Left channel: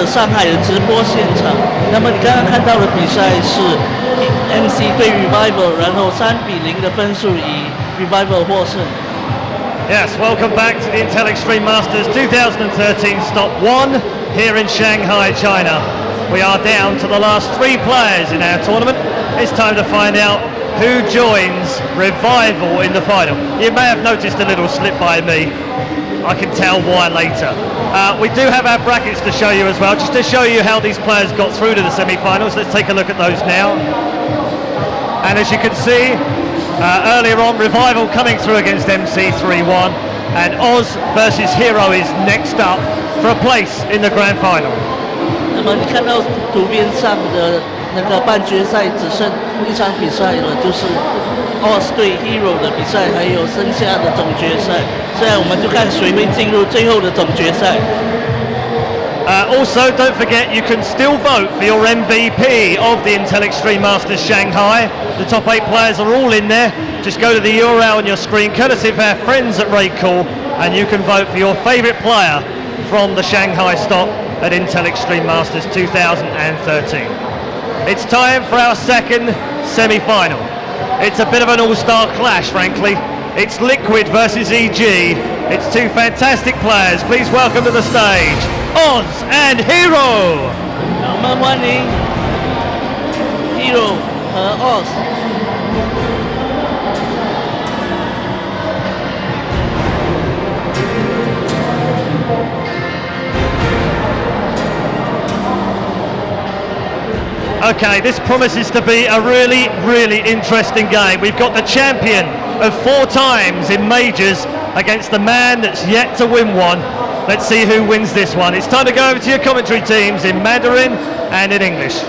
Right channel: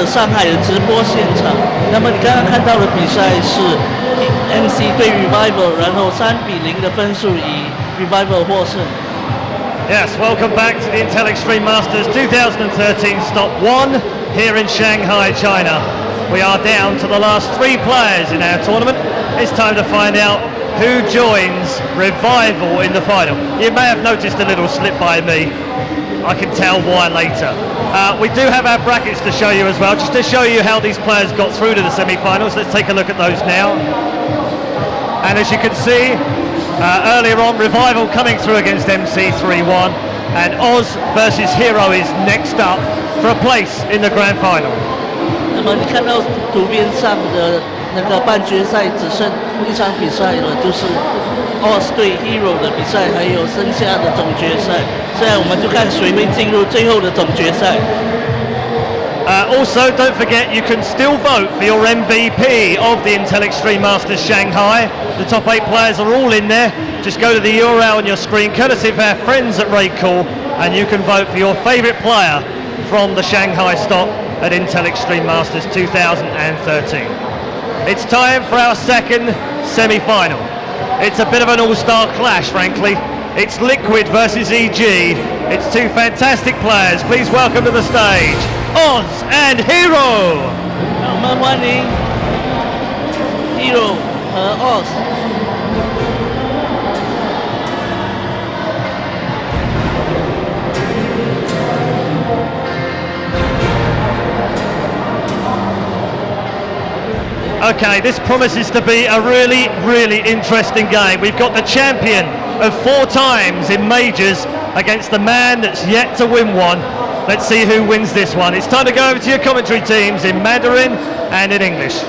者上海的直播现场。那么你刚刚看到的比赛是 MC 对 Revival， 然后3-0的分数以 Revival 获胜。Yes, welcome back to the Intel Extreme Masters 2013 Stop 1 here in Shanghai, China. We are down to the last 3 players in our tournament. It's time to find out who joins Revival in the final. You may have noticed a little slip by me. I can tell why later. We do have our brackets to show you as well, just to show you how these players got through to the semi-finals. Let's take a look at those now. And as you can see, earlier on, Revival coming through against MC 3-1, and Oz versus HerO is next up for a place in the grand final. 那么你看到图片上的那个半决赛只剩一场比赛了，就是 Oz 对 HerO 的比赛，还有剩下的总决赛。现在我们就看谁会进入最后的总决赛。Also, don't forget you can still vote for your MVP of the Intel Extreme Masters Shanghai. The top 8 players are all in there. Just go to the URL on your screen, courtesy of our friends at Raidcall, and you can vote for your favourite player from the Shanghai stop at Intel Extreme Masters 2013. It's time for our second semi-final. It's a bit of an all-star clash, frankly. It's Liquid versus EG. It's 2 fantastic players. Please welcome to the stage, Oz and HerO. 我们欢迎 HerO 和 Oz。Okay, this promises to be a really, really interesting game. We've got the champion of 4 times in majors against the man that's yet to win one. Let's see who wins this one. It's time to go over to your commentary teams in Mandarin and in English.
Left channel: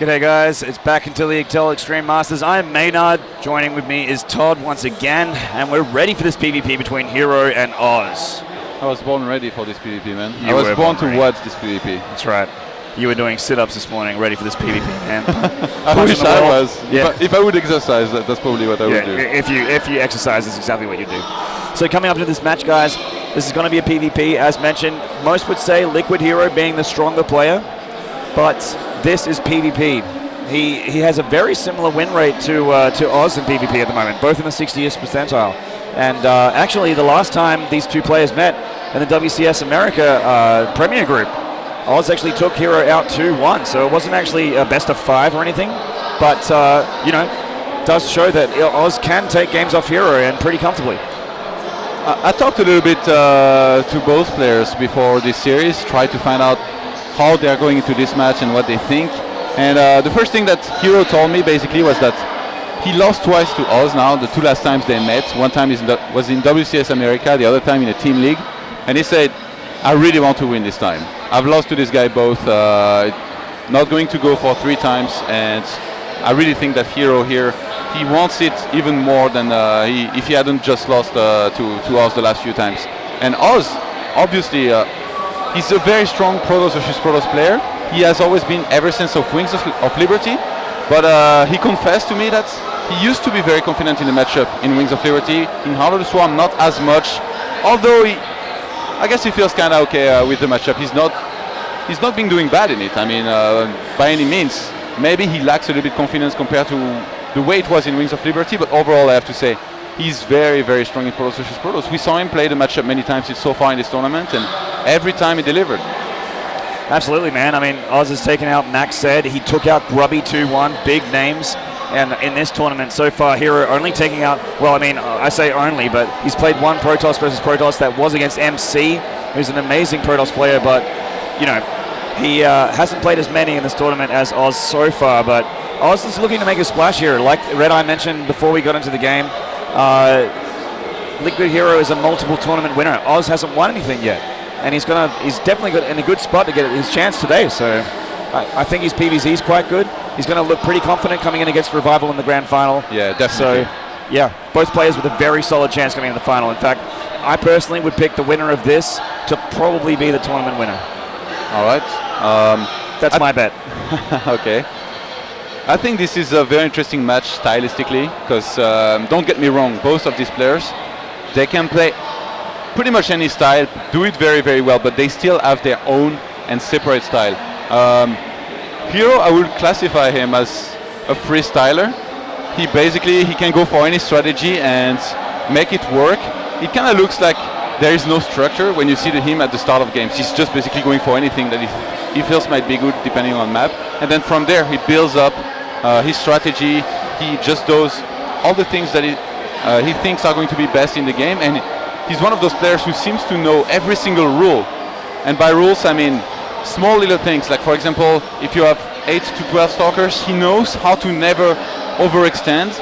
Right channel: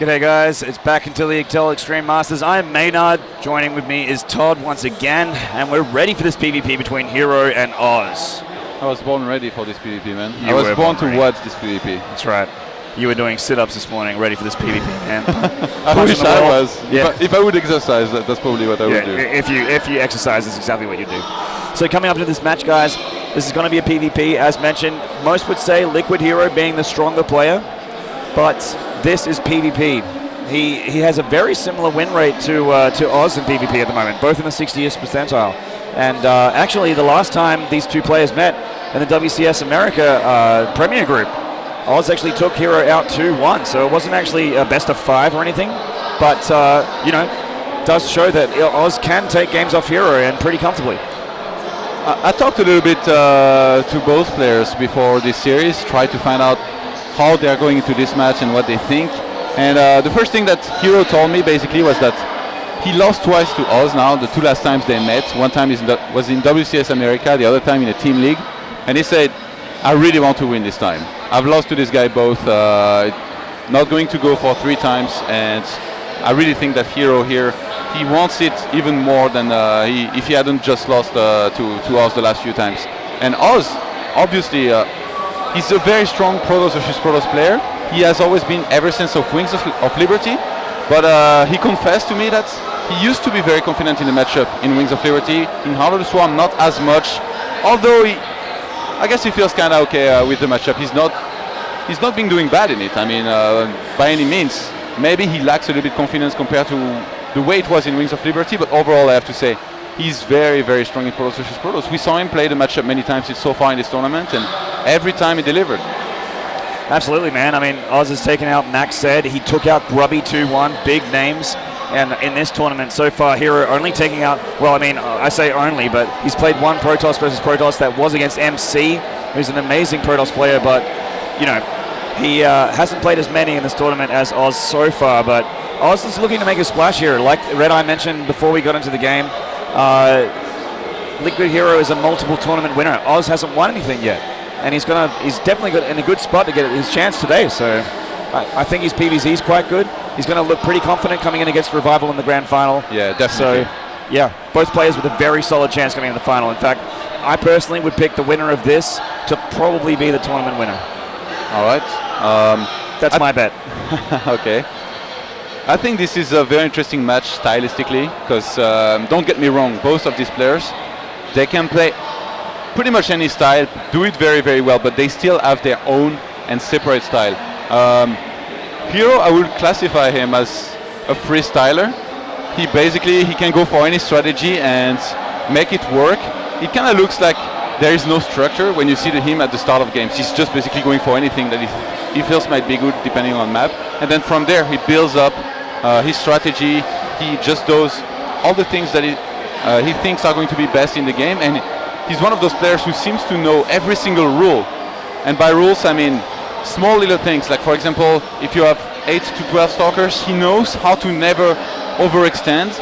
G'day guys, it's back into the Intel Extreme Masters. I'm Maynard, joining with me is Todd once again, and we're ready for this PvP between HerO and Oz. I was born ready for this PvP, man. You I was born to ready. watch this PvP. That's right. You were doing sit-ups this morning, ready for this PvP, man. I wish I was. Yeah. If I would exercise, that's probably what I would do. If you exercise, that's exactly what you do. So coming up to this match, guys, this is going to be a PvP, as mentioned. Most would say Liquid HerO being the stronger player, but this is PvP. He has a very similar win rate to Oz in PvP at the moment, both in the 60th percentile. And actually, the last time these 2 players met in the WCS America Premier Group, Oz actually took HerO out 2-1, so it wasn't actually a best of 5 or anything, but you know, does show that Oz can take games off HerO and pretty comfortably. I talked a little bit to both players before this series, tried to find out how they are going into this match and what they think. And the first thing that HerO told me basically was that he lost twice to Oz now, the 2 last times they met. One time was in WCS America, the other time in a team league. And he said, I really want to win this time. I've lost to this guy both, not going to go for 3 times, and I really think that HerO here, he wants it even more than if he hadn't just lost to Oz the last few times. And Oz, obviously, he's a very strong Protoss versus Protoss player. He has always been ever since of Wings of Liberty, but he confessed to me that he used to be very confident in the matchup in Wings of Liberty. In Heart of the Swarm, not as much, although I guess he feels kind of okay with the matchup. He's not been doing bad in it. I mean, by any means. Maybe he lacks a little bit confidence compared to the way it was in Wings of Liberty, but overall I have to say he's very, very strong in Protoss versus Protoss. We saw him play the matchup many times so far in this tournament, and every time he delivered. Absolutely, man. I mean, Oz has taken out Max said. He took out Grubby 2-1, big names. And in this tournament so far, HerO only taking out, well, I mean, I say only, but he's played 1 Protoss versus Protoss that was against MC, who's an amazing Protoss player, but, you know, he hasn't played as many in this tournament as Oz so far, but Oz is looking to make a splash here. Like Red Eye mentioned before we got into the game, Liquid HerO is a multiple tournament winner. Oz hasn't won anything yet, and he's definitely in a good spot to get his chance today, so I think his PvZ is quite good. He's going to look pretty confident coming in against Revival in the grand final. Yeah, definitely. So, yeah, both players with a very solid chance coming in the final. In fact, I personally would pick the winner of this to probably be the tournament winner. All right. That's my bet. Okay. I think this is a very interesting match stylistically, because don't get me wrong, both of these players, they can play pretty much any style, do it very, very well, but they still have their own and separate style. HerO, I would classify him as a freestyler. He can go for any strategy and make it work. It kind of looks like there is no structure when you see him at the start of games. He's just basically going for anything that he feels might be good depending on map. And then from there he builds up his strategy. He just does all the things that he thinks are going to be best in the game. And he's one of those players who seems to know every single rule. And by rules I mean small little things, like for example, if you have 8 to 12 stalkers, he knows how to never overextend,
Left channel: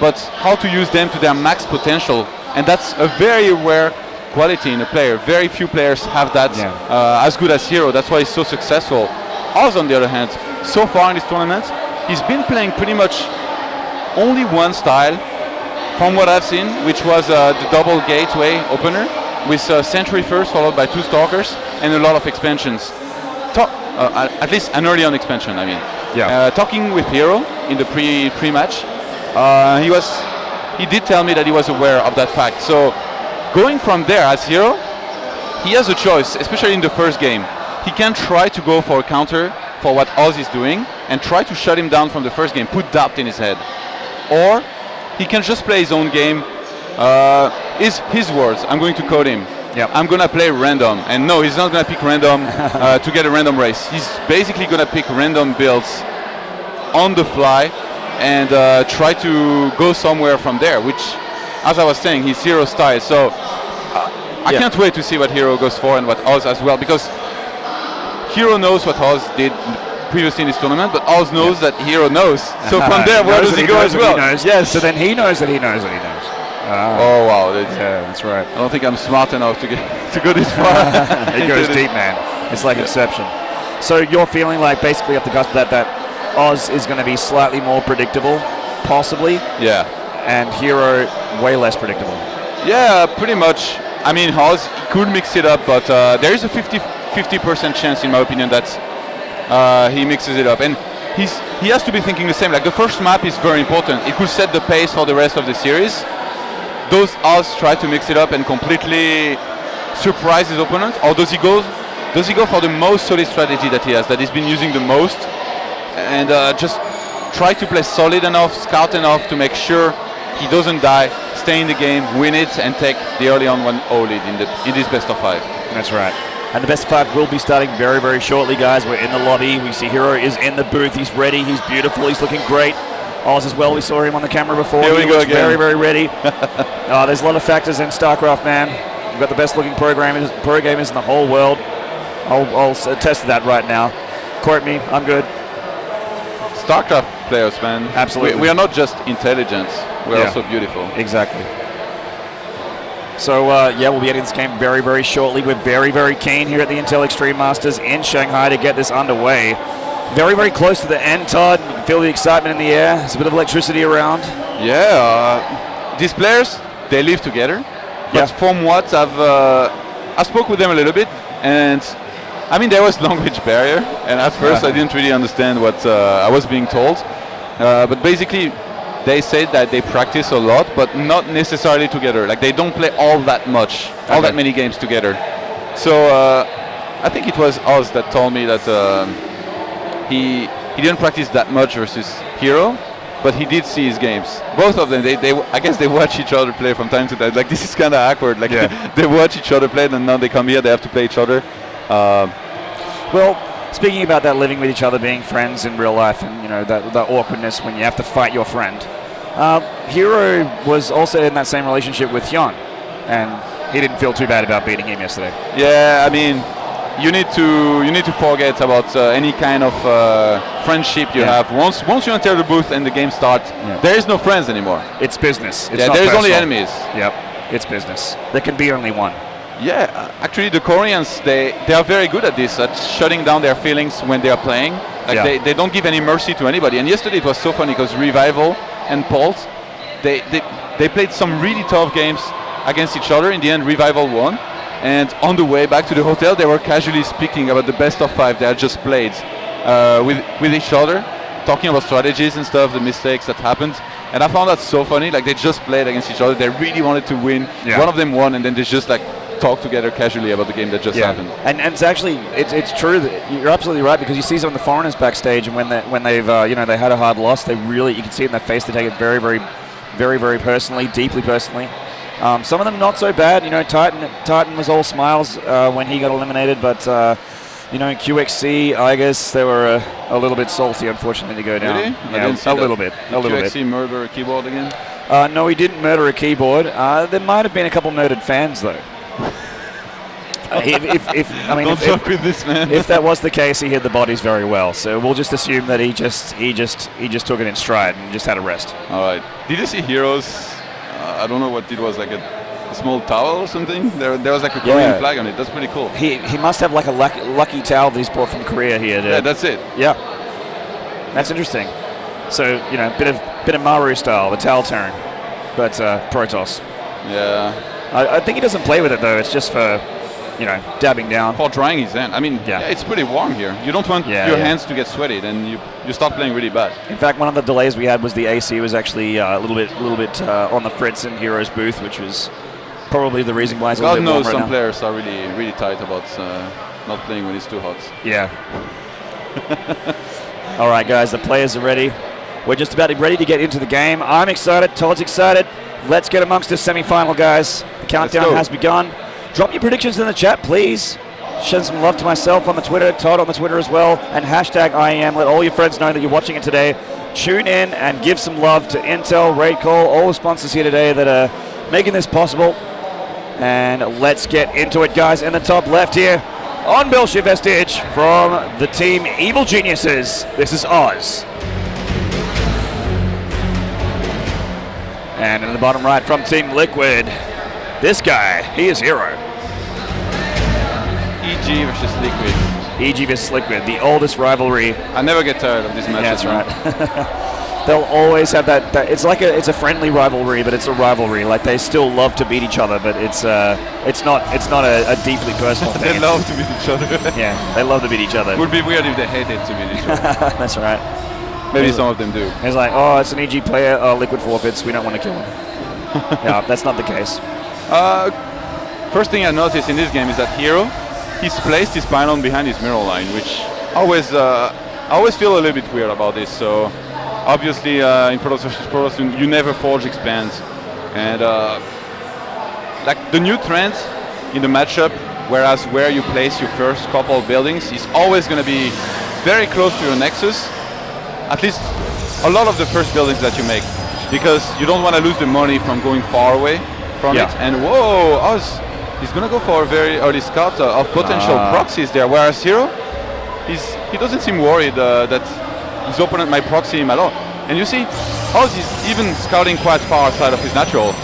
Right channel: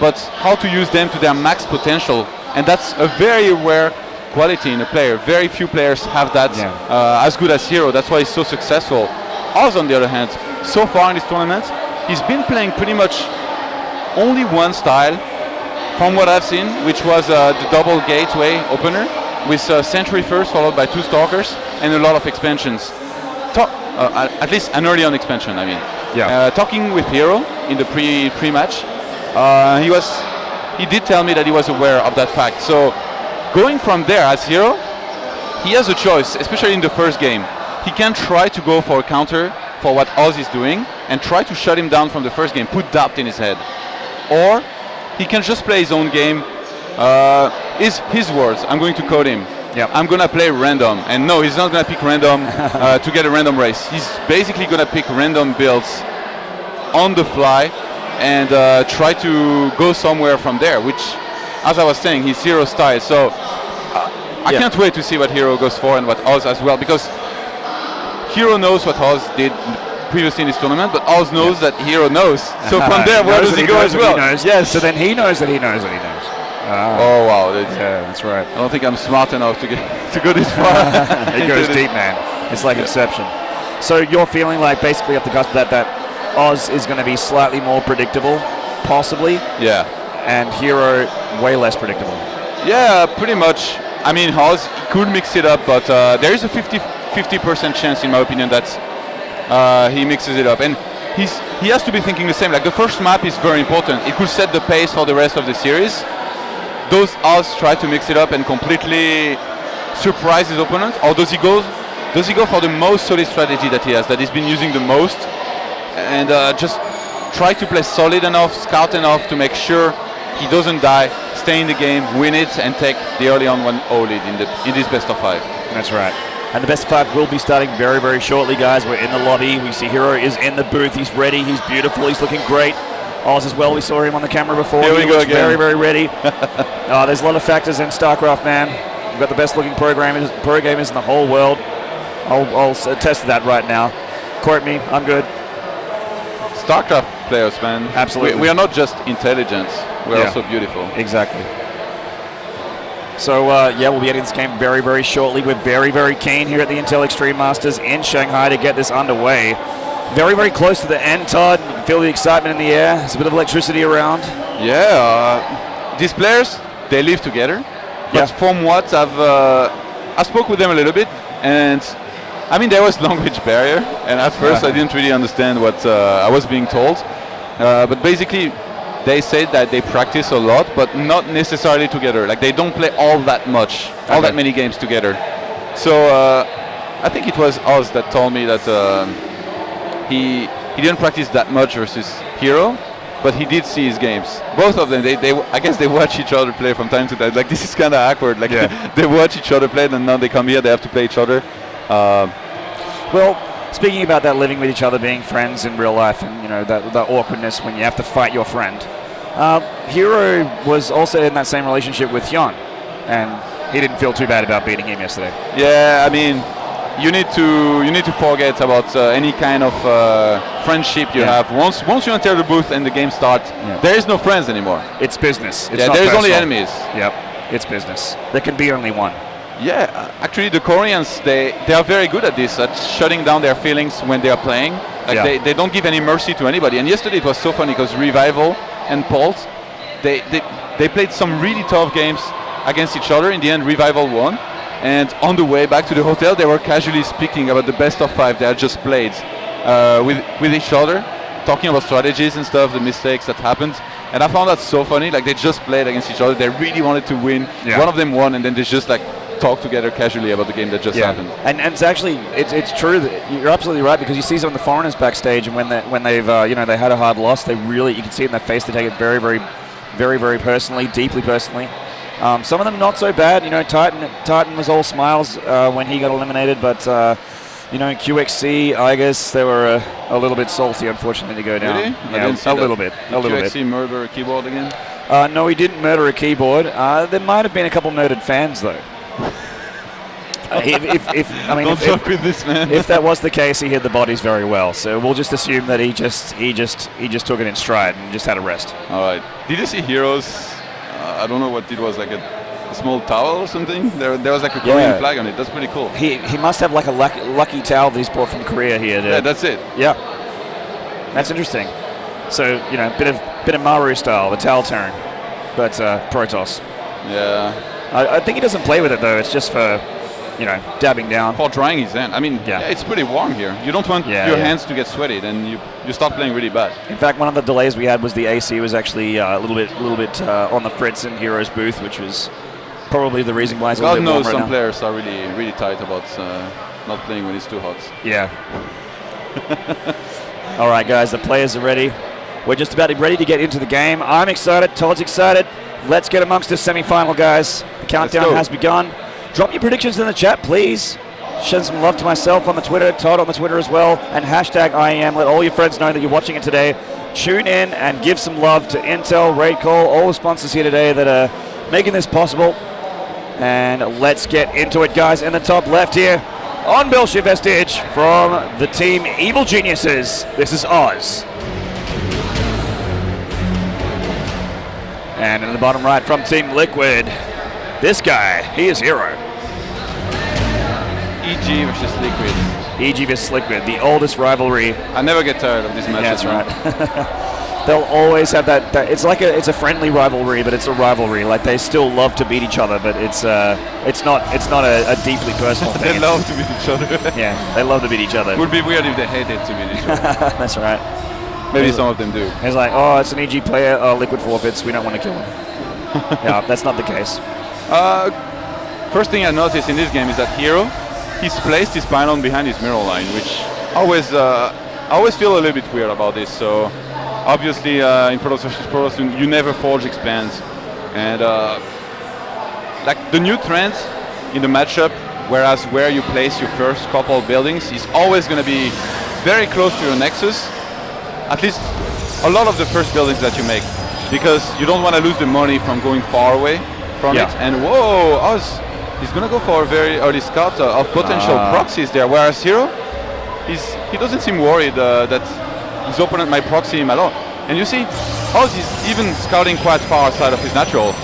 but how to use them to their max potential. And that's a very rare quality in a player. Very few players have that as good as HerO. That's why he's so successful. Oz, on the other hand, so far in this tournament, he's been playing pretty much only one style from what I've seen, which was the double gateway opener with Sentry first followed by 2 stalkers and a lot of expansions. At least an early on expansion, I mean. Talking with HerO in the pre-match, he did tell me that he was aware of that fact. So going from there as HerO, he has a choice, especially in the first game. He can try to go for a counter for what Oz is doing and try to shut him down from the first game, put doubt in his head. Or he can just play his own game. His words, I'm going to code him. I'm gonna play random, and no, he's not gonna pick random to get a random race. He's basically gonna pick random builds on the fly and try to go somewhere from there, which, as I was saying, he's HerO style. So I can't wait to see what HerO goes for and what Oz as well, because HerO knows what Oz did previously in this tournament, but Oz knows that HerO knows. So from there, where does he go as well? Yes. So then he knows that he knows that he knows. Oh wow, that's right. I don't think I'm smart enough to go this far. It goes deep, man. It's like Inception. So you're feeling like basically off the cusp that Oz is going to be slightly more predictable, possibly? Yeah. And HerO way less predictable? Yeah, pretty much. I mean, Oz could mix it up, but there is a 50% chance, in my opinion, that he mixes it up. And he has to be thinking the same. Like, the first map is very important. It could set the pace for the rest of the series. Does Oz try to mix it up and completely surprise his opponent, or does he go for the most solid strategy that he has, that he's been using the most, and just try to play solid enough, scout enough to make sure he doesn't die, stay in the game, win it, and take the early on 1-0 lead in this best of 5. That's right. And the best of 5 will be starting very, very shortly, guys. We're in the lobby. We see HerO is in the booth. He's ready. He's beautiful. He's looking great. Oz as well, we saw him on the camera before. Here we go again. Very, very ready. There's a lot of factors in StarCraft, man. You've got the best looking pro gamers in the whole world. I'll attest to that right now. Quote me, I'm good. StarCraft players, man. Absolutely. We are not just intelligent, we're also beautiful. Exactly. So, we'll be getting this game very, very shortly. We're very, very keen here at the Intel Extreme Masters in Shanghai to get this underway. Very, very close to the end, Todd. You can feel the excitement in the air. There's a bit of electricity around. Yeah, these players, they live together. But from what I spoke with them a little bit, and I mean, there was language barrier, and at first I didn't really understand what I was being told. But basically, they said that they practice a lot, but not necessarily together. Like, they don't play all that much, all that many games together. So I think it was Oz that told me that he didn't practice that much versus HerO, but he did see his games. Both of them, I guess they watch each other play from time to time. Like, this is kind of awkward. Like, they watch each other play, and now they come here, they have to play each other. Well, speaking about that, living with each other, being friends in real life, and you know that awkwardness when you have to fight your friend. HerO was also in that same relationship with Hyun, and he didn't feel too bad about beating him yesterday. Yeah, I mean, you need to forget about any kind of friendship you have. Once you enter the booth and the game starts, there is no friends anymore. It's business. It's not there's personal. only enemies. Yep, it's business. There can be only one. Yeah, actually the Koreans, they are very good at this, at shutting down their feelings when they are playing. Like they don't give any mercy to anybody. And yesterday it was so funny because Revival and Pulse, they played some really tough games against each other. In the end, Revival won. And on the way back to the hotel, they were casually speaking about the best of 5 they had just played with each other, talking about strategies and stuff, the mistakes that happened. And I found that so funny. Like, they just played against each other. They really wanted to win. Yeah. One of them won, and then they just like talk together casually about the game that just happened. And it's actually it's true that you're absolutely right, because you see some of the foreigners backstage, and when they've they had a hard loss, they really, you can see it in their face, they take it very, very, very, very personally, deeply personally. Some of them not so bad. You know, Titan was all smiles when he got eliminated, but you know, QXC, I guess they were a little bit salty, unfortunately, to go down. Really? Yeah, a little bit. QXC murder a keyboard again? No, he didn't murder a keyboard. There might have been a couple murdered fans, though. Don't joke with this, man. If that was the case, he hid the bodies very well. So we'll just assume that he just took it in stride and just had a rest. All right. Did you see HerO's? I don't know what it was, like a small towel or something. There was like a Korean flag on it. That's pretty cool. He must have like a lucky towel that he's brought from Korea here. Dude. Yeah, that's it. Yeah, that's interesting. So you know, bit of Maru style, the towel turn, but Protoss. Yeah. I think he doesn't play with it though. It's just for, you know, dabbing down. For drying his hand. I mean, it's pretty warm here. You don't want your hands to get sweaty, then you start playing really bad. In fact, one of the delays we had was the AC was actually a little bit on the fritz in HerO's booth, which was probably the reason why it's a little God bit warm knows right some now. players are really tight about not playing when it's too hot. Yeah. All right, guys, the players are ready. We're just about ready to get into the game. I'm excited. Todd's excited. Let's get amongst this semi-final, guys. The countdown has begun. Drop your predictions in the chat, please. Send some love to myself on the Twitter, Todd on the Twitter as well, and hashtag IEM. Let all your friends know that you're watching it today. Tune in and give some love to Intel, Raidcall, all the sponsors here today that are making this possible. And let's get into it, guys. In the top left here, on Belshire Vestige from the team Evil Geniuses, this is Oz. And in the bottom right from Team Liquid, this guy, he is HerO. EG versus Liquid. EG versus Liquid, the oldest rivalry. I never get tired of this match. Yeah, that's right. They'll always have that it's a friendly rivalry, but it's a rivalry. Like, they still love to beat each other, but it's not a deeply personal thing. They love to beat each other. Yeah, they love to beat each other. It would be weird if they hated to beat each other. That's right. Maybe some of them do. It's like, oh, it's an EG player, Liquid forfeits, we don't want to kill him. Yeah, that's not the case. First thing I noticed in this game is that HerO, he's placed his pylon behind his mirror line, which I always feel a little bit weird about this. So obviously in Protoss vs Protoss, you never forge expands, and like the new trend in the matchup, whereas where you place your first couple of buildings is always going to be very close to your nexus. At least a lot of the first buildings that you make, because you don't want to lose the money from going far away from it. And whoa, Oz, he's gonna go for a very early scout of potential proxies there, whereas HerO, he doesn't seem worried that his opponent might proxy him at all. And you see, Oz is even scouting quite far outside of his natural,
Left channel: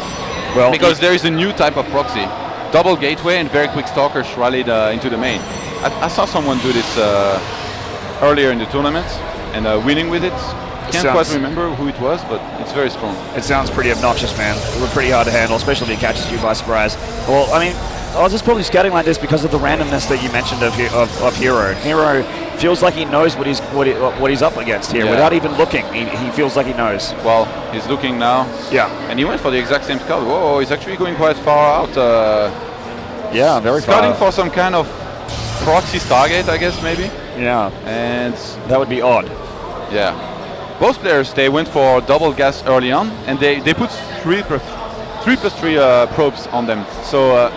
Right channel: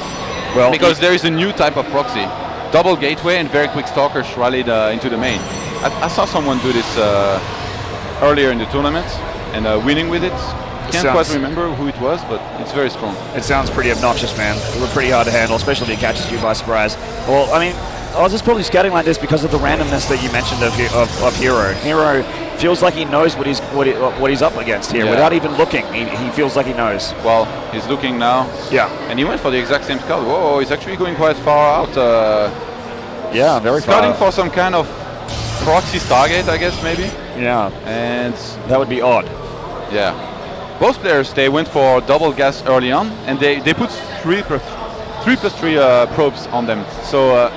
because there is a new type of proxy, double gateway and very quick stalkers rallied into the main. I saw someone do this earlier in the tournament, and winning with it. Can't quite remember who it was, but it's very strong. It sounds pretty obnoxious, man. It was pretty hard to handle, especially if it catches you by surprise. Well, I mean, Oz is probably scouting like this because of the randomness that you mentioned of HerO. HerO feels like he knows what he's up against here without even looking. He feels like he knows. Well, he's looking now. Yeah. And he went for the exact same scout. Whoa, he's actually going quite far out. Yeah, very far. Scouting for some kind of proxy Stargate, I guess, maybe. Yeah. And that would be odd. Yeah. Both players, they went for double gas early on, and they put 3+3 probes on them. So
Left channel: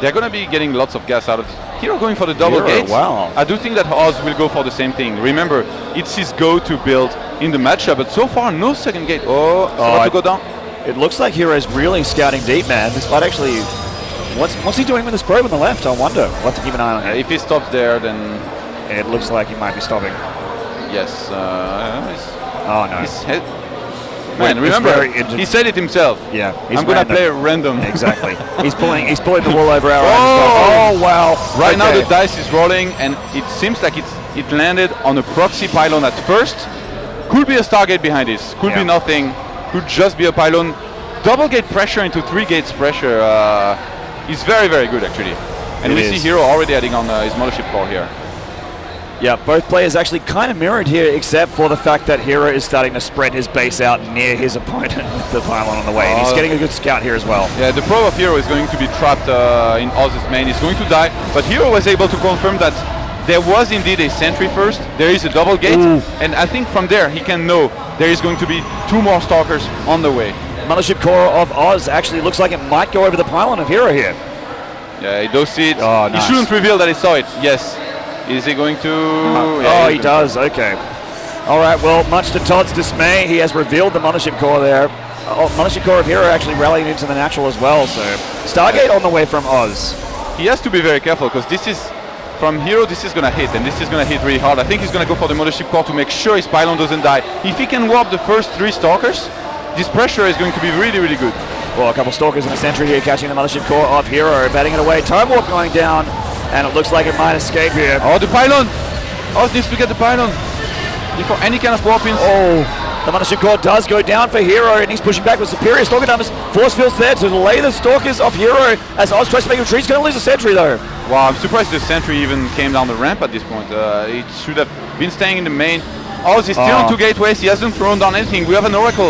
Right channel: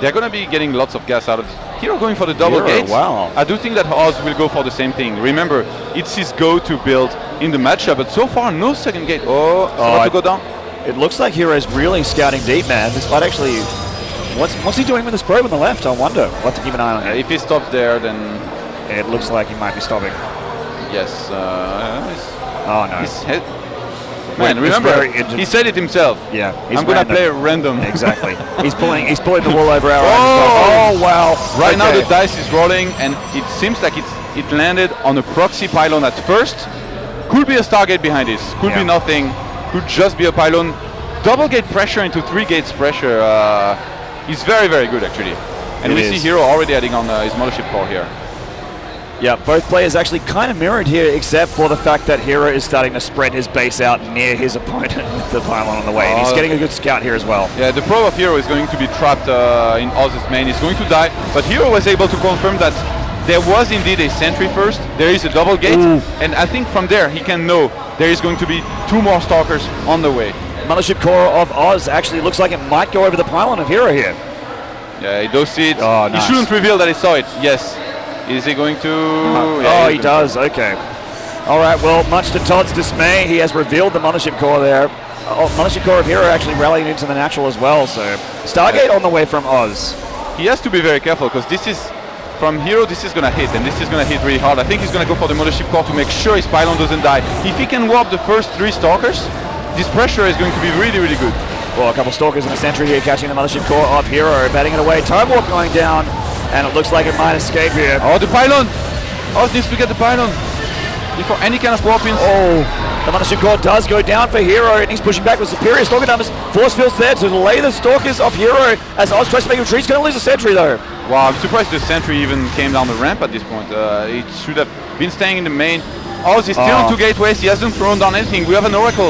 they're going to be getting lots of gas out of it. HerO going for the double gate. Wow. I do think that Oz will go for the same thing. Remember, it's his go-to build in the matchup, but so far no second gate. To go down. It looks like HerO's really scouting deep, man. This might actually... What's he doing with this probe on the left? I wonder. We'll have to keep an eye on him. If he stops there, then... It looks like he might be stopping. Yes. Oh no. His head. Man, remember, he said it himself. Yeah. I'm gonna play random. Exactly. He's pulling the wool over our eyes. Oh wow. Right now the dice is rolling, and it seems like it landed on a proxy pylon at first. Could be a Stargate behind this. Could be nothing. Could just be a pylon. Double gate pressure into 3 gates pressure is very, very good actually. And we see HerO already adding on his mothership core here. Yeah, both players actually kind of mirrored here, except for the fact that HerO is starting to spread his base out near his opponent with the pylon on the way. And he's getting a good scout here as well. Yeah, the pro of HerO is going to be trapped in Oz's main. He's going to die, but HerO was able to confirm that there was indeed a sentry first. There is a double gate, and I think from there he can know there is going to be 2 more stalkers on the way. Mothership core of Oz actually looks like it might go over the pylon of HerO here. Yeah, he does see it. Oh, nice. He shouldn't reveal that he saw it. Yes. Is he going to... Oh, he does. Okay. All right, well, much to Todd's dismay, he has revealed the Mothership core there. Mothership core of HerO actually rallied into the natural as well, so... Stargate on the way from Oz. He has to be very careful, because this is... From HerO, this is going to hit, and this is going to hit really hard. I think he's going to go for the Mothership core to make sure his pylon doesn't die. If he can warp the first 3 stalkers, this pressure is going to be really, really good. Well, a couple stalkers in the sentry here catching the Mothership core of HerO, batting it away. Time warp going down, and it looks like it might escape here. Oh, the pylon! Oz needs to get the pylon before any kind of warpings. Oh, the Mothership core does go down for HerO, and he's pushing back with superior stalker numbers. Force fields there to delay the stalkers of HerO as Oz tries to make a retreat. He's going to lose a sentry though. Wow, I'm surprised the sentry even came down the ramp at this point. It should have been staying in the main. Oz is still on 2 gateways. He hasn't thrown down anything. We have an Oracle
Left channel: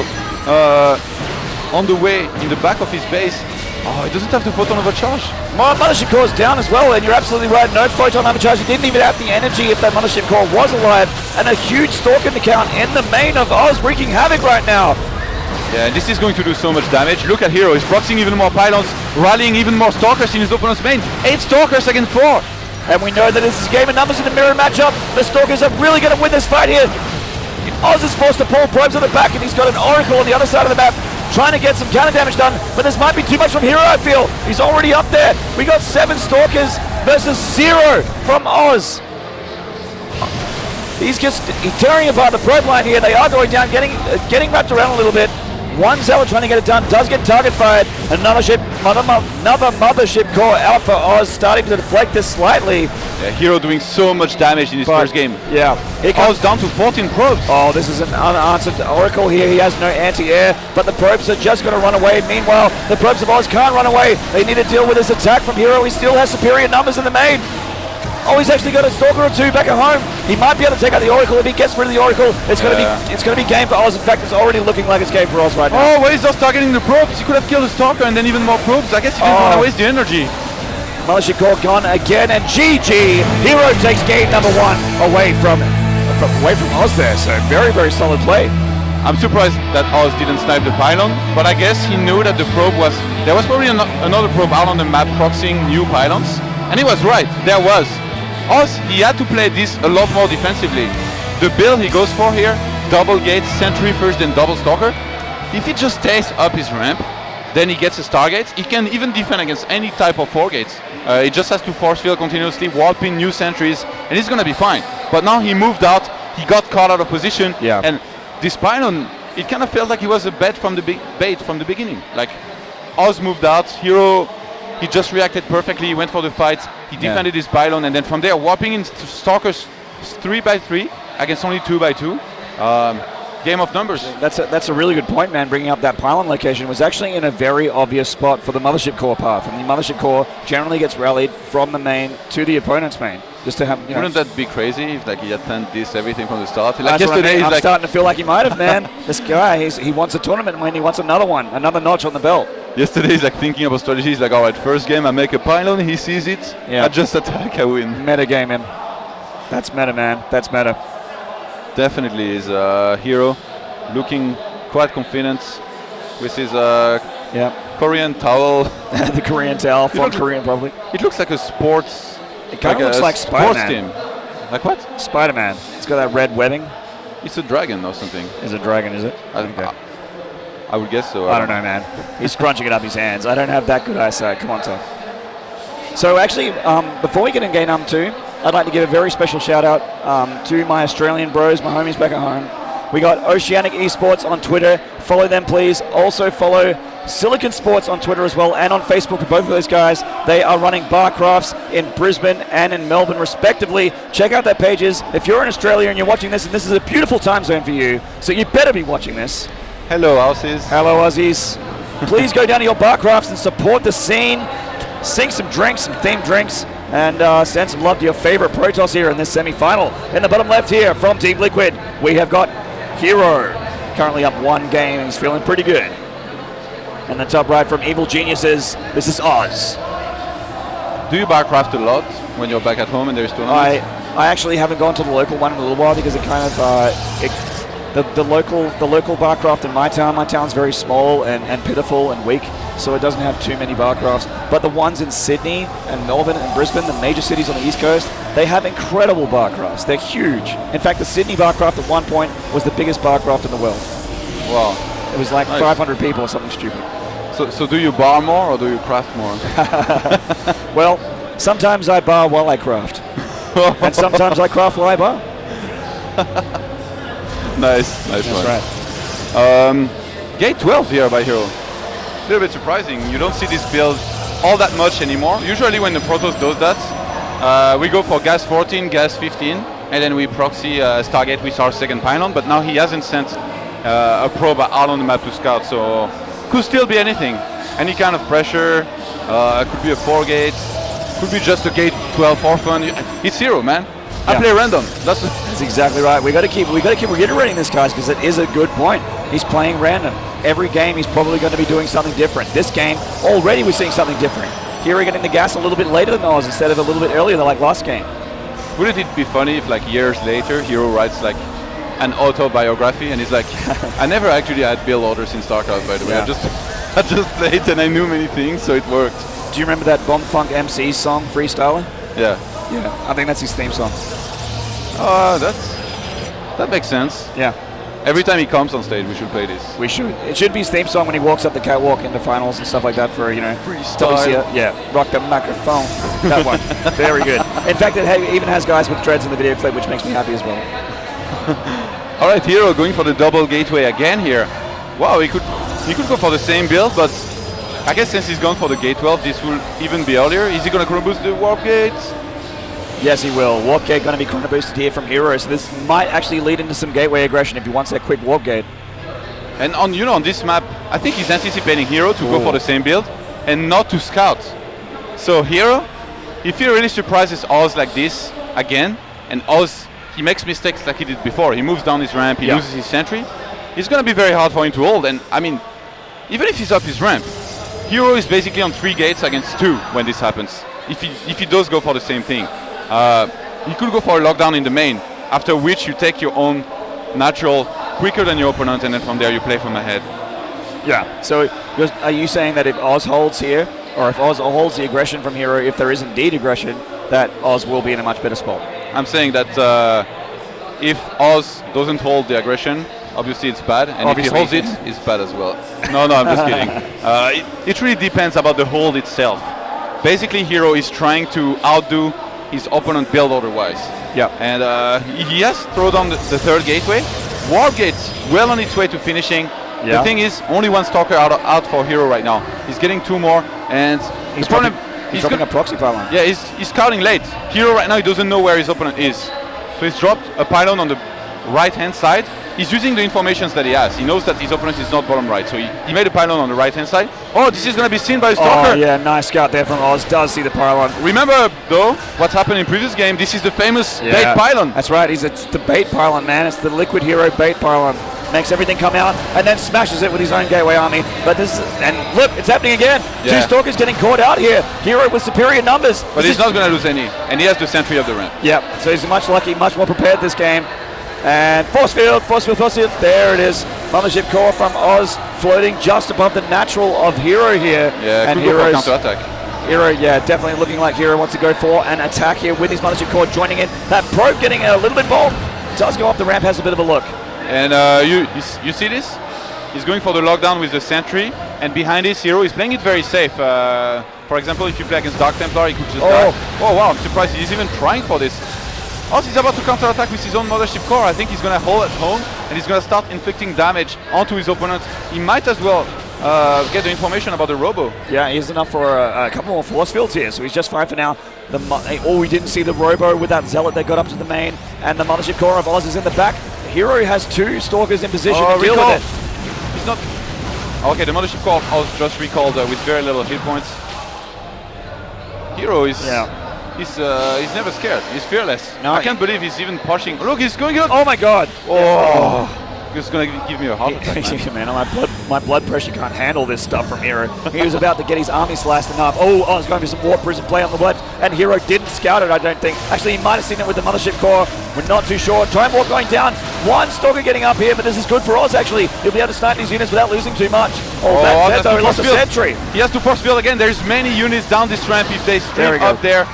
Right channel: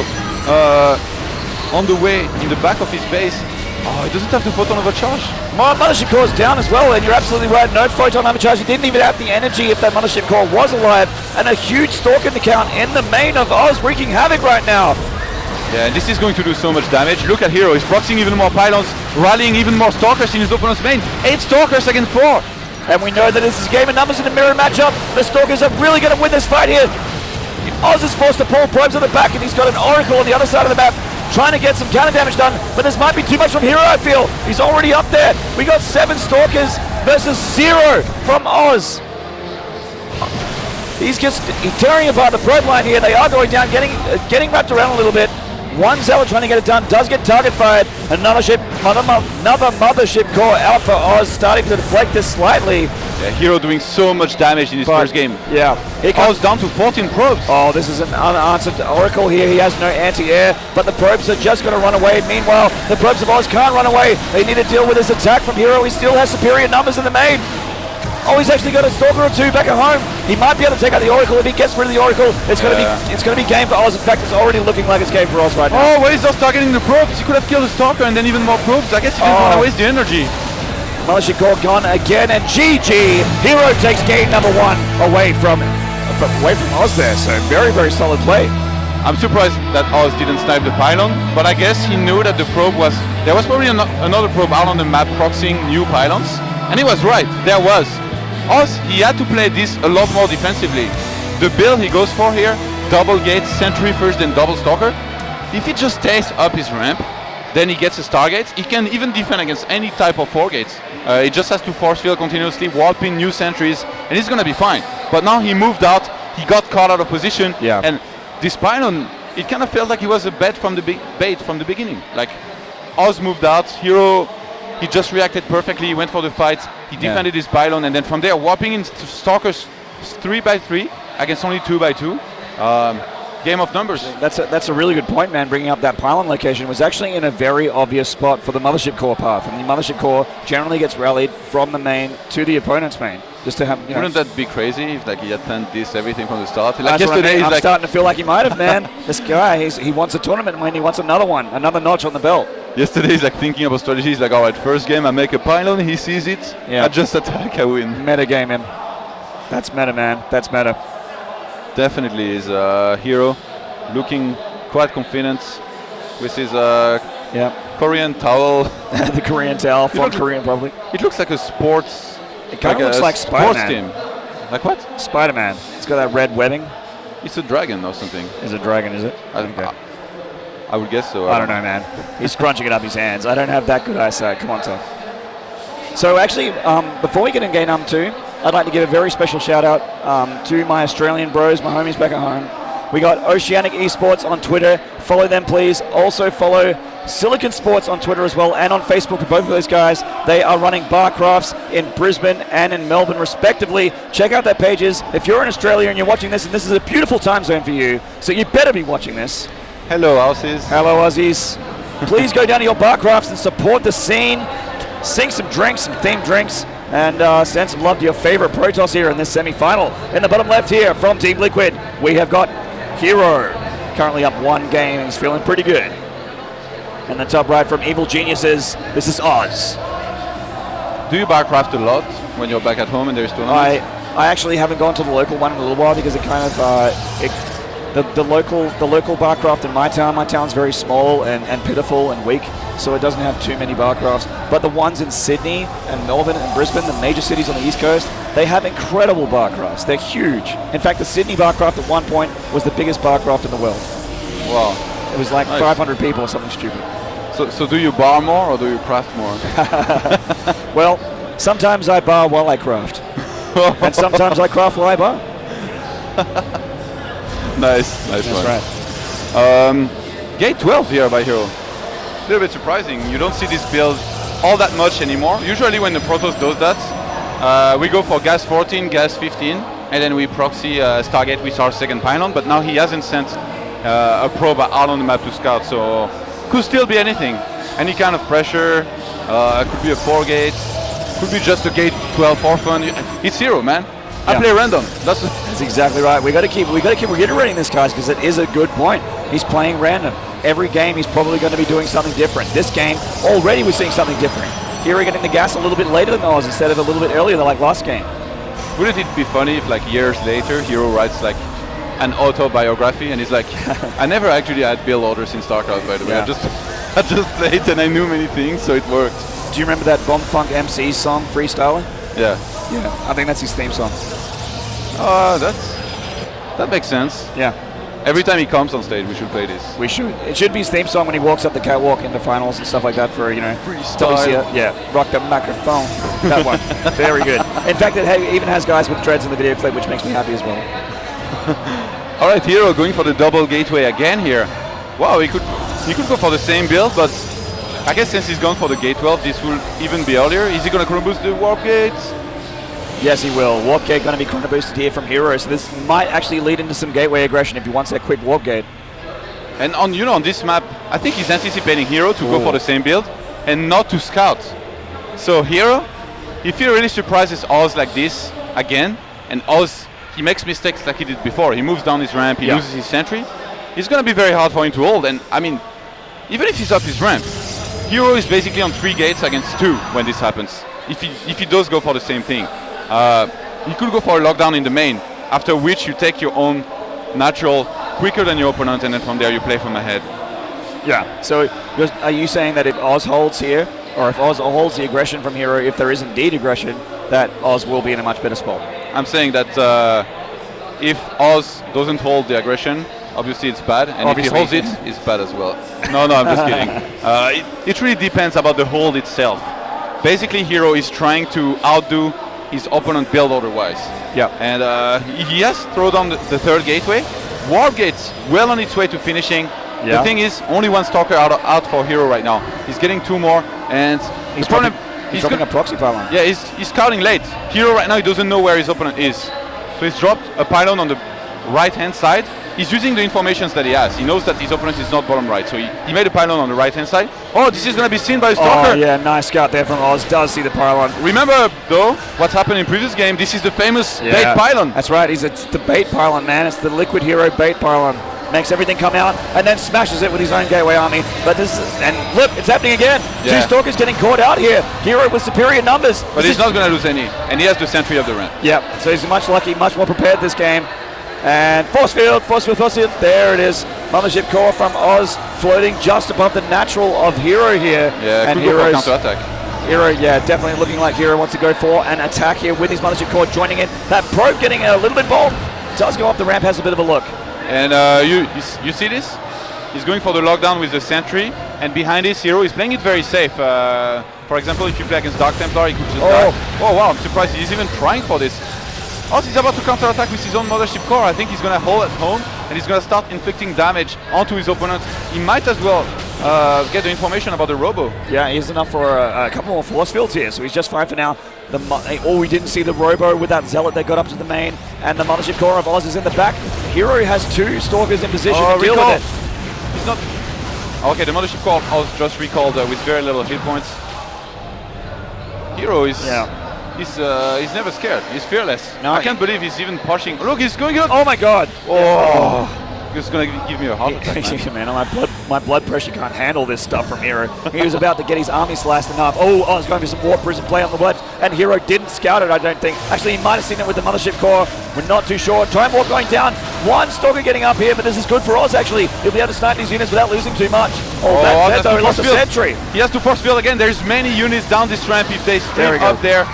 on the way in the back of his base. Oh, he doesn't have the photon overcharge. Mothership core is down as well, and you're absolutely right. No photon overcharge. He didn't even have the energy if that Mothership core was alive, and a huge stalker count in the main of Oz, wreaking havoc right now. Yeah, this is going to do so much damage. Look at HerO. He's proxying even more pylons, rallying even more stalkers in his opponent's main. 8 stalkers against 4. And we know that this is a game of numbers in a mirror matchup. The stalkers are really going to win this fight here. Oz is forced to pull probes on the back, and he's got an Oracle on the other side of the map, trying to get some counter damage done, but this might be too much from HerO, I feel. He's already up there. We got 7 stalkers versus 0 from Oz. He's just tearing apart the probe line here. They are going down, getting wrapped around a little bit. One Zealot trying to get it done, does get target fired. Another Mothership core out for Oz, starting to deflect this slightly. Yeah, HerO doing so much damage in his first game. Yeah. He comes down to 14 probes. Oh, this is an unanswered Oracle here. He has no anti-air, but the probes are just going to run away. Meanwhile, the probes of Oz can't run away. They need to deal with this attack from HerO. He still has superior numbers in the main. Oh, he's actually got a stalker or 2 back at home. He might be able to take out the Oracle. If he gets rid of the Oracle, it's going to be game for Oz. In fact, it's already looking like it's game for Oz right now. Oh, wait, he's just targeting the probes. He could have killed the stalker and then even more probes. I guess he didn't want to waste the energy. Mothership core gone again, and GG. HerO takes game number 1 away from Oz there. So very, very solid play. I'm surprised that Oz didn't snipe the pylon, but I guess he knew that the probe was... There was probably another probe out on the map proxying new pylons, and he was right. There was. Oz, he had to play this a lot more defensively. The build he goes for here, double gate, sentry first, then double stalker. If he just stays up his ramp, then he gets his targets. He can even defend against any type of 4 gates. He just has to force field continuously, warping new sentries, and he's going to be fine. But now he moved out, he got caught out of position, and this pylon, it kind of felt like he was a bait from the beginning. Like, Oz moved out, HerO, he just reacted perfectly, he went for the fight, he defended his pylon, and then from there, warping in stalkers 3x3 against only 2x2. Game of numbers. That's a really good point, man. Bringing up that pylon location was actually in a very obvious spot for the Mothership core path, and the Mothership core generally gets rallied from the main to the opponent's main. Just to have, wouldn't that be crazy if like he had planned this everything from the start? Like yesterday, I'm starting to feel like he might have, man. This guy, he wants a tournament win. He wants another one, another notch on the belt. Yesterday he's like thinking about strategies. Like, all right, first game I make a pylon, he sees it, I just attack, I win. Meta gaming. That's meta, man. That's meta. Definitely is HerO looking quite confident with his Korean towel. The Korean towel, from Korean probably. It looks like a sports. It kind of looks like Spider-Man. Like what? Spider-Man. It's got that red webbing. It's a dragon or something. Is it a dragon, is it? I would guess so. I don't know, man. He's crunching it up his hands. I don't have that good eyesight. Come on, Tom. So actually, before we get in game number 2, I'd like to give a very special shout out to my Australian bros, my homies back at home. We got Oceanic Esports on Twitter. Follow them, please. Also follow Silicon Sports on Twitter as well, and on Facebook for both of those guys. They are running bar crafts in Brisbane and in Melbourne respectively. Check out their pages. If you're in Australia and you're watching this, and this is a beautiful time zone for you, so you better be watching this. Hello, Aussies. Hello, Aussies. Please go down to your bar crafts and support the scene. Sink some drinks, some themed drinks. and send some love to your favorite Protoss here in this semi-final. In the bottom left here from Team Liquid, we have got HerO, currently up 1 game, and he's feeling pretty good. And the top right from Evil Geniuses, this is Oz. Do you barcraft a lot when you're back at home and there's tournaments? I actually haven't gone to the local one in a little while because it kind of the local barcraft in my town's very small and pitiful and weak, so it doesn't have too many barcrafts. But the ones in Sydney and Melbourne and Brisbane, the major cities on the East Coast, they have incredible barcrafts. They're huge. In fact, the Sydney barcraft at one point was the biggest barcraft in the world. Wow. It was like 500 people or something stupid. So do you bar more or do you craft more? Well, sometimes I bar while I craft. And sometimes I craft while I bar. Nice That's one. right. Gate 12 here by HerO. A little bit surprising. You don't see this build all that much anymore. Usually when the Protoss does that, we go for gas 14, gas 15, and then we proxy Stargate with our second pylon, but now he hasn't sent a probe out on the map to scout, so could still be anything. Any kind of pressure, could be a 4 gate, could be just a gate 12 for fun. It's HerO, man. I play random. That's exactly right. We got to keep reiterating this, guys, because it is a good point. He's playing random. Every game he's probably going to be doing something different. This game already we're seeing something different. HerO getting the gas a little bit later than Oz instead of a little bit earlier, like last game. Wouldn't it be funny if, like, years later, HerO writes like an autobiography and he's like, I never actually had build orders in StarCraft, by the way. Yeah. I just played and I knew many things, so it worked. Do you remember that Bomb Funk MC song, Freestyling? Yeah. I think that's his theme song. That makes sense. Yeah. Every time he comes on stage, we should play this. We should. It should be his theme song when he walks up the catwalk in the finals and stuff like that for, Freestyle. Yeah, rock the microphone. That one. Very good. In fact, it even has guys with dreads in the video clip, which makes me happy as well. All right, HerO going for the double gateway again here. Wow, he could go for the same build, but I guess since he's gone for the gate 12, this will even be earlier. Is he going to chrono boost the warp gates? Yes, he will. Warp gate going to be chrono boosted here from HerO, so this might actually lead into some gateway aggression if he wants that quick warp gate. And on this map, I think he's anticipating HerO to go for the same build and not to scout. So HerO, if he really surprises Oz like this again, and Oz, he makes mistakes like he did before, he moves down his ramp, he loses his sentry, it's going to be very hard for him to hold. And I mean, even if he's up his ramp, HerO is basically on 3 gates against 2 when this happens. If he does go for the same thing. You could go for a lockdown in the main, after which you take your own natural quicker than your opponent, and then from there you play from ahead. Yeah, so are you saying that if Oz holds here, or if Oz holds the aggression from HerO, if there is indeed aggression, that Oz will be in a much better spot? I'm saying that if Oz doesn't hold the aggression, obviously it's bad, and if he holds it, it's bad as well. No, I'm just kidding. It really depends about the hold itself. Basically, HerO is trying to outdo his opponent build otherwise. Yeah. And he has thrown down the 3rd gateway. Warp gate's well on its way to finishing. Yeah. The thing is, only 1 stalker out for HerO right now. He's getting 2 more, and he's dropping a proxy pylon. Yeah, he's scouting late. HerO right now, he doesn't know where his opponent is. So he's dropped a pylon on the right-hand side. He's using the informations that he has. He knows that his opponent is not bottom right, so he made a pylon on the right-hand side. Oh, this is going to be seen by Stalker. Oh, yeah, nice scout there from Oz. Does see the pylon. Remember, though, what's happened in previous game? This is the famous bait pylon. That's right. It's the bait pylon, man. It's the Liquid HerO bait pylon. Makes everything come out and then smashes it with his own gateway army. But and look, it's happening again. Yeah. 2 Stalkers getting caught out here. HerO with superior numbers. But he's not going to lose any, and he has the sentry of the ramp. Yeah, so he's much more prepared this game. And force field, there it is. Mothership core from Oz floating just above the natural of HerO here. Yeah, and could go for counter-attack. HerO, yeah, definitely looking like HerO wants to go for an attack here with his Mothership core joining in. That probe getting a little bit bold. Does go up the ramp, has a bit of a look. And you see this? He's going for the lockdown with the sentry, and behind this HerO is playing it very safe. For example, if you play against Dark Templar, he could just oh wow, I'm surprised he's even trying for this. Also, he's about to counter-attack with his own Mothership core. I think he's going to hold at home, and he's going to start inflicting damage onto his opponent. He might as well get the information about the Robo. Yeah, he's enough for a couple more force fields here, so he's just fine for now. We didn't see the Robo with that Zealot that got up to the main, and the Mothership core of Oz is in the back. HerO has 2 Stalkers in position to deal with it. He's not... Okay, the Mothership core of Oz just recalled with very little hit points. HerO is... Yeah. he's never scared. He's fearless. No, I can't believe he's even pushing. Look, he's going up. Oh my God! Oh, he's going to give me a heart attack. Man, my blood pressure can't handle this stuff from HerO. He was about to get his army slashed enough. Oh, there's going to be some Warp Prism play on the left, and HerO didn't scout it, I don't think. Actually, he might have seen it with the Mothership Core. We're not too sure. Time Warp going down. One Stalker getting up here, but this is good for Oz, actually. He'll be able to snipe these units without losing too much. That's he lost a sentry. He has to force field again. There's many units down this ramp. If they stream up there,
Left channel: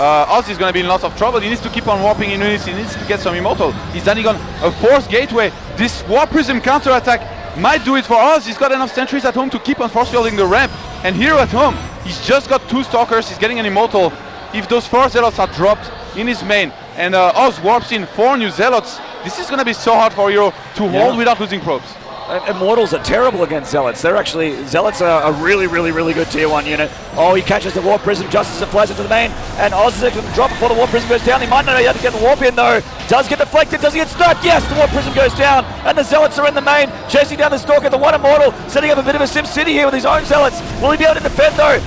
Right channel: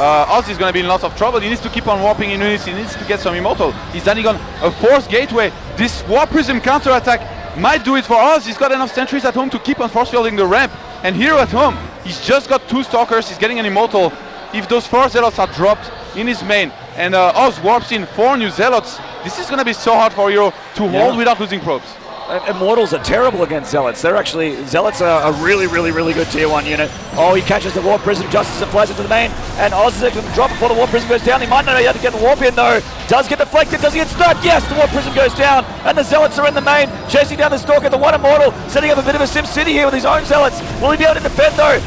Oz is going to be in lots of trouble. He needs to keep on warping in units. He needs to get some immortal. He's standing on a force gateway. This Warp Prism counter-attack might do it for Oz. He's got enough sentries at home to keep on force fielding the ramp. And here at home, he's just got 2 Stalkers. He's getting an immortal. If those 4 Zealots are dropped in his main, and Oz warps in 4 new Zealots, this is going to be so hard for HerO to hold without losing probes. Immortals are terrible against Zealots. Zealots are a really, really, really good tier 1 unit. Oh, he catches the Warp Prism just as it flies into the main, and Oz is going to drop before the Warp Prism goes down. He might not have to get the Warp in though. Does get deflected, does he get stunned? Yes, the Warp Prism goes down, and the Zealots are in the main, chasing down the Stalker, the 1 Immortal, setting up a bit of a Sim City here with his own Zealots. Will he be able to defend though?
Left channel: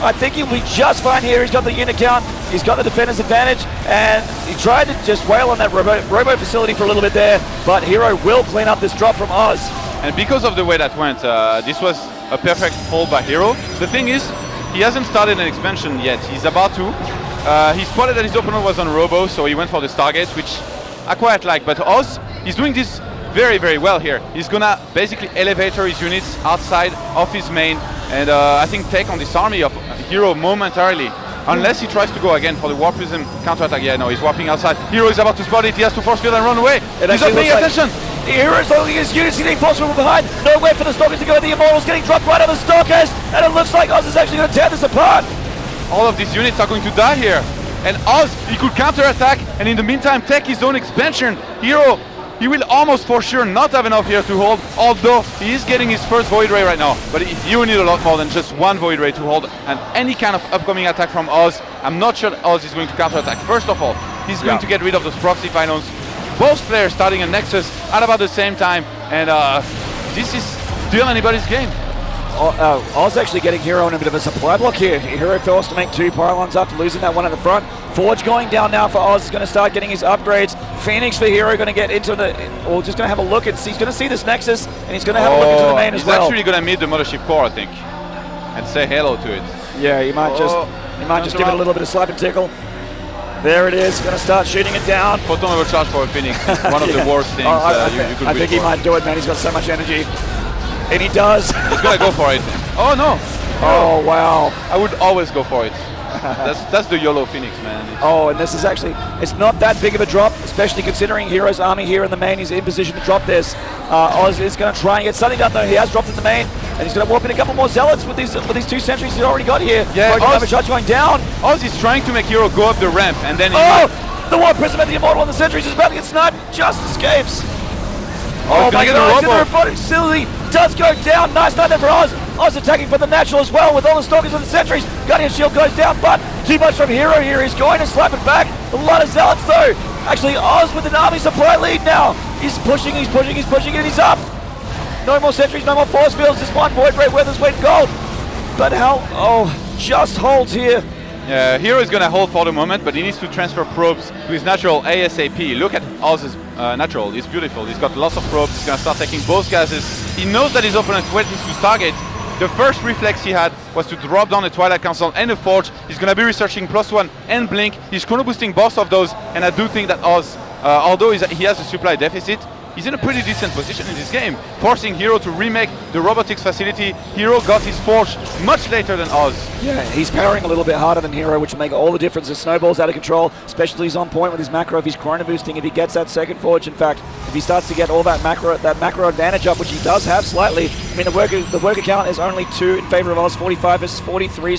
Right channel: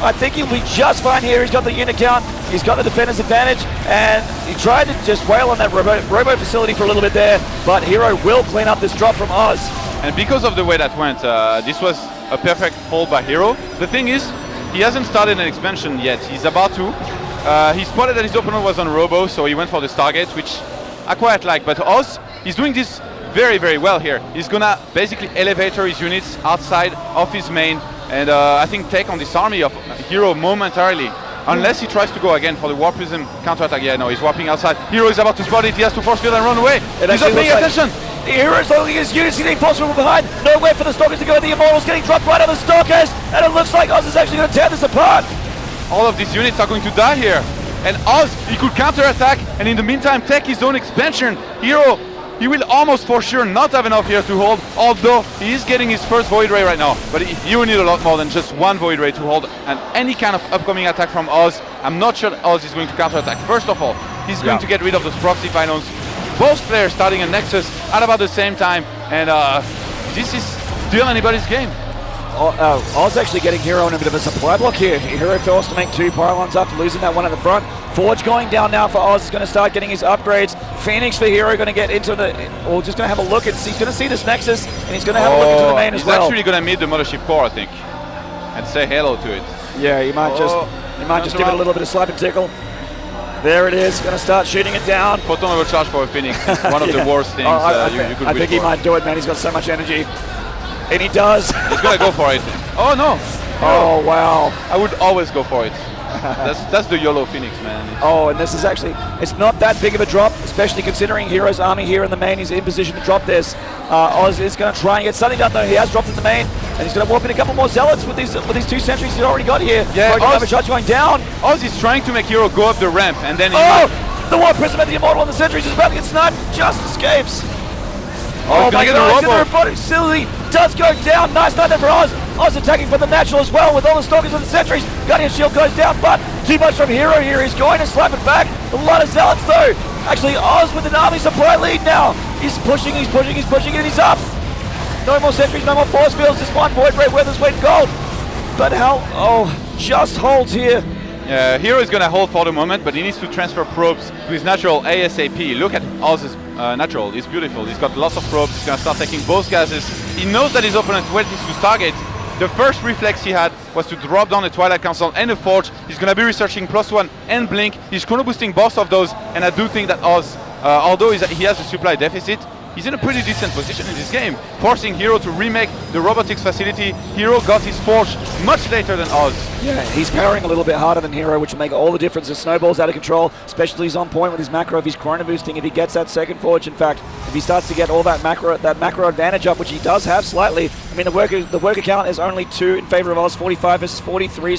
I think he'll be just fine here. He's got the unit count, he's got the defender's advantage, and he tried to just wail on that robo facility for a little bit there, but HerO will clean up this drop from Oz. And because of the way that went, this was a perfect hold by HerO. The thing is, he hasn't started an expansion yet. He's about to. He spotted that his opponent was on Robo, so he went for the Stargates, which I quite like. But Oz, he's doing this very, very well here. He's gonna basically elevator his units outside of his main, and I think take on this army of HerO momentarily. Unless he tries to go again for the Warp Prism counter-attack. Yeah, no, he's warping outside. HerO is about to spot it. He has to force field and run away. He's not paying attention. HerO's holding his units, getting possible behind. Nowhere for the Stalkers to go. The Immortals getting dropped right on the Stalkers, and it looks like Oz is actually going to tear this apart. All of these units are going to die here. And Oz, he could counter-attack, and in the meantime take his own expansion. HerO, he will almost for sure not have enough here to hold, although he is getting his first Void Ray right now. But he will need a lot more than just 1 Void Ray to hold any kind of upcoming attack from Oz. I'm not sure Oz is going to counter-attack. First of all, he's going to get rid of those proxy pylons. Both players starting a Nexus at about the same time, and this is still anybody's game. Oz actually getting HerO in a bit of a supply block here. HerO forced to make 2 pylons after losing that one at the front. Forge going down now for Oz, is going to start getting his upgrades. Phoenix for HerO going to get into the, or just going to have a look and see, he's going to see this Nexus, and he's going to have a look into the main as well. He's actually going to meet the Mothership Core, I think, and say hello to it. Yeah, he might just give it a little bit of slap and tickle. There it is, going to start shooting it down. Photon overcharge for a Phoenix, one of the worst things you could I think he might do it, man. He's got so much energy. And he does. He's going to go for it. Oh, no. Oh, wow. I would always go for it. That's the YOLO Phoenix, man. Oh, and this is actually, it's not that big of a drop, especially considering HerO's army here in the main. He's in position to drop this. Oz is going to try and get something done, though. He has dropped in the main, and he's going to warp in a couple more Zealots with these 2 sentries he's already got here. Yeah, Oz going down. Oz is trying to make HerO go up the ramp, and then the Warp Prism at the Immortal on the sentries is about to get sniped, just escapes. Oh my God, the robotic facility does go down. Nice night there for Oz. Oz attacking for the natural as well with all the Stalkers and the sentries. Guardian Shield goes down, but too much from HerO here. He's going to slap it back. A lot of Zealots though. Actually, Oz with an army supply lead now. He's pushing, and he's up. No more sentries, no more force fields. This one Void Ray Weather's weight in gold. But just holds here. Yeah, HerO is going to hold for the moment, but he needs to transfer probes to his natural ASAP. Look at Oz's natural. It's beautiful. He's got lots of probes. He's going to start taking both gases. He knows that his opponent waits to Stargate. The first reflex he had was to drop down a Twilight Council and a Forge. He's going to be researching +1 and Blink. He's chrono boosting both of those, and I do think that Oz, although he has a supply deficit, he's in a pretty decent position in this game, forcing HerO to remake the robotics facility. HerO got his Forge much later than Oz. Yeah, he's powering a little bit harder than HerO, which will make all the difference. His snowball's out of control, especially he's on point with his macro. If he's chrono boosting, if he gets that second Forge, in fact, if he starts to get all that macro advantage up, which he does have slightly. I mean, the worker count is only 2 in favor of Oz, 45 versus 43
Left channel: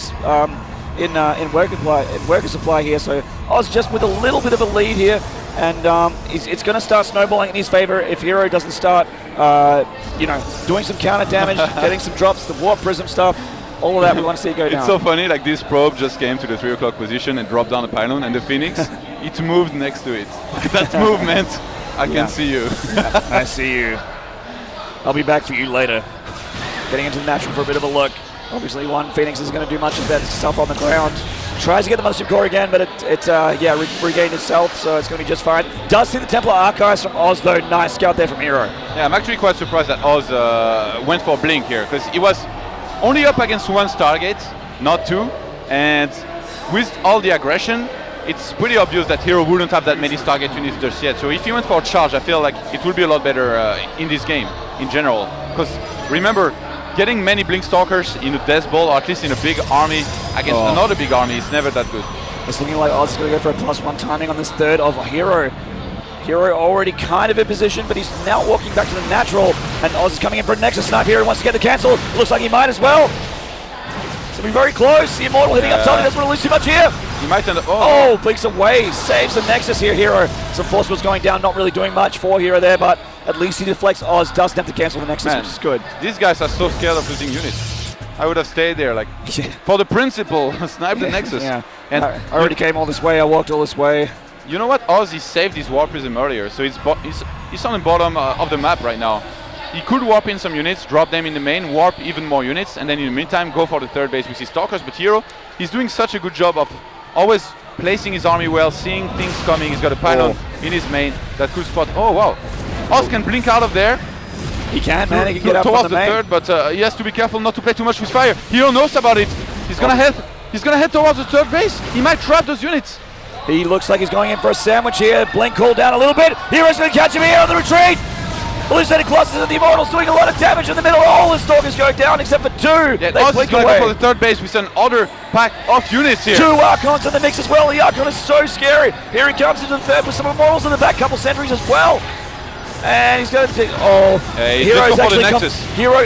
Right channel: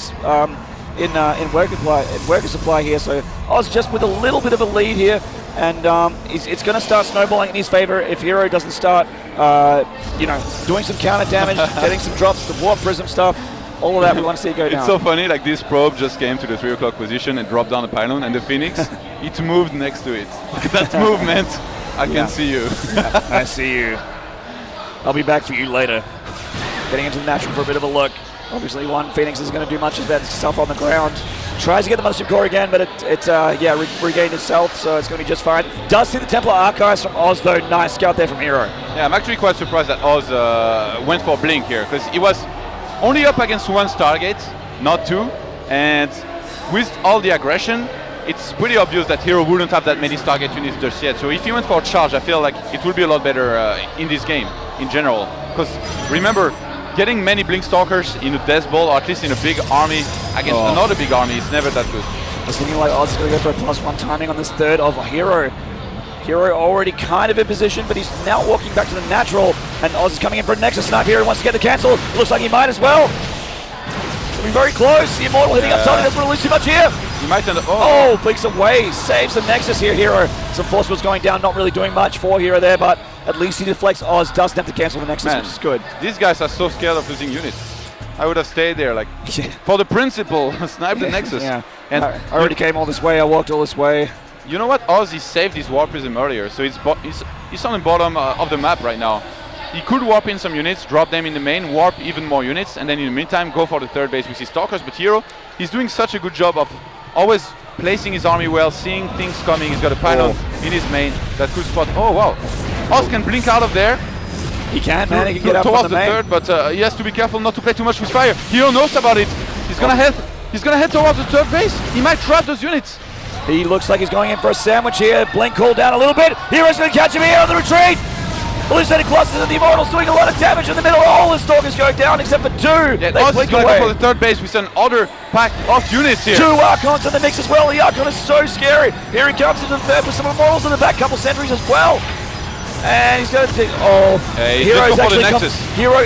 in worker supply here. So Oz just with a little bit of a lead here. And it's going to start snowballing in his favor if HerO doesn't start, doing some counter damage, getting some drops, the Warp Prism stuff, all of that we want to see go down. It's so funny, like this probe just came to the 3 o'clock position and dropped down the pylon, and the Phoenix, it moved next to it. That movement, I can see you. I see you. I'll be back for you later. Getting into the natural for a bit of a look. Obviously, one Phoenix isn't going to do much of that stuff on the ground. Tries to get the Mothership Core again, but regained itself, so it's going to be just fine. Does see the Templar Archives from Oz, though. Nice scout there from HerO. Yeah, I'm actually quite surprised that Oz went for Blink here, because he was only up against one Stargate, not two, and with all the aggression, it's pretty obvious that HerO wouldn't have that many Stargate units just yet. So if he went for a charge, I feel like it would be a lot better in this game, in general. Because remember, getting many Blink Stalkers in a Death Ball, or at least in a big army, against another big army, is never that good. It's looking like Oz is going to go for a +1 timing on this third of HerO. HerO already kind of in position, but he's now walking back to the natural, and Oz is coming in for a Nexus Snap. HerO wants to get the cancel. Looks like he might as well. It's going to be very close. The Immortal hitting up top, he doesn't want to lose too much here. He might turn. Blinks away, saves the Nexus here, HerO. Some force was going down, not really doing much for HerO there, but at least he deflects. Oz doesn't have to cancel the Nexus, which is good. These guys are so scared of losing units. I would have stayed there, like, for the principle, snipe the Nexus. Yeah, and I already came all this way, I walked all this way. You know what? Oz, he saved his Warp Prism earlier, so he's on the bottom of the map right now. He could warp in some units, drop them in the main, warp even more units, and then in the meantime go for the third base with his Stalkers. But HerO, he's doing such a good job of always placing his army well, seeing things coming. He's got a pylon in his main that could spot. Oh wow! Oz can blink out of there. He can, man. He can get up towards on the third, but he has to be careful not to play too much with fire. HerO knows about it. He's gonna head. He's gonna head towards the third base. He might trap those units. He looks like he's going in for a sandwich here. Blink called down a little bit. HerO's going to catch him here on the retreat. Hallucinated Colossus and the Immortals doing a lot of damage in the middle. All the Stalkers going down except for two. Yeah, Oz is going to go for the third base with another pack of units here. Two Archons in the mix as well. The Archon is so scary. Here he comes into the third with some Immortals in the back, couple sentries as well. And he's going to take. HerO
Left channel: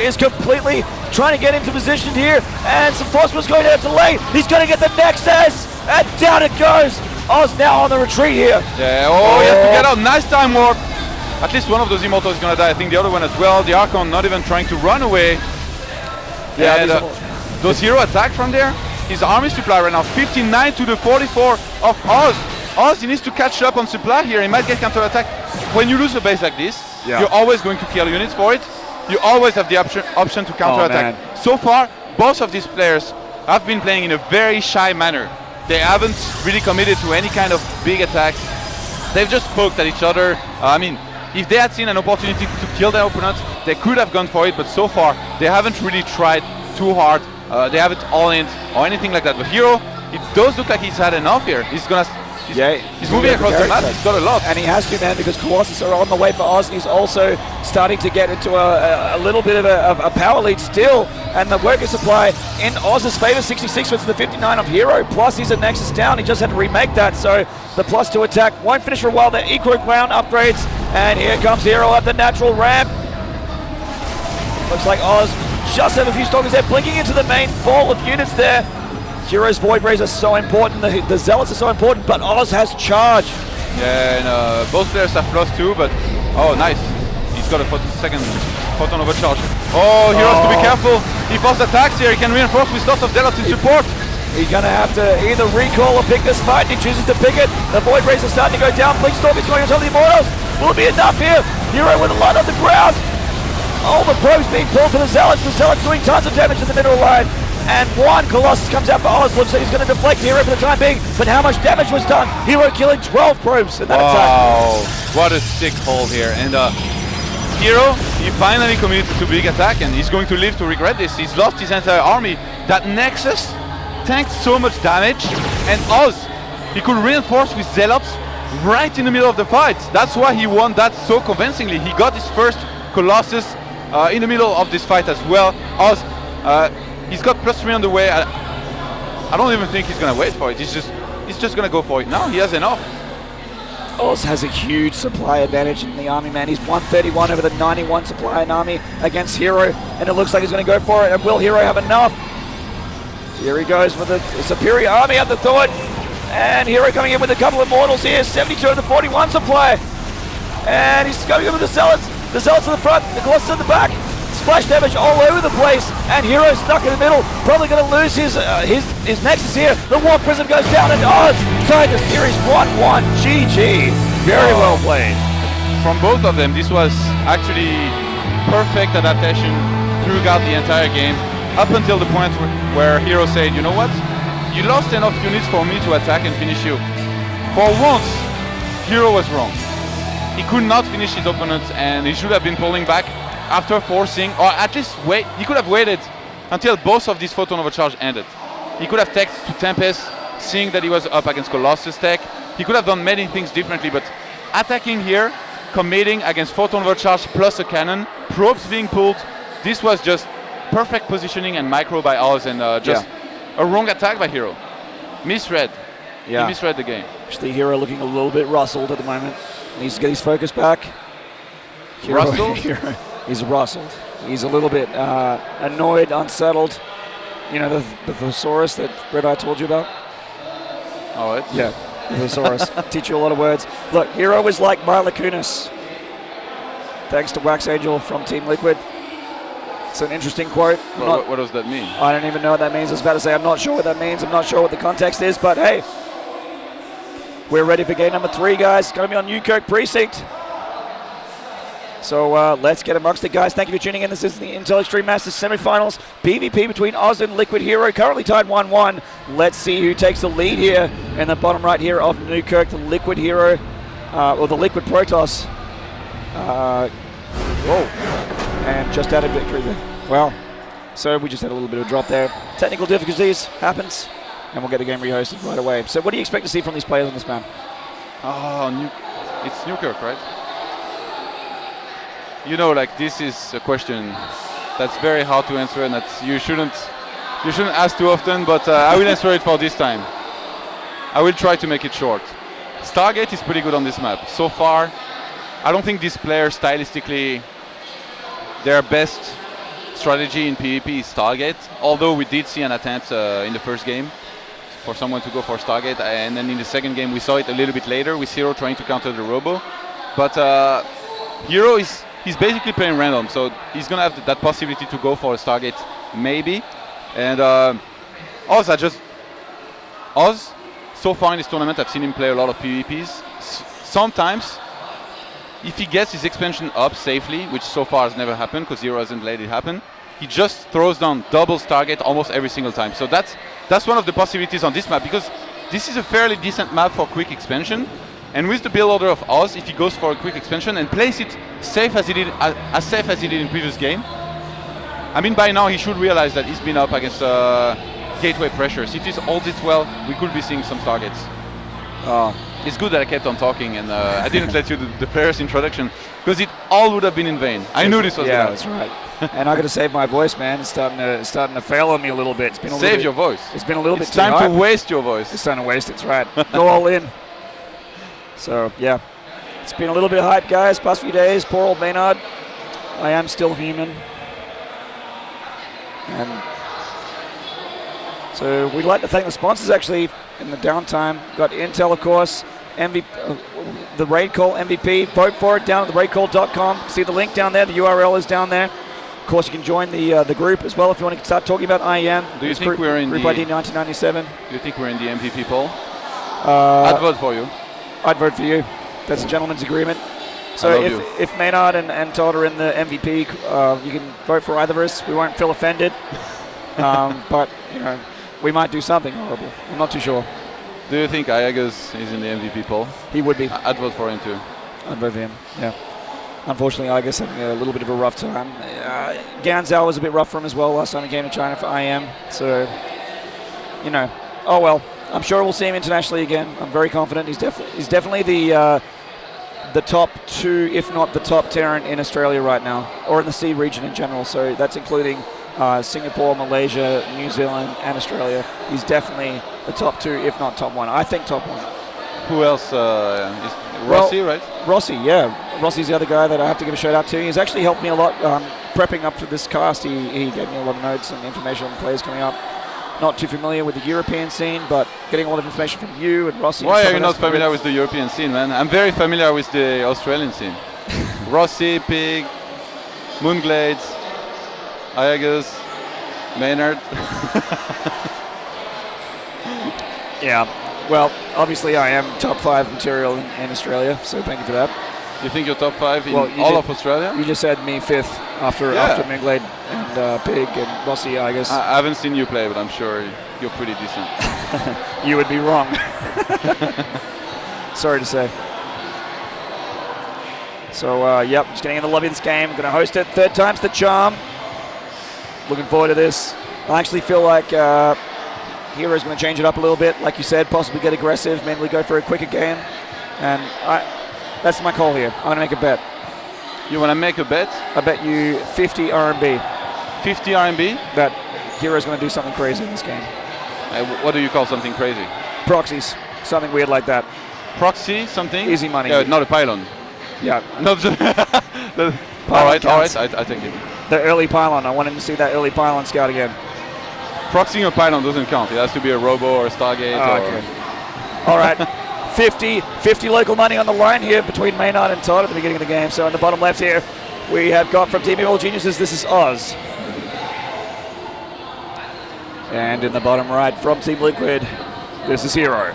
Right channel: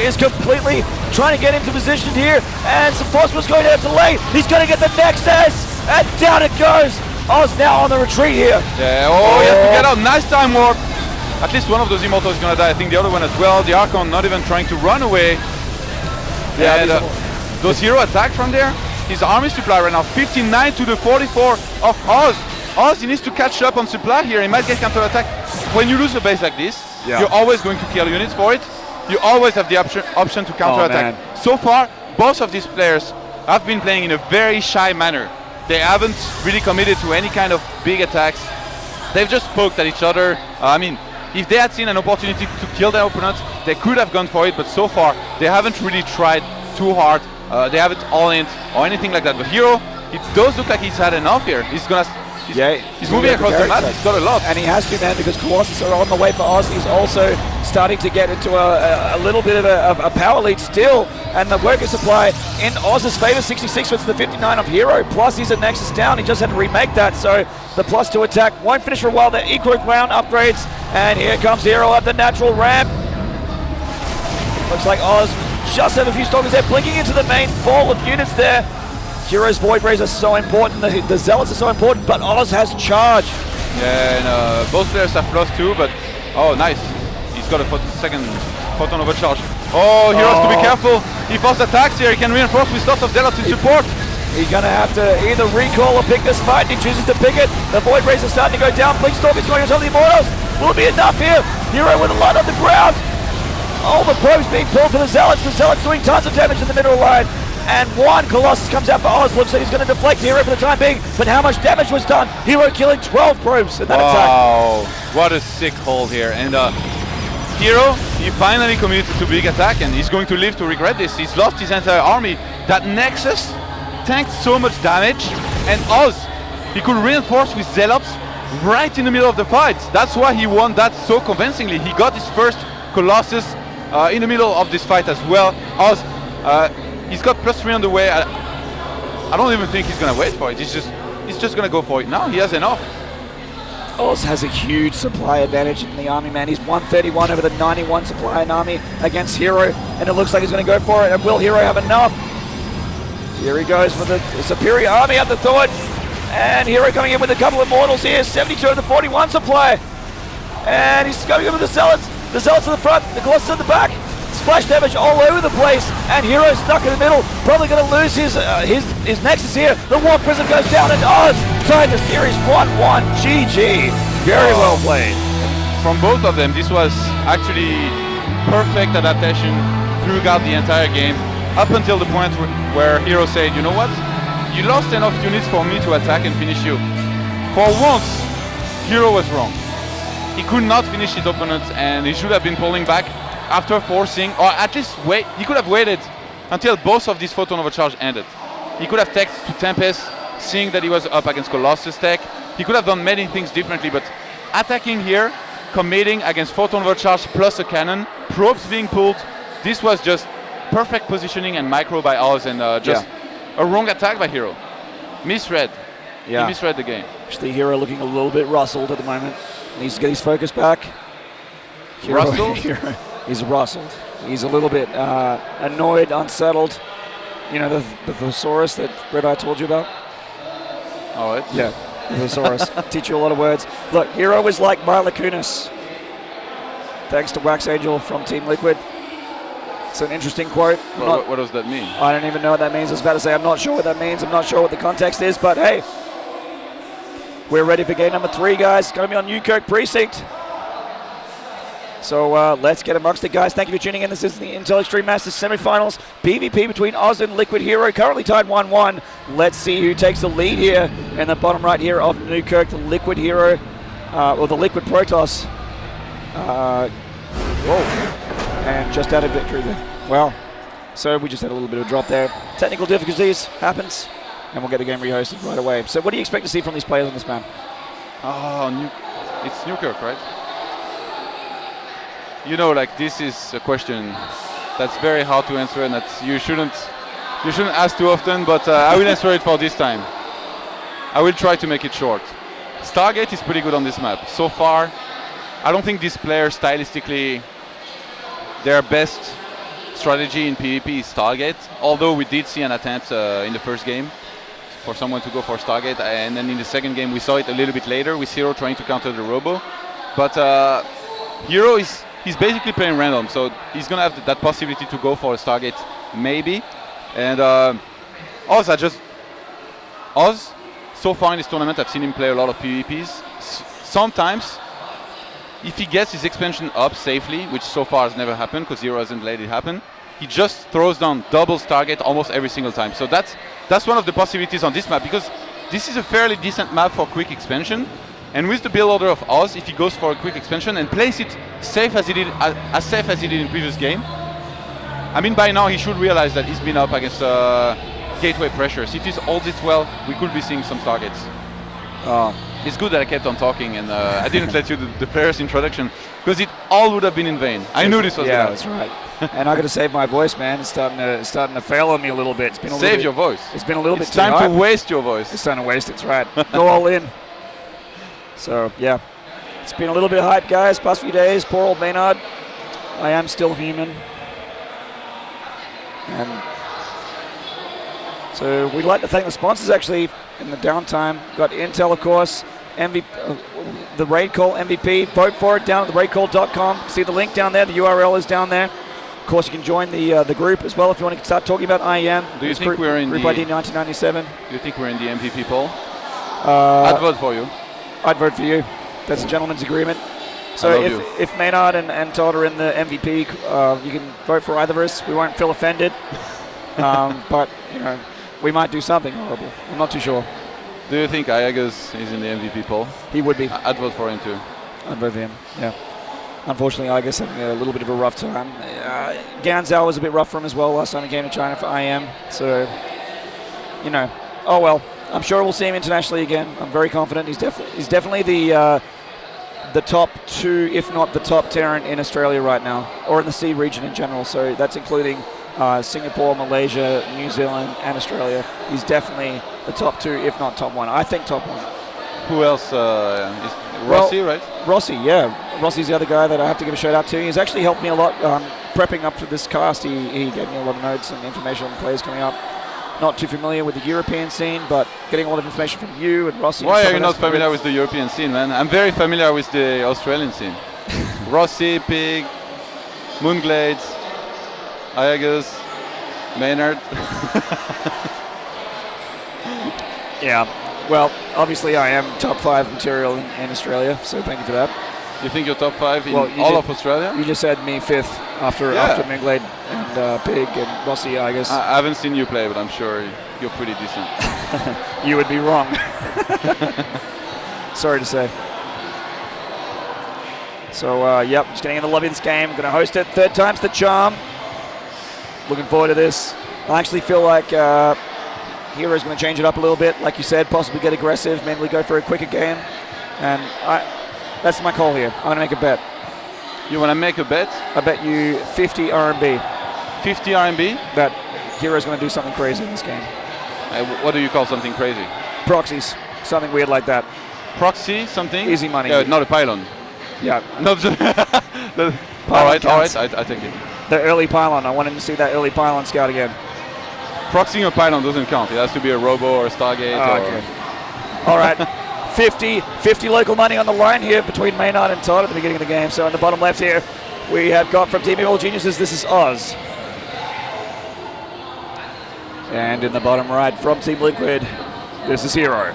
is completely trying to get into position here. And some Force was going to delay. He's going to get the Nexus. And down it goes. Oz now on the retreat here. Yeah, he has to get up. Nice time warp. At least one of those Immortals is going to die. I think the other one as well. The Archon not even trying to run away. Yeah, and those HerO attack from there. His army supply right now, 59 to the 44 of Oz. Oz, he needs to catch up on supply here. He might get counter-attack. When you lose a base like this, you're always going to kill units for it. You always have the option to counter-attack. So far, both of these players have been playing in a very shy manner. They haven't really committed to any kind of big attacks. They've just poked at each other. I mean, if they had seen an opportunity to kill their opponent, they could have gone for it, but so far, they haven't really tried too hard. They haven't all-in or anything like that. But HerO, it does look like he's had enough here. He's moving across the map. He's got a lot. And he has to, man, because Colossus are on the way for Oz. He's also starting to get into a little bit of a power lead still. And the worker supply in Oz's favor, 66 with the 59 of HerO. Plus he's at Nexus down. He just had to remake that. So the +2 attack won't finish for a while. They're equal ground upgrades. And here comes HerO up the natural ramp. Looks like Oz just have a few Stalkers there, blinking into the main ball of units there. HerO's Void Rays are so important, the Zealots are so important, but Oz has charge. Yeah, and both players have +2, but nice. He's got a second photon overcharge. HerO has to be careful. If Oz attacks here, he can reinforce with lots of Zealots in support. He's going to have to either recall or pick this fight. He chooses to pick it. The Void Rays are starting to go down. Blinkstorm is going into the Immortals. Will it be enough here? HerO with a lot on the ground. All the probes being pulled for the Zealots. The Zealots doing tons of damage in the middle line. And one Colossus comes out for Oz. Looks like he's going to deflect HerO for the time being. But how much damage was done? HerO killing 12 probes in that attack. Wow, what a sick hold here. And HerO, he finally committed to big attack, and he's going to live to regret this. He's lost his entire army. That Nexus tanked so much damage, and Oz, he could reinforce with Zealots right in the middle of the fight. That's why he won that so convincingly. He got his first Colossus in the middle of this fight as well. Oz, he's got +3 on the way. I don't even think he's gonna wait for it. He's just gonna go for it now. He has enough. Oz has a huge supply advantage in the army, man. He's 131 over the 91 supply in army against HerO, and it looks like he's gonna go for it. And will HerO have enough? Here he goes with the superior army at the thought. And HerO coming in with a couple of Immortals here. 72 of the 41 supply. And he's going in with the Zealots. The Zealots in the front, the Colossus in the back. Splash damage all over the place, and HerO stuck in the middle. Probably going to lose his Nexus here. The Warp Prism goes down, and Oz tied the series 1-1. GG. Very well played. From both of them, this was actually perfect adaptation throughout the entire game, up until the point where HerO said, you know what? you lost enough units for me to attack and finish you. For once, HerO was wrong. He could not finish his opponent, and he should have been pulling back after forcing, or at least wait. He could have waited until both of these photon overcharge ended. He could have teched to Tempest, seeing that he was up against Colossus tech. He could have done many things differently, but attacking here, committing against photon overcharge plus a cannon, probes being pulled, this was just perfect positioning and micro by Oz, and just a wrong attack by HerO. Misread. He misread the game. Actually, HerO looking a little bit rustled at the moment. Needs to get his focus back. Rustled? He's rustled. He's a little bit annoyed, unsettled. You know, the thesaurus that Red Eye told you about? Oh, it's... Yeah, the thesaurus. Teach you a lot of words. Look, HerO is like Mila Kunis. Thanks to Wax Angel from Team Liquid. It's an interesting quote. What does that mean? I don't even know what that means. I was about to say I'm not sure what that means. I'm not sure what the context is, but hey, we're ready for game number 3, guys. It's going to be on Newkirk Precinct. So let's get amongst it, guys. Thank you for tuning in. This is the Intel Extreme Masters semifinals. PvP between Oz and Liquid HerO, currently tied 1-1. Let's see who takes the lead here in the bottom right here of Newkirk. The Liquid HerO, or the Liquid Protoss. And just out of victory there. Well, so we just had a little bit of a drop there. Technical difficulties happens, and we'll get the game rehosted right away. So what do you expect to see from these players on this map? Oh, it's Newkirk, right? You know, like, this is a question that's very hard to answer, and that you shouldn't ask too often, but I will answer it for this time. I will try to make it short. Stargate is pretty good on this map. So far, I don't think these players stylistically, their best strategy in PvP is Stargate, although we did see an attempt in the first game for someone to go for Stargate, and then in the second game we saw it a little bit later with HerO trying to counter the Robo. But HerO he's basically playing random, so he's gonna have that possibility to go for a Stargate, maybe. And Oz, so far in this tournament, I've seen him play a lot of PvPs. Sometimes, if he gets his expansion up safely, which so far has never happened because HerO hasn't let it happen, he just throws down double Stargate almost every single time. So that's one of the possibilities on this map, because this is a fairly decent map for quick expansion. And with the build order of Oz, if he goes for a quick expansion and plays it safe as he did in previous game, I mean, by now he should realize that he's been up against gateway pressures. If he holds it well, we could be seeing some targets. It's good that I kept on talking and I didn't let you do the player's introduction, because it all would have been in vain. I knew this was yeah, that's right. And I got to save my voice, man. It's starting to fail on me a little bit. It's been a Save your voice. It's been a little bit It's too time hard. to waste your voice. It's time to waste it. That's right. Go all in. So yeah, it's been a little bit hype, guys. Past few days. Poor old Maynard. I am still human. And so we'd like to thank the sponsors actually in the downtime. Got Intel, of course, the Raid Call MVP. Vote for it down at theraidcall.com. See the link down there. The URL is down there. Of course, you can join the group as well if you want to start talking about IEM. Do you think we're in Group the ID 1997? Do you think we're in the MVP poll? I'd I'd vote for you. I'd vote for you. That's a gentleman's agreement. So I love if Maynard and Todd are in the MVP, you can vote for either of us. We won't feel offended. But you know, we might do something horrible. I'm not too sure. Do you think Iagas is in the MVP poll? He would be. I'd vote for him too. I'd vote for him. Yeah. Unfortunately, I guess having a little bit of a rough time. Ganzhou was a bit rough for him as well last time he came to China for IEM. So, you know, oh well. I'm sure we'll see him internationally again. I'm very confident. He's definitely the top 2, if not the top tier in Australia right now, or in the C region in general. So that's including Singapore, Malaysia, New Zealand, and Australia. He's definitely the top 2, if not top 1. I think top 1. Who else? Is Rossi, right? Rossi, yeah. Rossi's the other guy that I have to give a shout out to. He's actually helped me a lot prepping up for this cast. He gave me a lot of notes and information on players coming up. Not too familiar with the European scene, but getting a lot of information from you and Rossi. Why are you not familiar with the European scene, man? I'm very familiar with the Australian scene. Rossi, Pig, Moonglades, Iagas, Maynard. Yeah, well, obviously I am top 5 material in Australia, so thank you for that. You think you're top 5 in Well, all of Australia? You just said me 5th after Minglade and Pig and Rossi, I guess. I haven't seen you play, but I'm sure you're pretty decent. You would be wrong. Sorry to say. So, yep, just getting in the lobby of this game. Going to host it. 3rd time's the charm. Looking forward to this. I actually feel like HerO's going to change it up a little bit. Like you said, possibly get aggressive, maybe go for a quicker game. And that's my call here. I'm going to make a bet. You want to make a bet? I bet you 50 RMB. 50 RMB? That HerO's going to do something crazy in this game. What do you call something crazy? Proxies. Something weird like that. Proxy, something? Easy money. Not a pylon. Yeah. Not the all right, I take it. The early pylon. I want him to see that early pylon scout again. Proxying a pylon doesn't count. It has to be a robo or a Stargate. Okay. All right. 50 local money on the line here between Maynard and Todd at the beginning of the game. So in the bottom left here, we have got from Team All Geniuses, this is Oz. And in the bottom right from Team Liquid, this is HerO.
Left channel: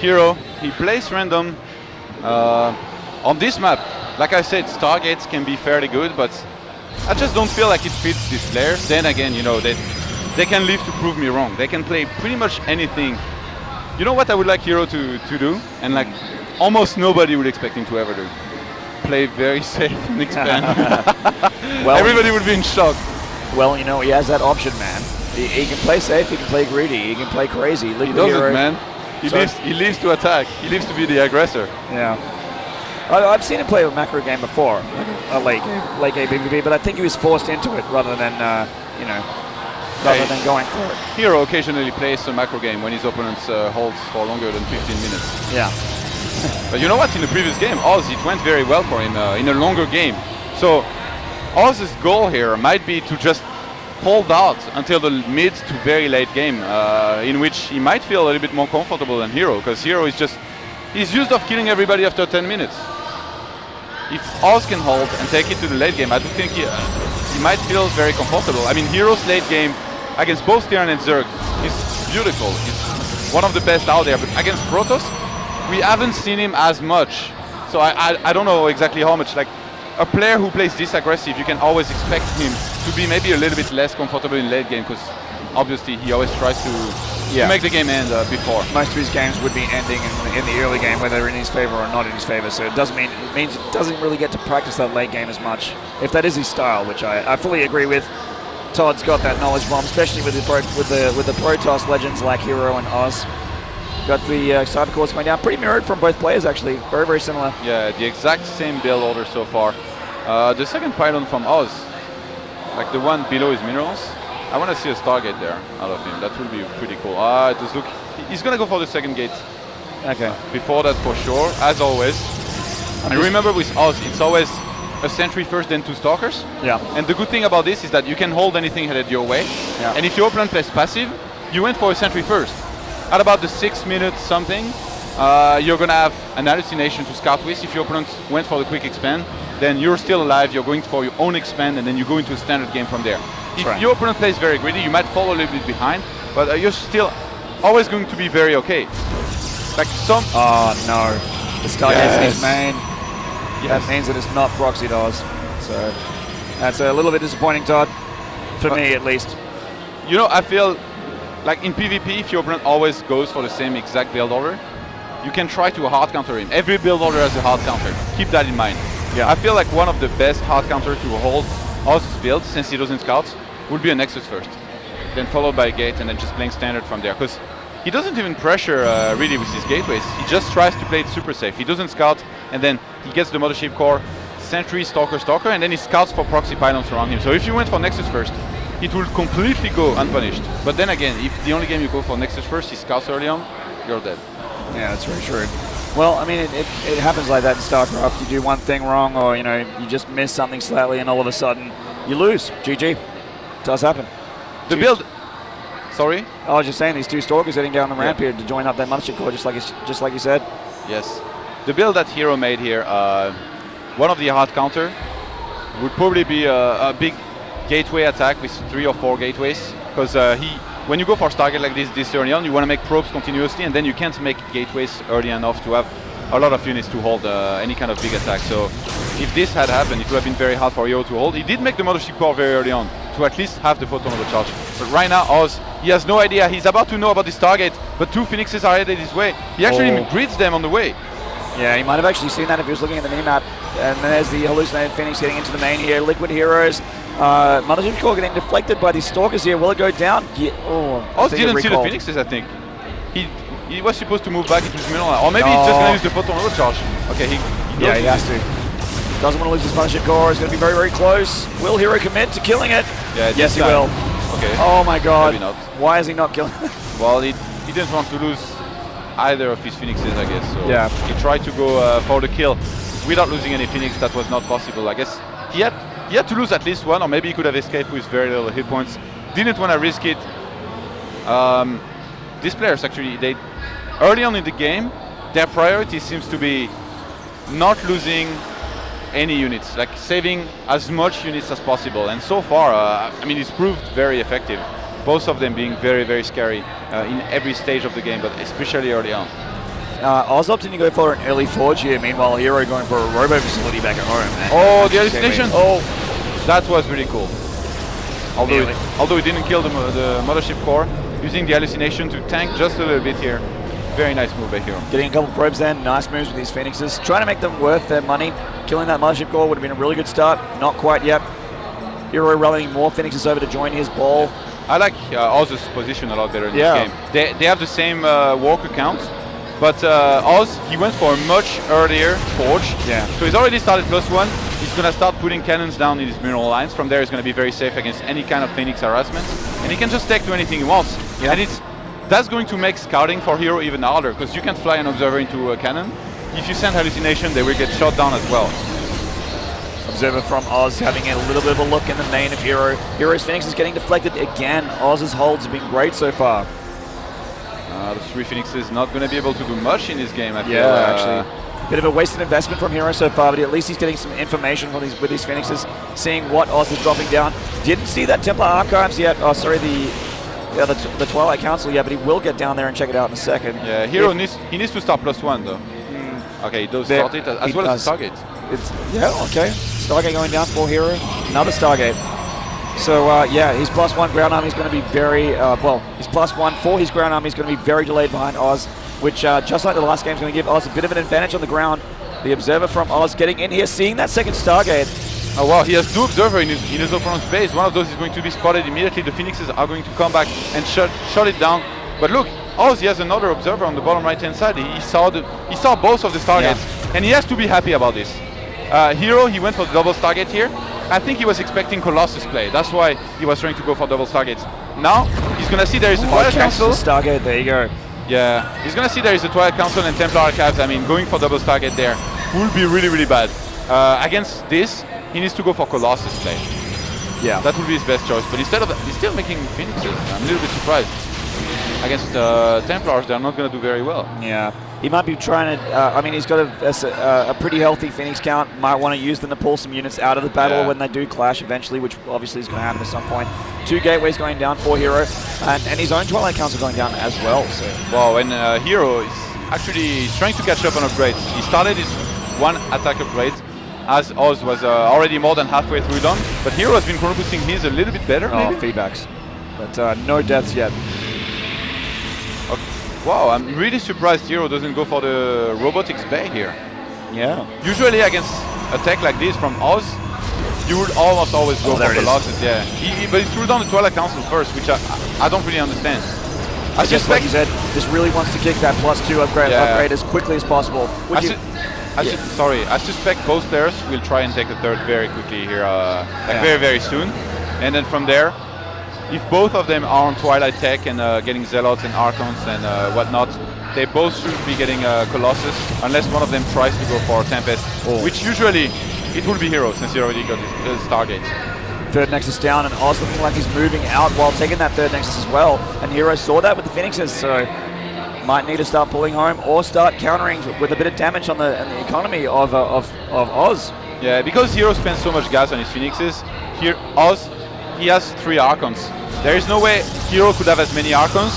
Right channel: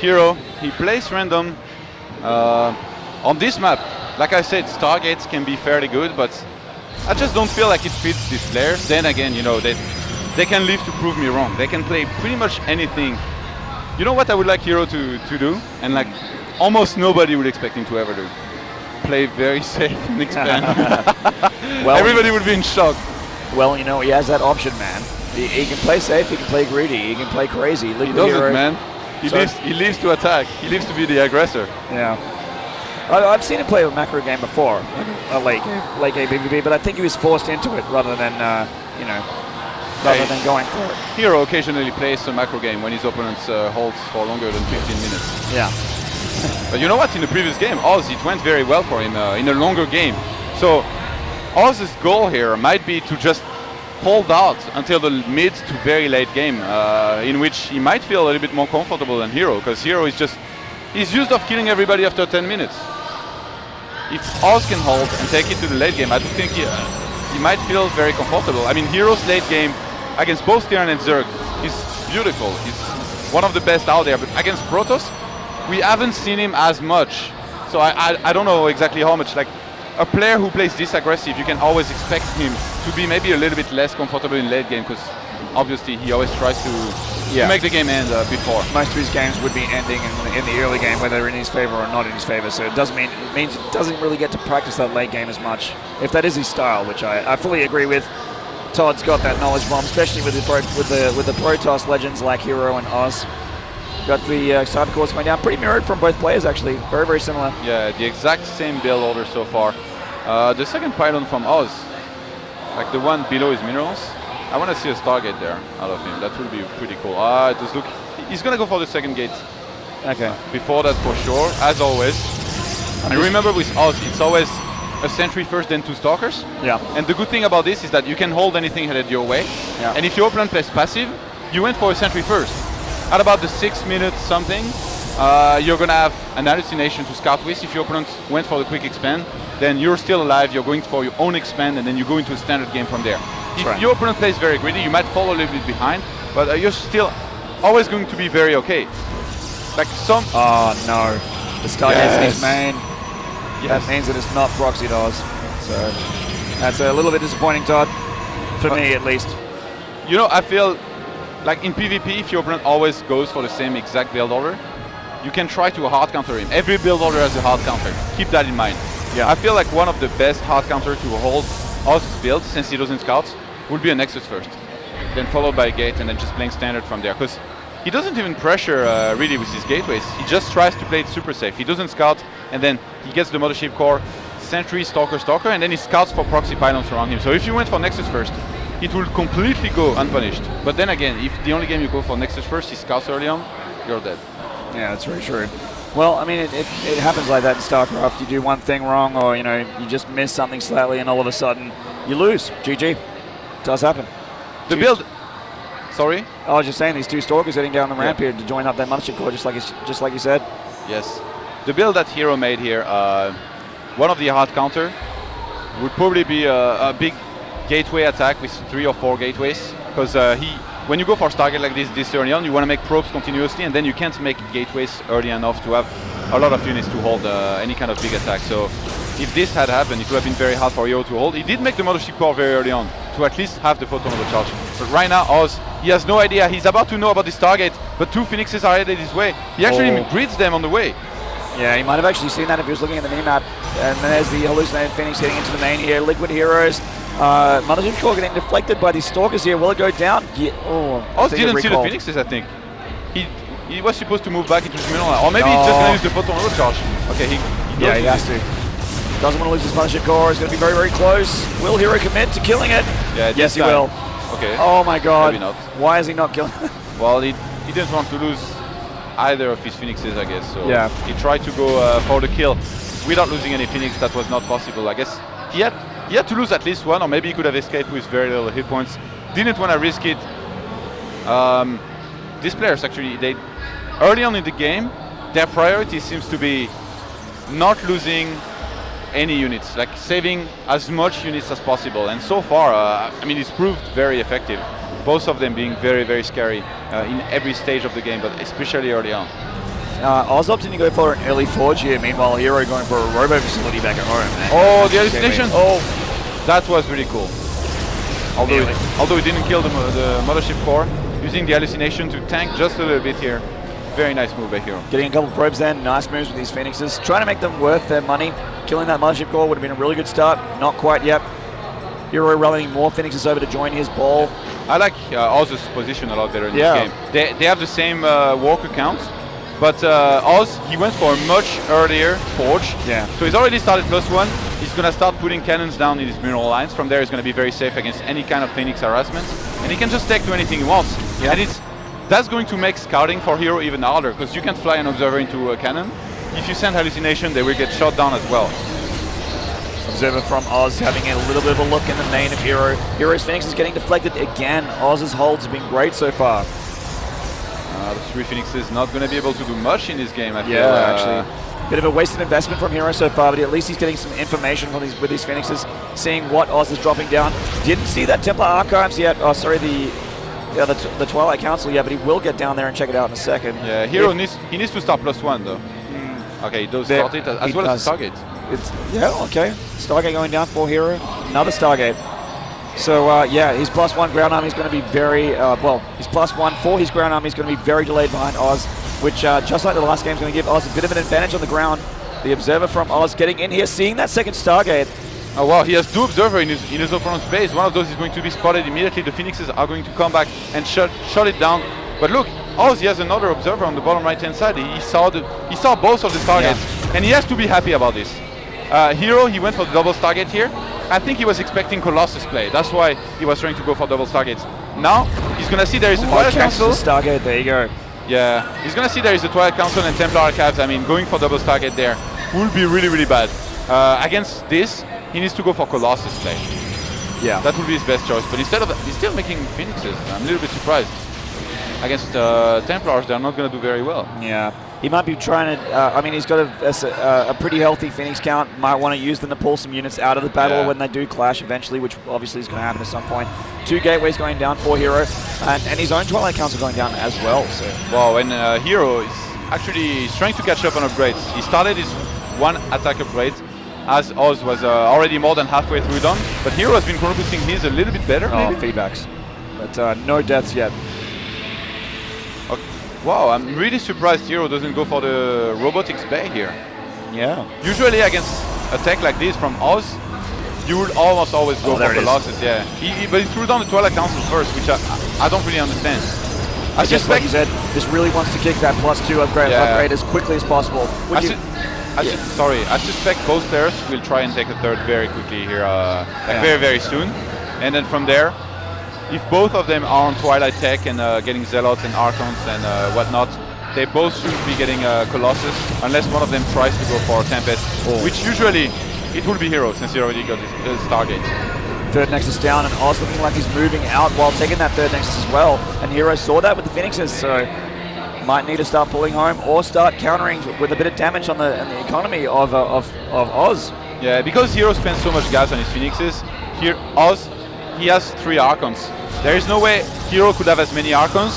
HerO, he plays random on this map. Like I said, Stargates can be fairly good, but I just don't feel like it fits these players. Then again, you know, they can live to prove me wrong. They can play pretty much anything. You know what I would like HerO to do? And like almost nobody would expect him to ever do. Play very safe and expand. Well, everybody would be in shock. Well, you know, he has that option, man. He can play safe, he can play greedy, he can play crazy. He doesn't, man. He lives to attack. He lives to be the aggressor. Yeah. I've seen him play a macro game before, a late game PvP, but I think he was forced into it rather than, rather than going for it. HerO occasionally plays a macro game when his opponent holds for longer than 15 minutes. Yeah. But you know what? In the previous game, Oz, it went very well for him in a longer game. So Oz's goal here might be to just hold out until the mid to very late game, in which he might feel a little bit more comfortable than HerO, because HerO is he's used of killing everybody after 10 minutes. If Oz can hold and take it to the late game, I do think he might feel very comfortable. I mean, HerO's late game against both Terran and Zerg is beautiful. It's one of the best out there, but against Protoss, we haven't seen him as much. So I don't know exactly how much. Like, a player who plays this aggressive, you can always expect him to be maybe a little bit less comfortable in late game, because obviously he always tries to make the game end before. Most of his games would be ending in the early game, whether in his favor or not in his favor. So it means it doesn't really get to practice that late game as much, if that is his style, which I fully agree with. Todd's got that knowledge bomb, especially with the Protoss legends like HerO and Oz. Got the cyber course going down, pretty mirrored from both players actually, very, very similar. Yeah, the exact same build order so far. The second pylon from Oz, like the one below his minerals, I want to see a Stargate there out of him. That would be pretty cool. He's gonna go for the second gate. Okay. Before that, for sure, as always. And remember with Oz, it's always a sentry first, then 2 stalkers. Yeah. And the good thing about this is that you can hold anything headed your way. Yeah. And if your opponent plays passive, you went for a sentry first. At about the 6 minutes something, you're gonna have an hallucination to scout with. If your opponent went for the quick expand, then you're still alive, you're going for your own expand, and then you go into a standard game from there. If your opponent plays very greedy, you might fall a little bit behind, but you're still always going to be very okay. Like some... Oh no, the Stargate's in his main. Yes. That means that it's not proxy does. So that's a little bit disappointing, Todd. For me, at least. You know, I feel like in PvP, if your opponent always goes for the same exact build order, you can try to hard counter him. Every build order has a hard counter. Keep that in mind. Yeah. I feel like one of the best hard counter to hold Oz's build, since he doesn't scout, would be a Nexus first. Then followed by a gate, and then just playing standard from there. Because he doesn't even pressure really with his gateways. He just tries to play it super safe. He doesn't scout, and then he gets the Mothership Core, Sentry, Stalker, and then he scouts for proxy pylons around him. So if you went for Nexus first, it will completely go unpunished. But then again, if the only game you go for Nexus first, he scouts early on, you're dead. Yeah, that's very true. Well, I mean, it happens like that in StarCraft. You do one thing wrong, or you just miss something slightly, and all of a sudden you lose. GG. It does happen. The build. Sorry. I was just saying, these 2 stalkers heading down the ramp here to join up that Mothership Core, just like you said. Yes. The build that HerO made here, one of the hard counter would probably be a big gateway attack with 3 or 4 gateways, because when you go for Stargate like this early on, you want to make probes continuously, and then you can't make gateways early enough to have a lot of units to hold any kind of big attack. So if this had happened, it would have been very hard for HerO to hold. He did make the Mothership Core very early on to at least have the photon overcharge. But right now, Oz, he has no idea. He's about to know about this target, but 2 Phoenixes are headed his way. He actually grids them on the way. Yeah, he might have actually seen that if he was looking at the minimap. And there's the hallucinated Phoenix heading into the main here. Liquid Heroes. Mothership Core getting deflected by these Stalkers here. Will it go down? Yeah. Oz didn't see the Phoenixes, I think. He was supposed to move back into his middle line. Or maybe he's just going to use the photon overcharge. Okay, he has to. Doesn't want to lose his Mothership Core. It's going to be very, very close. Will HerO commit to killing it? Yeah, yes, he will. Okay. Oh my god. Why is he not killing it? Well, he didn't want to lose either of his Phoenixes, I guess. So yeah. He tried to go for the kill without losing any Phoenix. That was not possible. I guess he had to lose at least one, or maybe he could have escaped with very little hit points. Didn't want to risk it. These players actually, they early on in the game, their priority seems to be not losing any units, like saving as much units as possible. And so far, I mean, it's proved very effective. Both of them being very, very scary in every stage of the game, but especially early on. Oz opting to go for an early forge here, meanwhile HerO going for a robo facility back at home. Oh, the hallucination! Oh, that was really cool. Although he didn't kill the Mothership Core, using the hallucination to tank just a little bit here. Very nice move by HerO. Getting a couple probes then, nice moves with these Phoenixes. Trying to make them worth their money. Killing that Mothership Core would have been a really good start. Not quite yet. HerO rallying more Phoenixes over to join his ball. I like Oz's position a lot better in this game. They have the same walk account, but Oz, he went for a much earlier forge. Yeah. So he's already started +1. He's going to start putting cannons down in his mineral lines. From there, he's going to be very safe against any kind of Phoenix harassment. And he can just take to anything he wants. Yeah. And that's going to make scouting for HerO even harder, because you can fly an observer into a cannon. If you send hallucination, they will get shot down as well. Observer from Oz having a little bit of a look in the main of HerO. HerO's Phoenix is getting deflected again. Oz's holds have been great so far. The 3 Phoenixes not going to be able to do much in this game, I feel. Yeah, actually. Bit of a wasted investment from HerO so far, but at least he's getting some information with these Phoenixes, seeing what Oz is dropping down. Didn't see that Templar Archives yet. Oh, sorry, the Twilight Council yet, but he will get down there and check it out in a second. Yeah, HerO needs to start +1 though. Okay, he does start it as well as the Stargate. Okay. Stargate going down for HerO. Another Stargate. So yeah, his +1 ground army is going to be very his +1 for his ground army is going to be very delayed behind Oz, which just like the last game is going to give Oz a bit of an advantage on the ground. The observer from Oz getting in here, seeing that second Stargate. Oh wow, he has 2 observers in his opponent's base. One of those is going to be spotted immediately. The Phoenixes are going to come back and shut it down. But look, Oz, he has another observer on the bottom right-hand side. He saw both of the Stargates, and he has to be happy about this. HerO, he went for the double Stargate here. I think he was expecting Colossus play. That's why he was trying to go for double Stargates. Now, he's going to see there is a Twilight Council. Stargate, there you go. Yeah, he's going to see there is a Twilight Council and Templar Archives. I mean, going for double Stargate there will be really, really bad. Against this, he needs to go for Colossus play. Yeah. That would be his best choice. But instead of he's still making Phoenixes. I'm a little bit surprised. Against Templars, they're not going to do very well. Yeah. He might be trying to, I mean, he's got a pretty healthy Phoenix count. Might want to use them to pull some units out of the battle when they do clash eventually, which obviously is going to happen at some point. 2 gateways going down for HerO, and his own Twilight Council going down as well. So. Wow, and HerO is actually trying to catch up on upgrades. He started his 1 attack upgrade, as Oz was already more than halfway through done, but HerO has been boosting his a little bit better. Oh, feedbacks. But no deaths yet. Wow, I'm really surprised HerO doesn't go for the robotics bay here. Yeah. Usually against a tech like this from Oz, you would almost always go for Colossus, yeah. But he threw down the Twilight Council first, which I don't really understand. I just like you said, just really wants to kick that +2 upgrade as quickly as possible. I suspect both players will try and take the third very quickly here, very, very soon. And then from there, if both of them are on Twilight Tech and getting Zealots and Archons and whatnot, they both should be getting Colossus, unless one of them tries to go for Tempest, which usually it will be HerO, since he already got his Stargate. Third Nexus down, and Oz looking like he's moving out while taking that third Nexus as well. And HerO saw that with the Phoenixes, so might need to start pulling home or start countering with a bit of damage on the economy of Oz. Yeah, because HerO spends so much gas on his Phoenixes, Oz, he has 3 Archons. There is no way HerO could have as many Archons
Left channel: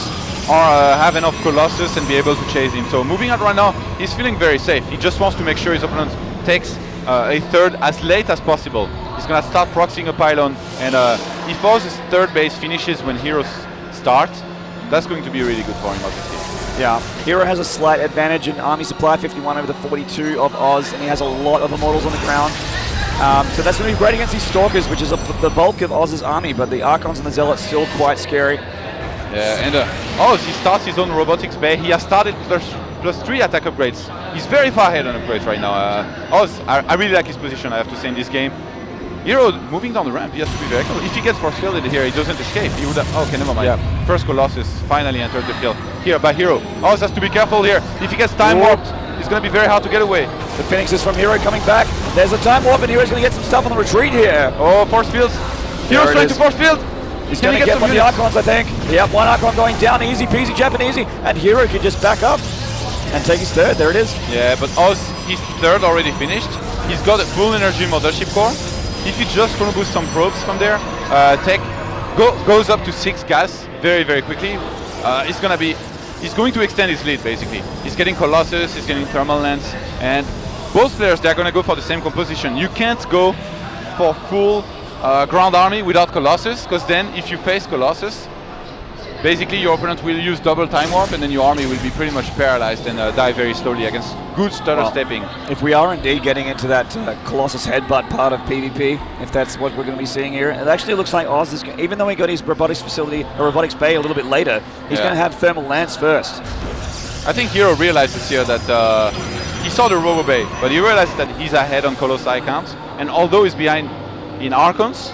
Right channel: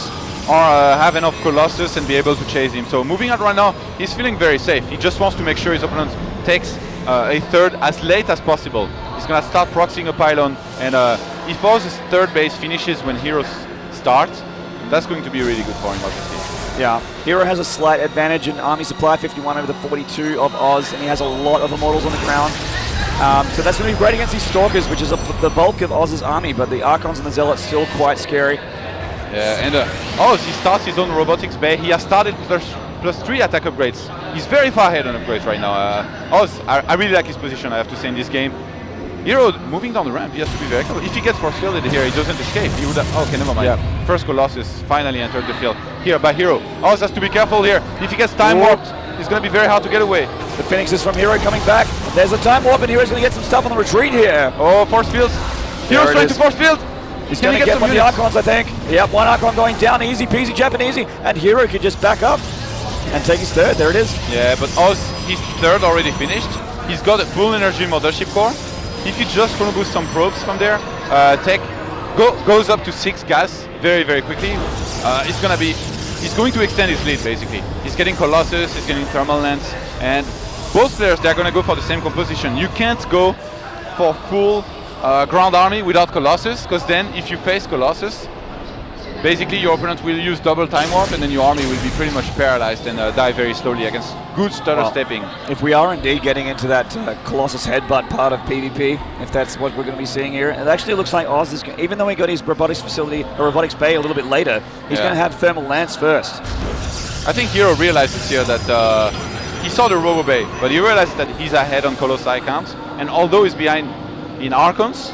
or have enough Colossus and be able to chase him. So moving out right now, he's feeling very safe. He just wants to make sure his opponent takes a third as late as possible. He's gonna start proxying a pylon, and if Oz's third base finishes when HerO start, that's going to be really good for him, obviously. Yeah, HerO has a slight advantage in army supply, 51 over the 42 of Oz, and he has a lot of immortals on the ground. So that's going to be great against these Stalkers, which is the bulk of Oz's army, but the Archons and the Zealots still quite scary. Yeah, and Oz, he starts his own robotics bay. He has started plus 3 attack upgrades. He's very far ahead on upgrades right now. Oz, I really like his position, I have to say, in this game. HerO moving down the ramp, he has to be very careful. If he gets force fielded here, he doesn't escape. He would have, okay, never mind. Yeah. First Colossus finally entered the field. Here by HerO. Oz has to be careful here. If he gets time warped, it's going to be very hard to get away. The Phoenixes from HerO coming back. There's a time warp, and HerO's going to get some stuff on the retreat here. Oh, force fields. HerO's trying to force field. He's going to get one of the Archons, I think. Yep, one Archon going down, easy peasy, Japanesey, and HerO can just back up and take his third. There it is. Yeah, but Oz, his third already finished. He's got a full energy mothership core. If he just want to boost some probes from there, goes up to 6 gas very, very quickly. He's going to extend his lead basically. He's getting Colossus, he's getting Thermal Lance, and both players, they're going to go for the same composition. You can't go for full ground army without Colossus, because then if you face Colossus, basically your opponent will use double time warp, and then your army will be pretty much paralyzed and die very slowly against good stutter stepping. If we are indeed getting into that Colossus headbutt part of PvP, if that's what we're going to be seeing here, it actually looks like Oz is, even though he got his robotics facility, or robotics bay a little bit later, he's going to have Thermal Lance first. I think HerO realizes here that he saw the Robo Bay, but he realized that he's ahead on Colossi count, and although he's behind in Archons,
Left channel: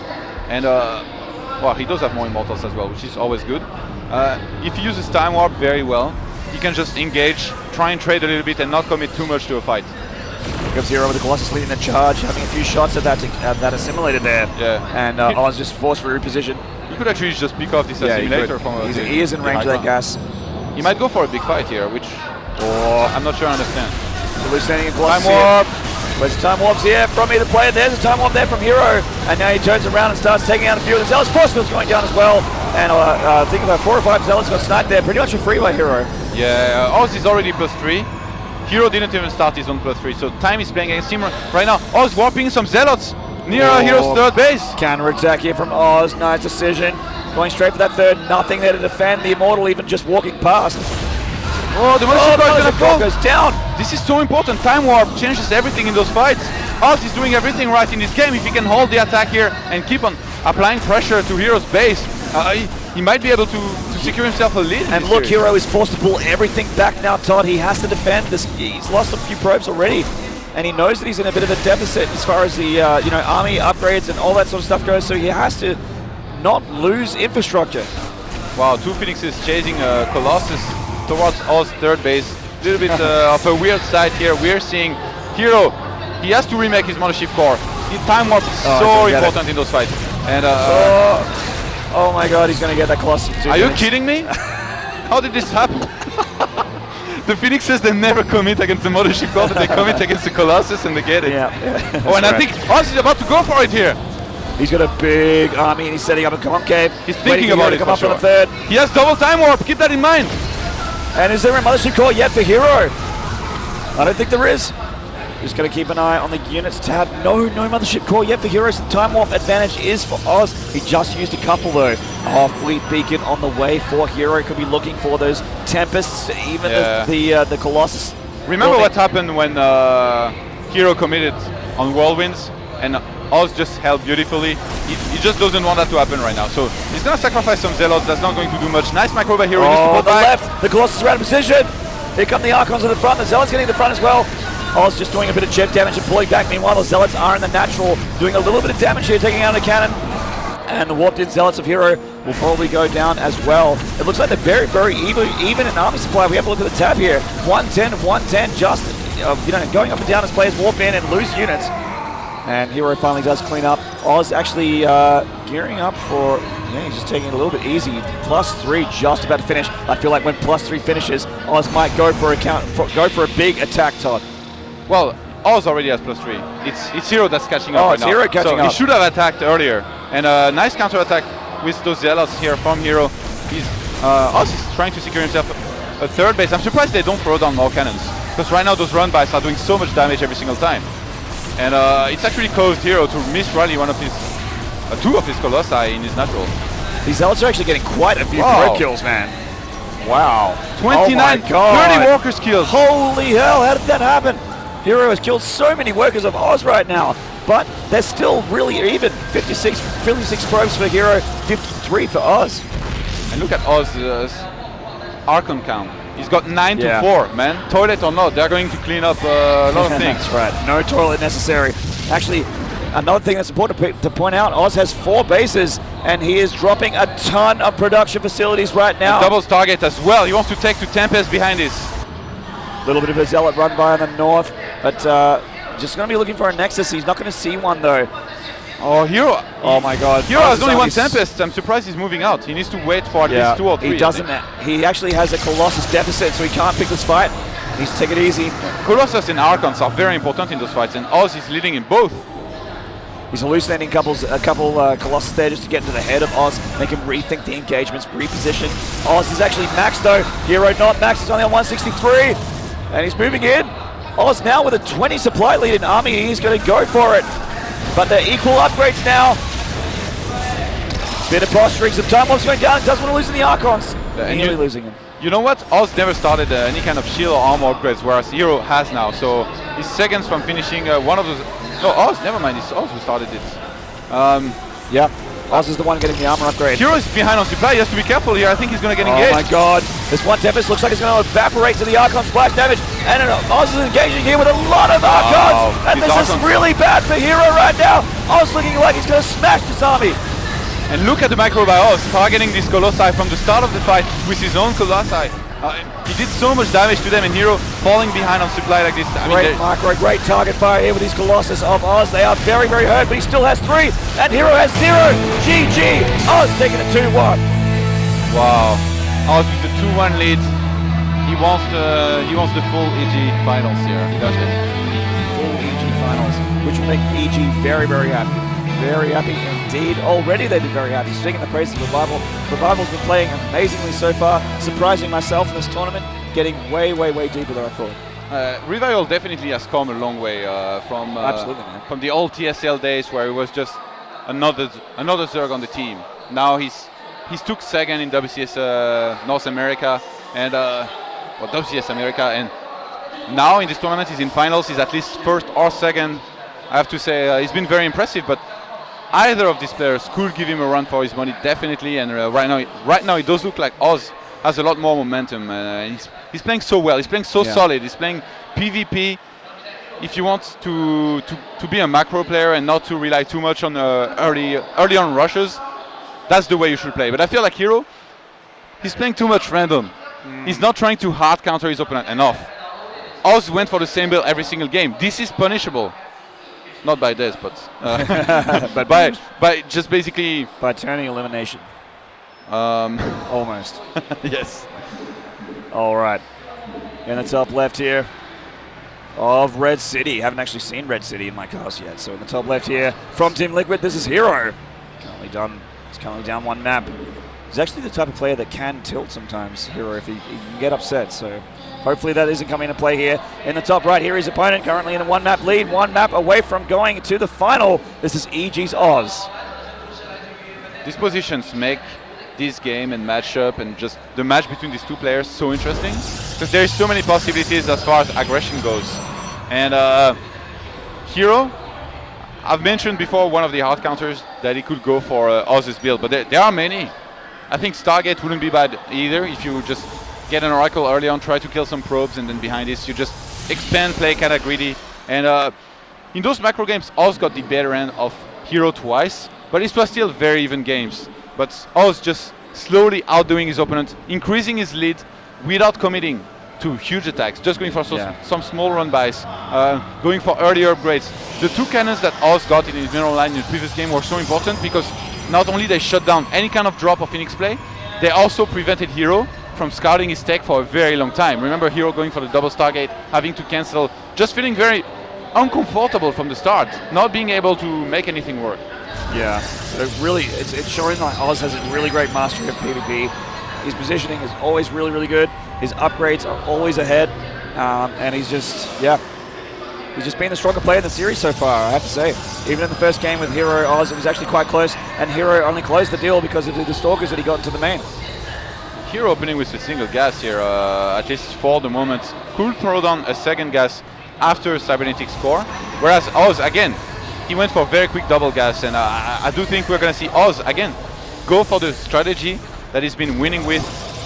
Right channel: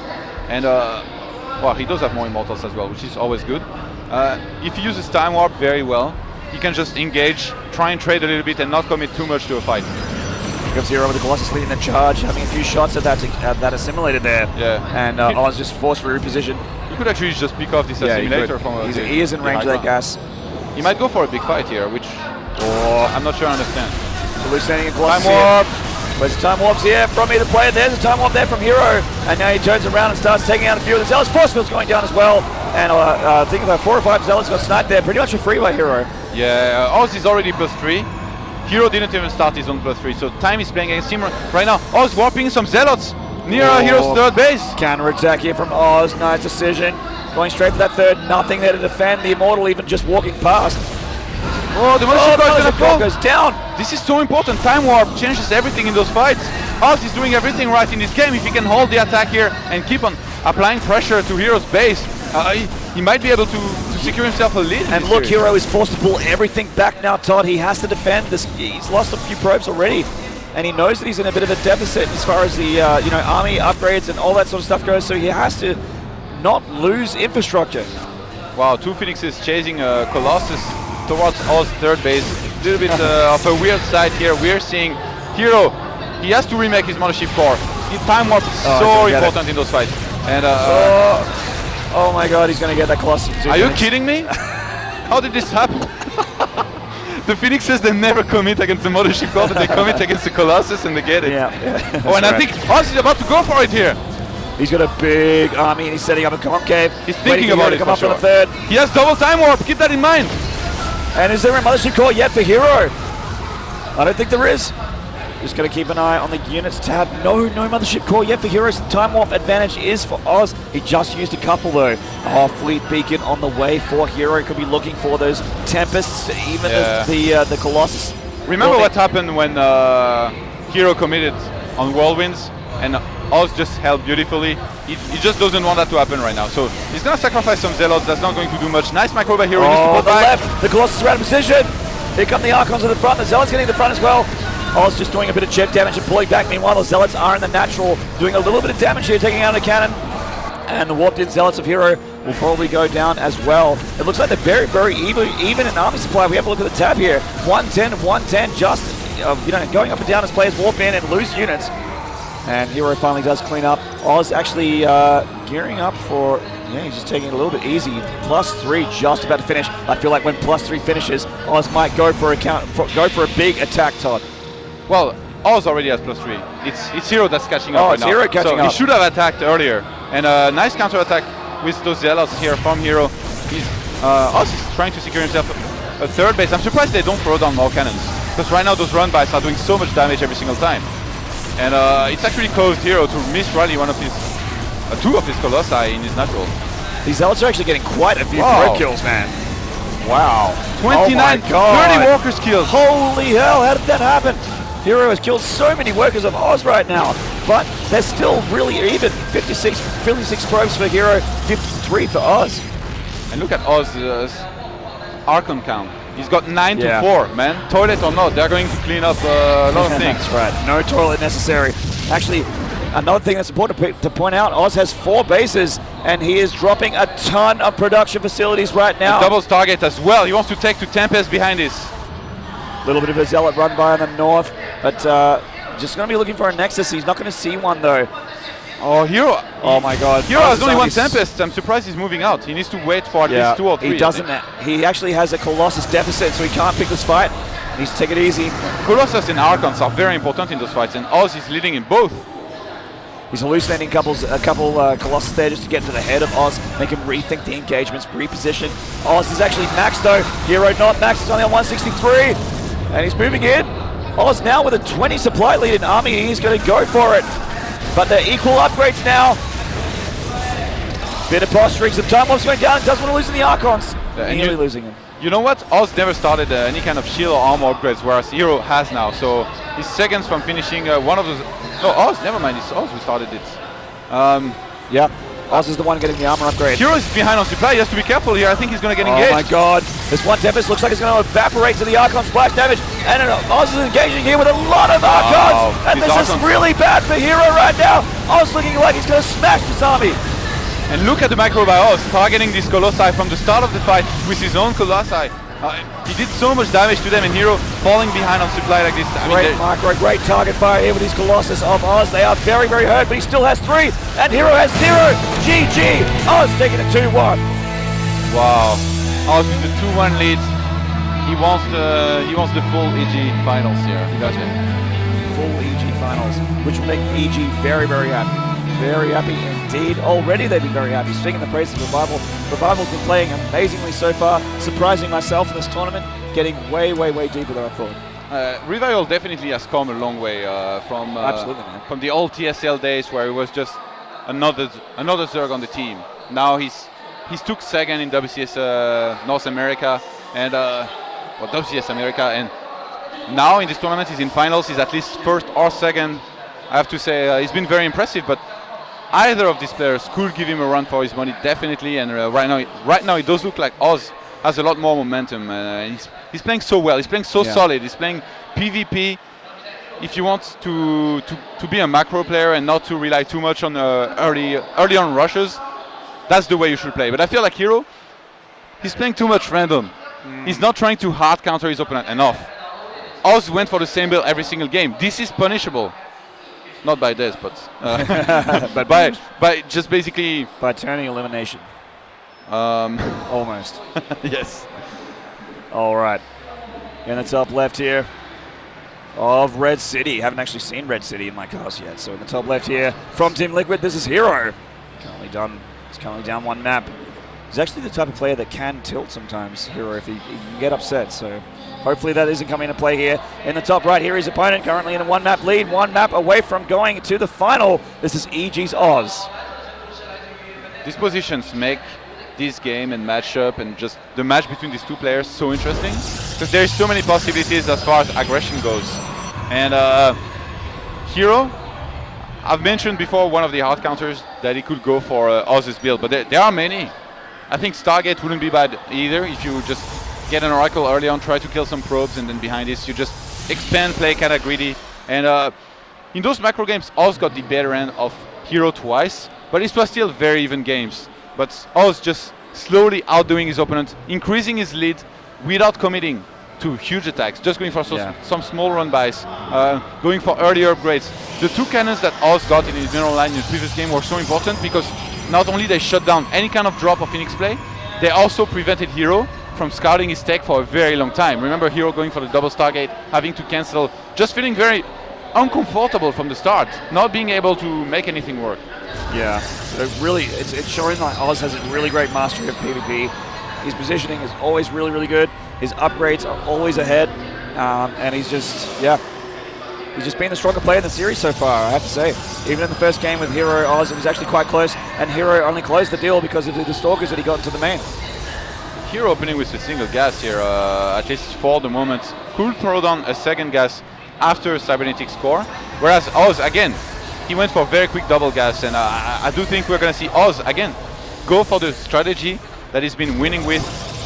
and well, he does have more Immortals as well, which is always good. If he uses Time Warp very well, he can just engage, try and trade a little bit and not commit too much to a fight. Here comes HerO with the Colossus leading the charge, having a few shots of that assimilated there. Yeah. And Oz just forced for reposition. He could actually just pick off this assimilator from he is in range of that gas. He might go for a big fight here, which I'm not sure I understand. Hallucinating in Colossus. Time Warp! There's a time warps here from either player. There's a time warp there from HerO. And now he turns around and starts taking out a few of the Zealots. Force field's going down as well. And I think about 4 or 5 Zealots got sniped there. Pretty much free by HerO. Yeah, Oz is already +3. HerO didn't even start his own +3, so time is playing against him right now. Oz warping some Zealots near HerO's third base. Counter attack here from Oz. Nice decision. Going straight for that third. Nothing there to defend the Immortal, even just walking past. Oh, the Mothership core goes down. This is so important. Time warp changes everything in those fights. Oz is doing everything right in this game. If he can hold the attack here and keep on applying pressure to HerO's base, he might be able to secure himself a lead. And look, HerO is forced to pull everything back now, Todd. He has to defend this. He's lost a few probes already, and he knows that he's in a bit of a deficit as far as the army upgrades and all that sort of stuff goes. So he has to not lose infrastructure. Wow, 2 Phoenixes chasing Colossus towards Oz's third base. A little bit of a weird side here. We're seeing HerO. He has to remake his Mothership core. His time warp is so important in those fights. And oh my God, he's going to get that Colossus. Are you kidding me? How did this happen? The Phoenixes, they never commit against the Mothership core, but they commit against the Colossus and they get it. Yeah. Oh, and I think Oz is about to go for it here. He's got a big army and he's setting up a concave. He's thinking about it come for up sure. on the third. He has double time warp, keep that in mind. And is there a Mothership core yet for HerO? I don't think there is. Just going to keep an eye on the units tab. No Mothership core yet for HerO, so the time warp advantage is for Oz. He just used a couple though. Fleet beacon on the way for HerO. Could be looking for those Tempests, even the Colossus. Remember what happened when HerO committed on Whirlwinds and Oz just held beautifully. He just doesn't want that to happen right now. So he's going to sacrifice some Zealots. That's not going to do much. Nice micro by HerO. On the left, the Colossus around position. Here come the Archons at the front. The Zealots getting the front as well. Oz just doing a bit of jet damage and pulling back. Meanwhile, the Zealots are in the natural, doing a little bit of damage here, taking out a cannon. And the warped-in Zealots of HerO will probably go down as well. It looks like they're very, very even in army supply. We have a look at the tab here. 110, 110, just going up and down as players warp in and lose units. And HerO finally does clean up. Oz actually gearing up for. He's just taking it a little bit easy. +3 just about to finish. I feel like when +3 finishes, Oz might go for a big attack, Todd. Well, Oz already has +3. It's HerO that's catching up right now. HerO catching up. He should have attacked earlier. And a nice counter attack with those Zealots here from HerO. Oz is trying to secure himself a third base. I'm surprised they don't throw down more cannons, because right now those run bys are doing so much damage every single time. And it's actually caused HerO to miss rally two of his Colossi in his natural. These Zealots are actually getting quite a few Wow. pro kills, man. Wow. 29, 30 workers killed. Holy hell, how did that happen? HerO has killed so many workers of Oz right now, but they're still really even. 56 probes for HerO, 53 for Oz. And look at Oz's Archon count. He's got 9 to Yeah. 4, man. Toilet or not, they're going to clean up a lot of things. That's right, no toilet necessary. Actually, another thing that's important to point out, Oz has 4 bases, and he is dropping a ton of production facilities right now. Doubles target as well. He wants to take to Tempest behind this. A little bit of a Zealot run by in the north, but just going to be looking for a Nexus. He's not going to see one though. Oh, HerO. Oh my god. HerO has only one He's- Tempest. I'm surprised he's moving out. He needs to wait for at least 2 or 3. He doesn't. He actually has a Colossus deficit, so he can't pick this fight. He's take it easy. Colossus and Archons are very important in those fights, and Oz is leading in both. He's hallucinating a couple Colossus there just to get to the head of Oz, make him rethink the engagements, reposition. Oz is actually maxed though. HerO not maxed. He's only on 163, and he's moving in. Oz now with a 20 supply lead in army. He's going to go for it. But they're equal upgrades now. Bit of posturing, some time bombs going down. Doesn't want to lose in the Archons. And Easily you- losing him. You know what? Oz never started any kind of shield or armor upgrades, whereas HerO has now. So he's seconds from finishing one of those. No, Oz, never mind. It's Oz who started it. Yep. Oz is the one getting the armor upgrade. HerO is behind on supply. He has to be careful here. I think he's going to get engaged. Oh my god. This one Tempest looks like it's going to evaporate to the Archon splash damage. And Oz is engaging here with a lot of Archons. And these this is Archons. really bad for HerO right now. Oz looking like he's going to smash this army. And look at the macro by Oz, targeting this Colossi from the start of the fight with his own Colossi. He did so much damage to them, and HerO falling behind on supply like this. I mean, Great macro, great target fire here with his Colossus of Oz. They are very, very hurt, but he still has 3. And HerO has 0. GG. Oz taking it 2-1. wow. Oz with the 2-1 lead. He wants the full EG finals here. That's it. Full EG finals, which will make EG very, very happy. Very happy indeed. Already they've been very happy. Speaking of praise of Revival, Revival's been playing amazingly so far, surprising myself in this tournament, getting way, way, way deeper than I thought. Revival definitely has come a long way Absolutely, man. from the old TSL days where it was just another Zerg on the team. Now he's took second in WCS North America and WCS America, and now in this tournament he's in finals. He's at least first or second. I have to say he's been very impressive, but either of these players could give him a run for his money, definitely. And right now it does look like Oz has a lot more momentum. He's playing so well. He's playing so solid. He's playing PvP. If you want to be a macro player and not to rely too much on early on rushes, that's the way you should play. But I feel like HerO, he's playing too much random. He's not trying to hard counter his opponent enough. Oz went for the same build every single game. This is punishable. Not by this, but But by just basically by turning elimination. Almost. yes. All right. In the top left here of Red City. Haven't actually seen Red City in my cast yet. So in the top left here from Team Liquid, this is HerO. He's currently down 1 map. He's actually the type of player that can tilt sometimes, HerO, if he can get upset. So hopefully that isn't coming into play here. In the top right here, his opponent currently in a 1 map lead, 1 map away from going to the final. This is EG's Oz. These positions make this game and matchup and just the match between these two players so interesting, because there's so many possibilities as far as aggression goes. And HerO, I've mentioned before one of the hard counters that he could go for Oz's build, but there are many. I think Stargate wouldn't be bad either if you just get an Oracle early on, try to kill some probes, and then behind this you just expand, play kind of greedy. And in those macro games, Oz got the better end of HerO twice, but it was still very even games. But Oz just slowly outdoing his opponent, increasing his lead without committing to huge attacks, just going for some small run-bys, going for earlier upgrades. The 2 cannons that Oz got in his general line in the previous game were so important because not only they shut down any kind of drop of Phoenix play, they also prevented HerO from scouting his tech for a very long time. Remember HerO going for the double Stargate, having to cancel, just feeling very uncomfortable from the start, not being able to make anything work. Yeah, so really, it's showing that Oz has a really great mastery of PvP. His positioning is always really, really good. His upgrades are always ahead. And he's just been the stronger player in the series so far, I have to say. Even in the first game with HerO Oz, it was actually quite close, and HerO only closed the deal because of the Stalkers that he got into the main. HerO opening with a single gas here, at least for the moment. Could throw down a second gas after a cybernetic score, whereas Oz, again, he went for very quick double gas, and I do think we're going to see Oz, again, go for the strategy that he's been winning with,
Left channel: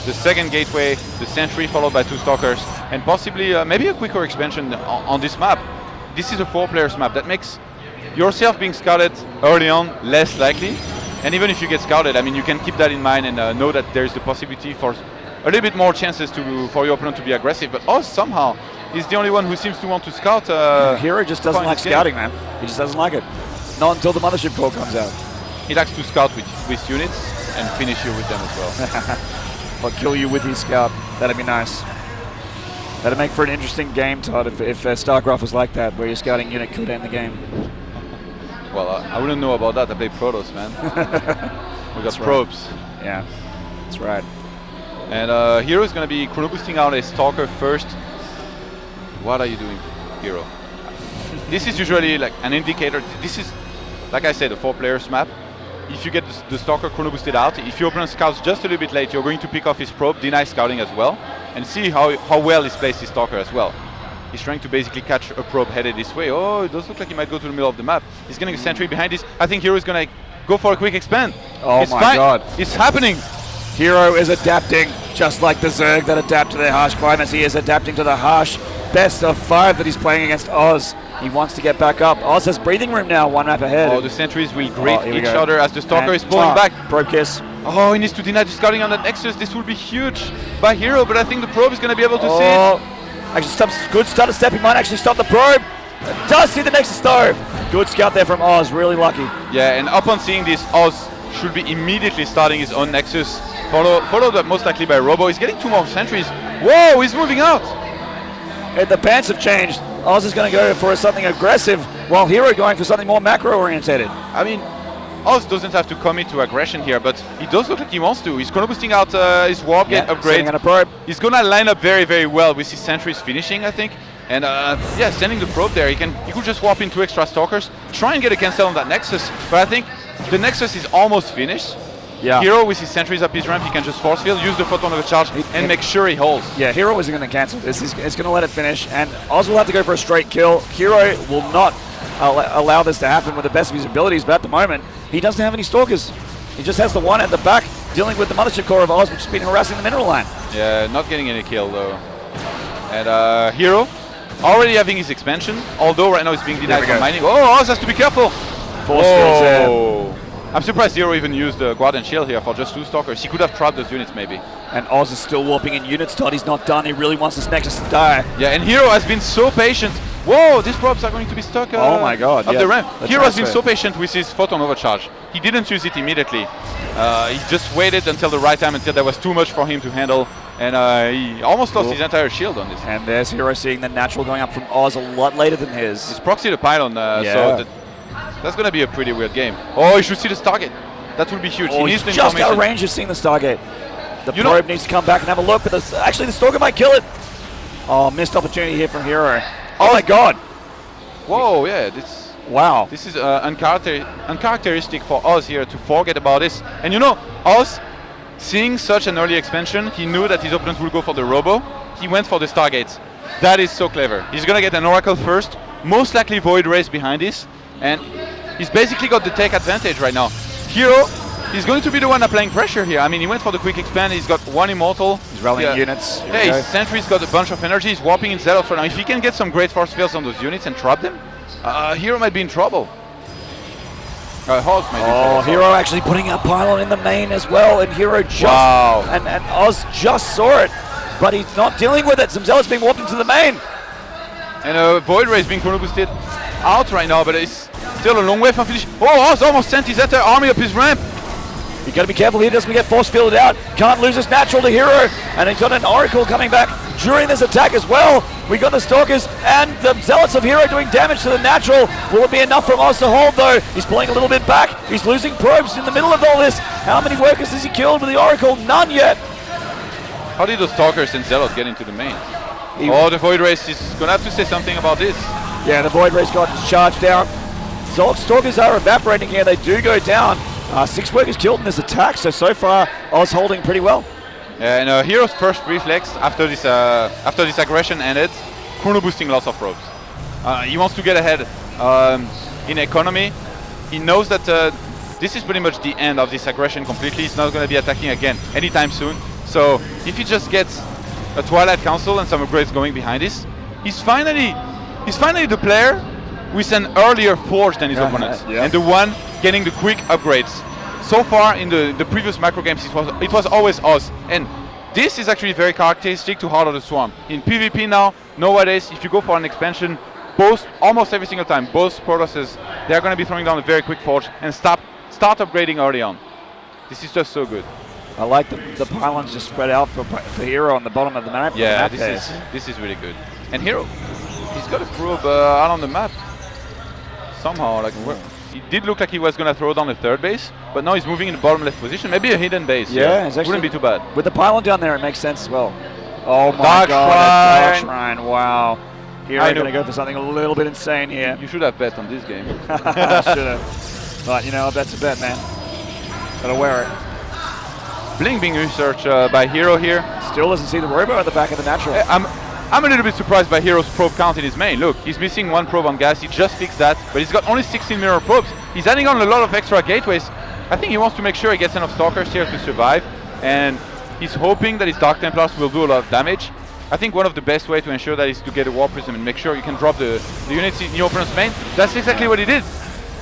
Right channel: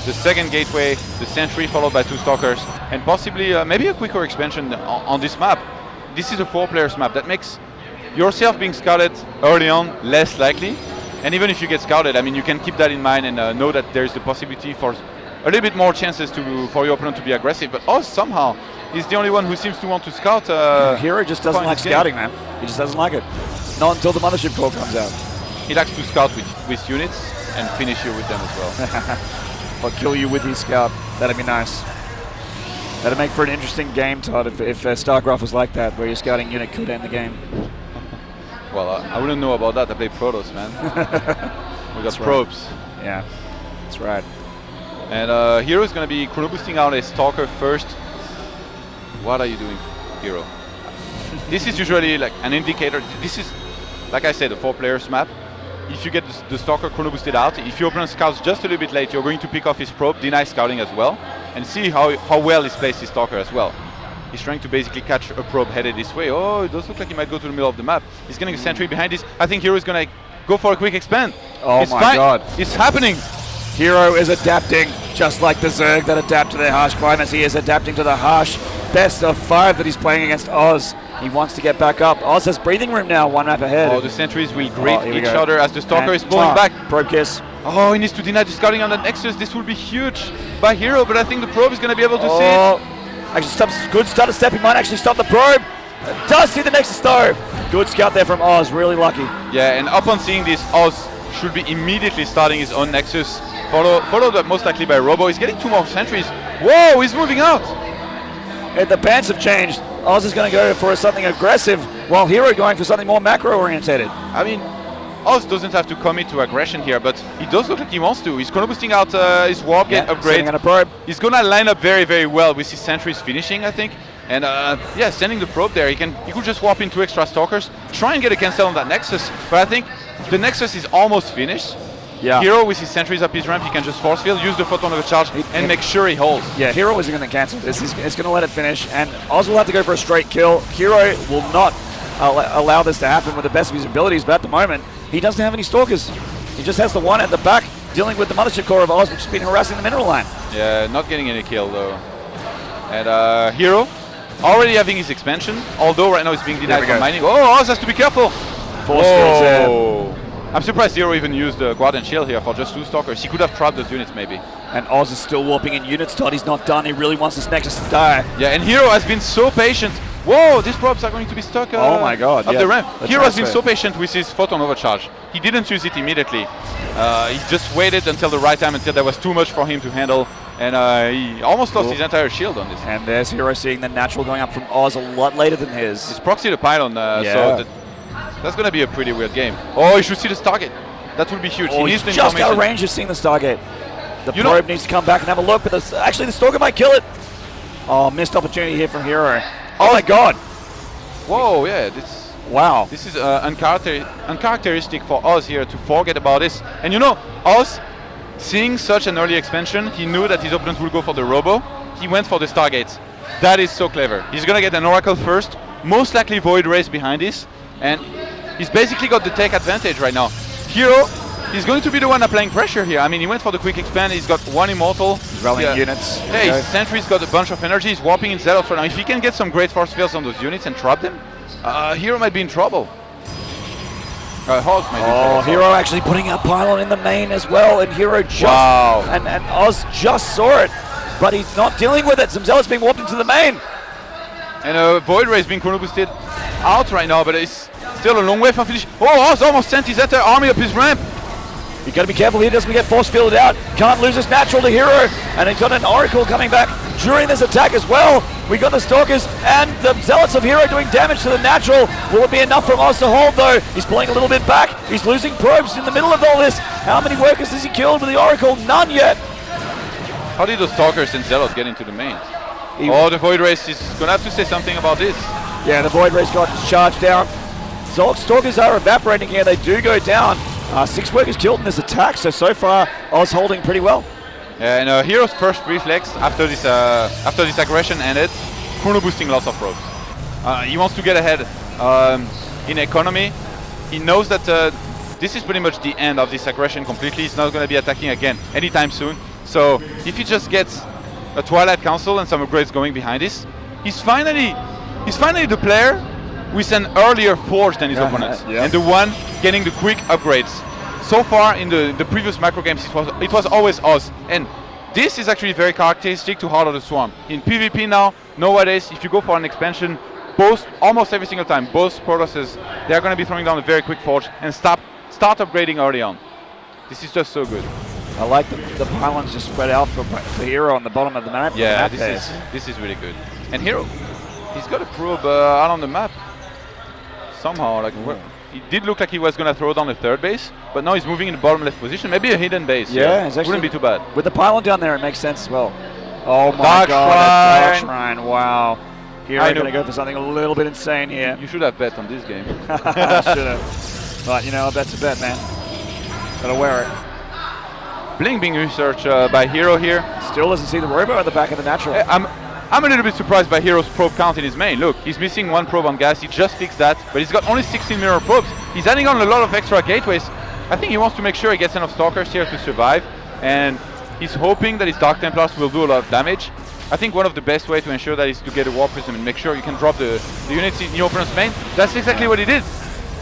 the second gateway, the sentry followed by 2 stalkers, and possibly maybe a quicker expansion on this map. This is a 4-players map. That makes yourself being scouted early on less likely. And even if you get scouted, I mean, you can keep that in mind and know that there is the possibility for a little bit more chances for your opponent to be aggressive. But Oz somehow is the only one who seems to want to scout. HerO just doesn't like scouting, man. He just doesn't like it. Not until the mothership call comes out. He likes to scout with units and finish you with them as well. Or kill you with his scout. That'd be nice. That'd make for an interesting game, Todd, if StarCraft was like that, where your scouting unit could end the game. Well, I wouldn't know about that. I play Protoss, man. We got probes. Right. Yeah, that's right. And HerO is going to be chrono boosting out a Stalker first. What are you doing, HerO? This is usually like an indicator. This is, like I said, a 4-players map. If you get the Stalker chrono boosted out, if your opponent scouts just a little bit late, you're going to pick off his probe, deny scouting as well, and see how well he's placed his Stalker as well. He's trying to basically catch a probe headed this way. Oh, it does look like he might go to the middle of the map. He's getting a sentry behind this. I think HerO is going to go for a quick expand. Oh my god. It's happening. HerO is adapting, just like the Zerg that adapt to their harsh climates. He is adapting to the harsh best of 5 that he's playing against Oz. He wants to get back up. Oz has breathing room now, 1 map ahead. Oh, the sentries will greet each other as the Stalker is pulling back. Probe kiss. Oh, he needs to deny the scouting on that Nexus. This will be huge by HerO, but I think the probe is going to be able to see it. Actually, good stutter step. He might actually stop the probe. Does see the Nexus though. Good scout there from Oz. Really lucky. Yeah, and upon seeing this, Oz should be immediately starting his own Nexus. Followed up most likely by Robo. He's getting 2 more sentries. Whoa, he's moving out. And the pants have changed. Oz is going to go for something aggressive, while HerO going for something more macro-orientated. I mean, Oz doesn't have to commit to aggression here, but he does look like he wants to. He's chrono boosting out his warp gate upgrade. He's going to line up very, very well with his sentries finishing, I think. And yeah, sending the probe there, he could just warp in 2 extra stalkers, try and get a cancel on that Nexus. But I think the Nexus is almost finished. Yeah. HerO with his sentries up his ramp, he can just force field, use the photon of the charge, and make sure he holds. Yeah, HerO isn't going to cancel this. He's going to let it finish, and Oz will have to go for a straight kill. HerO will not allow this to happen with the best of his abilities, but at the moment, he doesn't have any stalkers. He just has the 1 at the back, dealing with the mothership core of Oz, which has been harassing the mineral line. Yeah, not getting any kill though. And HerO already having his expansion, although right now it's being denied from mining. Oh, Oz has to be careful! Force fields there. I'm surprised HerO even used the Guard and Shield here for just 2 stalkers. He could have trapped those units maybe. And Oz is still warping in units, Todd. He's not done. He really wants this Nexus to die. Yeah, and HerO has been so patient. Whoa, these probes are going to be stuck oh my god, up the ramp. HerO has been so patient with his photon overcharge. He didn't use it immediately. He just waited until the right time, until there was too much for him to handle. And he almost lost his entire shield on this. And there's HerO seeing the natural going up from Oz a lot later than his. He's proxy the pylon, so that's going to be a pretty weird game. Oh, you should see the Stargate. That will be huge. Oh, he's just out of range of seeing the Stargate. The probe needs to come back and have a look, but actually the Stalker might kill it. Oh, missed opportunity here from HerO. Oh my god. Whoa, yeah. Wow. This is uncharacteristic for Oz here to forget about this. And you know, Oz, seeing such an early expansion, he knew that his opponent would go for the Robo. He went for the Stargates. That is so clever. He's going to get an Oracle first, most likely Void Rays behind this, and he's basically got the tech advantage right now. HerO is going to be the one applying pressure here. I mean, he went for the quick expand, he's got 1 Immortal. He's rallying units. Hey, Sentry's got a bunch of energy, he's warping in Zealots right now. If he can get some great force fields on those units and trap them, HerO might be in trouble. HerO actually putting a pylon in the main as well, and HerO just, and Oz just saw it, but he's not dealing with it. Some Zealots being warped into the main. And Void Ray is being chrono boosted out right now, but it's still a long way from finish. Oh, Oz almost sent his entire army up his ramp. You got to be careful he doesn't get force fielded out. Can't lose his natural to HerO, and he's got an Oracle coming back during this attack as well. We got the Stalkers and the Zealots of HerO doing damage to the natural. Will it be enough for Oz to hold though? He's pulling a little bit back. He's losing probes in the middle of all this. How many workers has he killed with the Oracle? None yet. How did those Stalkers and Zealot get into the main? Oh, the Void Race is gonna have to say something about this. Yeah, the Void Race got charged down. Stalkers are evaporating here. They do go down. 6 workers killed in this attack, so far Oz holding pretty well. And HerO's first reflex after this aggression ended, chrono boosting lots of probes. He wants to get ahead in economy. He knows that this is pretty much the end of this aggression completely. He's not going to be attacking again anytime soon. So if he just gets a Twilight Council and some upgrades going behind this, he's finally the player with an earlier forge than his opponents, and the one getting the quick upgrades. So far in the previous macro games, it was always us, and this is actually very characteristic to Heart of the Swarm. In PvP now, nowadays, if you go for an expansion, almost every single time, both Protosses, they are going to be throwing down a very quick forge and start upgrading early on. This is just so good. I like the pylons just spread out for HerO on the bottom of the map. Yeah, this is really good. And HerO, he's got a probe out on the map. Somehow, like, it did look like he was going to throw down a third base, but now he's moving in the bottom left position. Maybe a hidden base. Yeah, it's actually, wouldn't be too bad. With the pylon down there, it makes sense as well. Oh my God, Dark Shrine, wow. HerO going to go for something a little bit insane here. You should have bet on this game. I should have. But, you know, that's a bet, man. Gotta wear it. Blink being researched by HerO here. Still doesn't see the robo at the back of the natural. I'm a little bit surprised by HerO's probe count in his main. Look, he's missing 1 probe on gas. He just fixed that, but he's got only 16 mirror probes. He's adding on a lot of extra gateways. I think he wants to make sure he gets enough Stalkers here to survive, and he's hoping that his Dark Templars will do a lot of damage. I think one of the best ways to ensure that is to get a War Prism and make sure you can drop the units in your opponent's main. That's exactly what he did.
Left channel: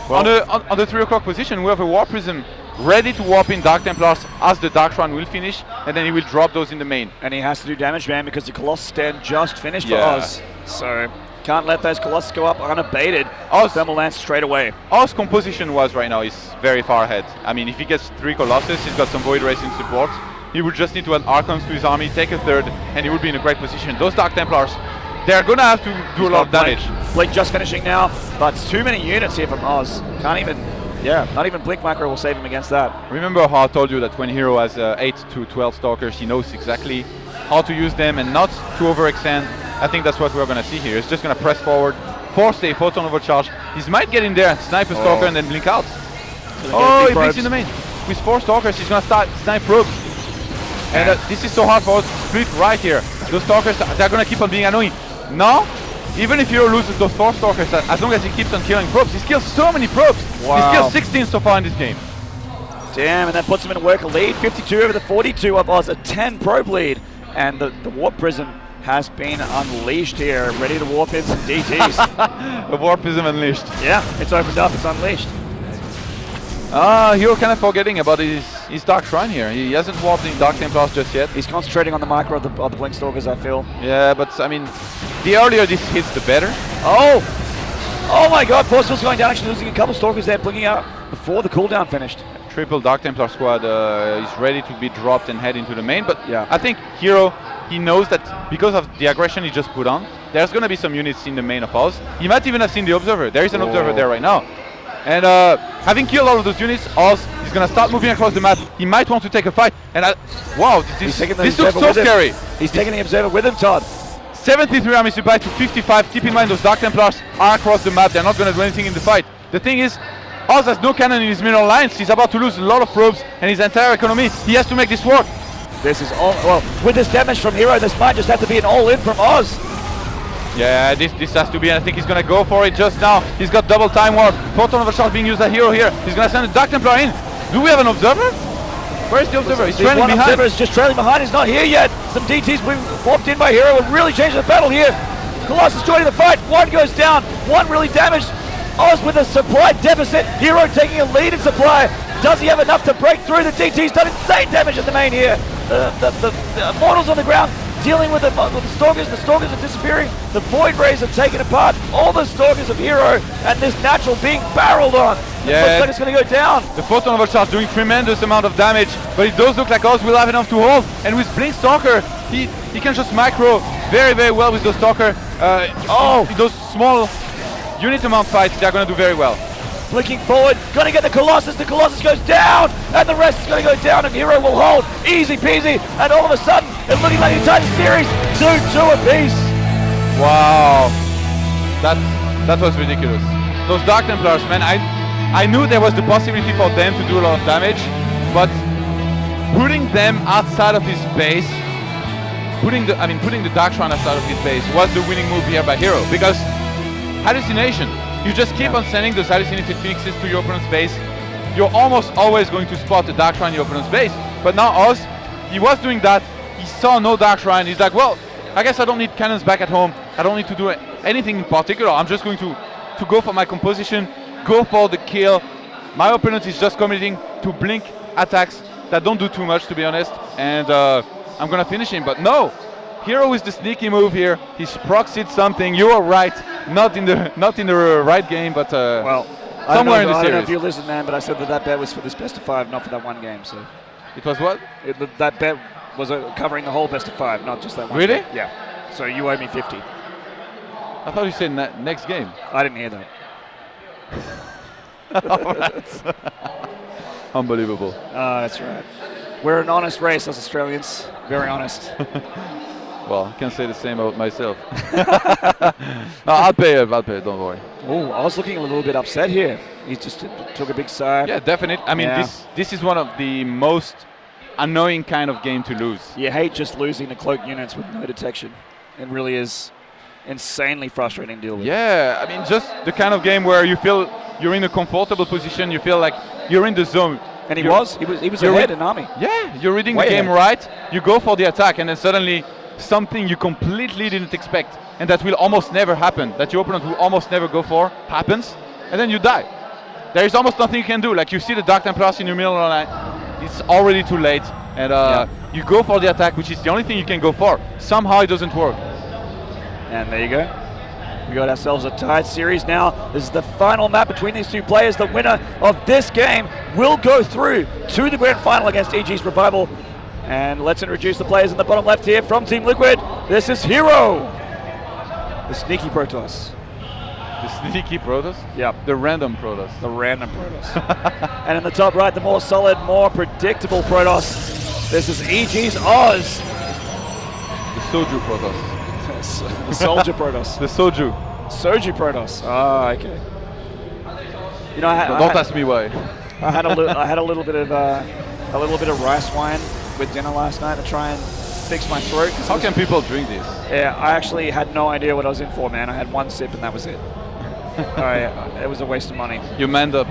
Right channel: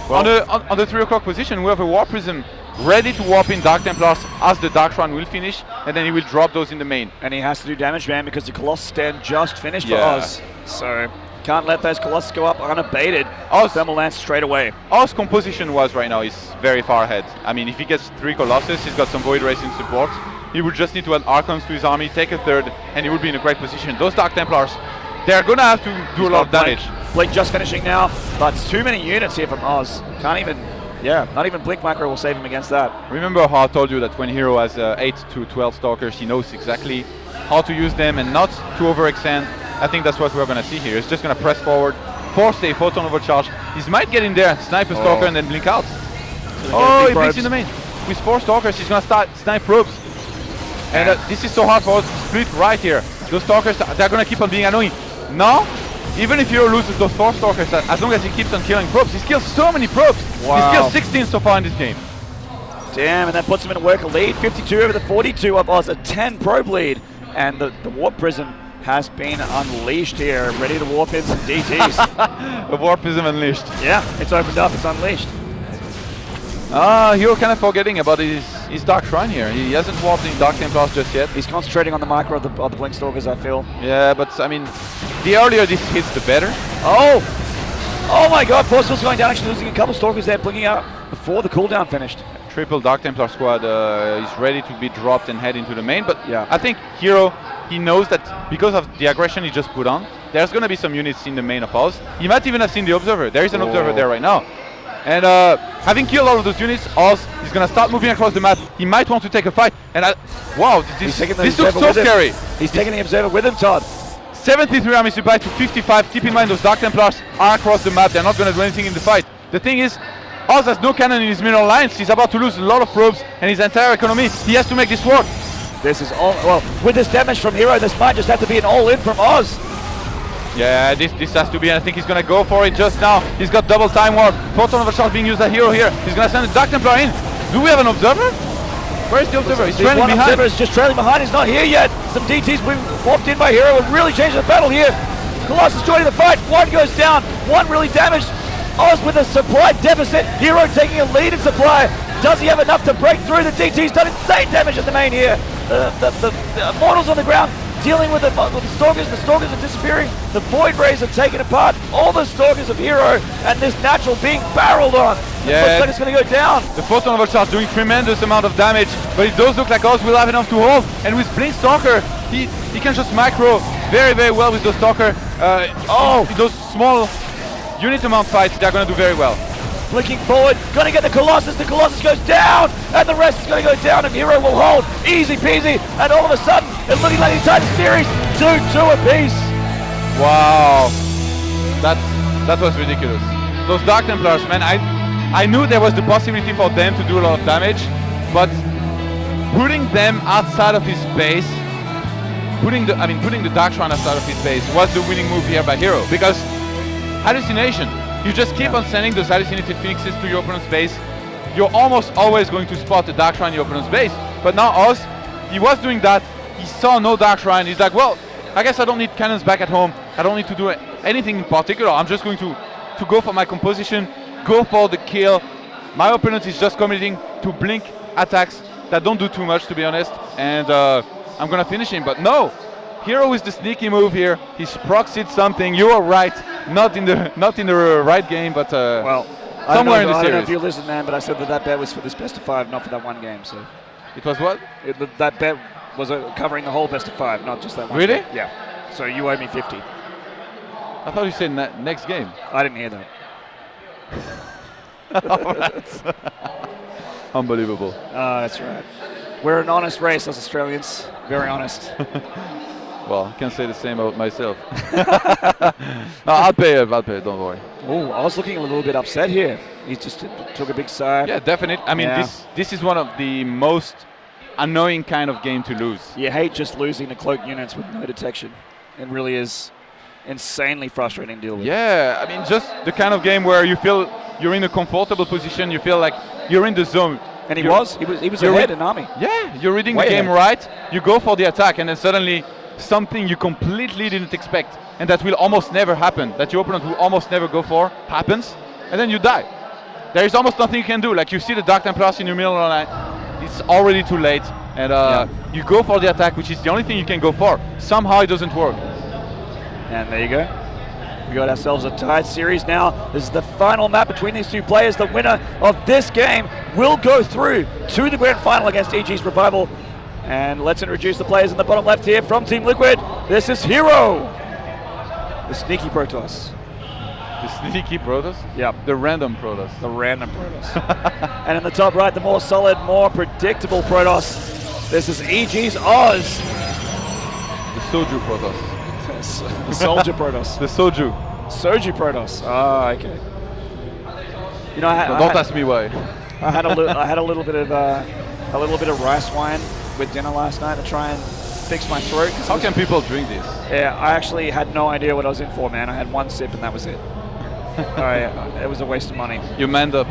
Well, on the 3 o'clock position, we have a War Prism ready to warp in Dark Templars as the Dark Shrine will finish, and then he will drop those in the main. And he has to do damage, man, because the Colossus stand just finished for Oz. So can't let those Colossus go up unabated. Oz thermal lance straight away. Oz's composition was right now is very far ahead. I mean, if he gets 3 Colossus, he's got some Void Racing support. He would just need to add Archons to his army, take a third, and he would be in a great position. Those Dark Templars, they're gonna have to do a lot of damage. Blink just finishing now, but it's too many units here from Oz. Can't even. Yeah, not even Blink Macro will save him against that. Remember how I told you that when HerO has 8 to 12 Stalkers, he knows exactly how to use them and not to overextend. I think that's what we're going to see here. He's just going to press forward, force a photon overcharge. He might get in there, snipe a Stalker, and then blink out. He blinks in the main. With 4 Stalkers, he's going to start snipe probes. And this is so hard for us to split right here. Those Stalkers, they're going to keep on being annoying. Now, even if HerO loses those 4 Stalkers, as long as he keeps on killing probes, he's killed so many probes. Wow. He's killed 16 so far in this game. Damn, and that puts him in a worker lead. 52 over the 42 of Oz, a 10 probe lead. And the Warp Prism has been unleashed here, ready to warp in some DTs. The Warp Prism unleashed. Yeah, it's opened up, it's unleashed. HerO kind of forgetting about his Dark Shrine here. He hasn't warped in Dark Templars just yet. He's concentrating on the micro of the Blink Stalkers, I feel. Yeah, but I mean, the earlier this hits, the better. Oh my God, Forceful's going down, actually losing a couple Stalkers there, blinking out before the cooldown finished. Triple Dark Templar squad is ready to be dropped and head into the main, but yeah. I think HerO, he knows that because of the aggression he just put on, there's going to be some units in the main of Oz. He might even have seen the Observer. There is an Observer there right now. And having killed all of those units, Oz is going to start moving across the map. He might want to take a fight. And wow, this looks so scary. He's taking the Observer with him, Todd. 73 army supply to 55. Keep in mind those Dark Templars are across the map. They're not going to do anything in the fight. The thing is, Oz has no cannon in his middle lines. He's about to lose a lot of probes and his entire economy. He has to make this work. This is all, well, with this damage from HerO, this might just have to be an all-in from Oz. Yeah, this has to be, and I think he's going to go for it just now. He's got double time warp. Photon overcharge being used by HerO here. He's going to send the Dark Templar in. Do we have an Observer? Where is the Observer? He's trailing behind. Observer is just trailing behind. He's not here yet. Some DTs being walked in by HerO and really changed the battle here. Colossus joining the fight. One goes down. One really damaged. Oz with a supply deficit. HerO taking a lead in supply. Does he have enough to break through? The DT's done insane damage in the main here. The mortals on the ground dealing with the Stalkers. The Stalkers are disappearing. The Void Rays are taken apart. All the Stalkers of HerO and this natural being barreled on. Yeah. Looks like it's going to go down. The Photon Overcharge doing tremendous amount of damage, but it does look like Oz will have enough to hold. And with Blink Stalker, he can just micro very, very well with the Stalker. Those small unit amount fights, they're going to do very well. Blinking forward, going to get the Colossus goes down, and the rest is going to go down, and HerO will hold, easy peasy, and all of a sudden, it looks only let you tie the series 2-2 apiece. Wow, that was ridiculous. Those Dark Templars, man, I knew there was the possibility for them to do a lot of damage, but putting them outside of his base, putting the Dark Shrine outside of his base was the winning move here by HerO, because hallucination, you just keep on sending those hallucinated phoenixes to your opponent's base, you're almost always going to spot the Dark Shrine in your opponent's base. But now Oz, he was doing that, he saw no Dark Shrine, he's like, well, I guess I don't need cannons back at home, I don't need to do anything in particular, I'm just going to go for my composition, go for the kill. My opponent is just committing to blink attacks that don't do too much, to be honest, and I'm gonna finish him. But no, HerO is the sneaky move here. He's proxied something. You are right, not in the right game, but well, somewhere in the I don't series. know if you listened, man, but I said that bet was for this best of 5, not for that one game. So it was what? That bet was covering the whole best of 5, not just that one. Really? Game. Yeah. So you owe me 50. I thought you said next game. I didn't hear that. Unbelievable. That's right. We're an honest race, as Australians. Very honest. Well, I can't say the same about myself. No, I'll pay it, don't worry. Oh, I was looking a little bit upset here. He just took a big side. Yeah, definitely. I mean, Yeah. this is one of the most annoying kind of game to lose. You hate just losing the cloak units with no detection. It really is insanely frustrating to deal with. Yeah, I mean, just the kind of game where you feel you're in a comfortable position, you feel like you're in the zone. And he was ahead in Army. Yeah, you're reading Way the game ahead. right, you go for the attack, and then suddenly something you completely didn't expect, and that will almost never happen, that your opponent will almost never go for, happens, and then you die. There is almost nothing you can do. Like, you see the Dark Templars in the middle of the night, it's already too late, and you go for the attack, which is the only thing you can go for. Somehow it doesn't work. And there you go. We got ourselves a tied series now. This is the final map between these two players. The winner of this game will go through to the grand final against EG's Revival. And let's introduce the players in the bottom left here from Team Liquid. This is HerO, the sneaky Protoss. The sneaky Protoss? Yep. The random Protoss. The random Protoss. And in the top right, the more solid, more predictable Protoss. This is EG's Oz. The Soju Protoss. The Soldier Protoss. The Soju. Soju Protoss. Oh, okay. You know, Don't ask me why. I had a little bit of rice wine with dinner last night to try and fix my throat. How can people drink this? Yeah, I actually had no idea what I was in for, man. I had one sip and that was it. It was a waste of money. You manned up.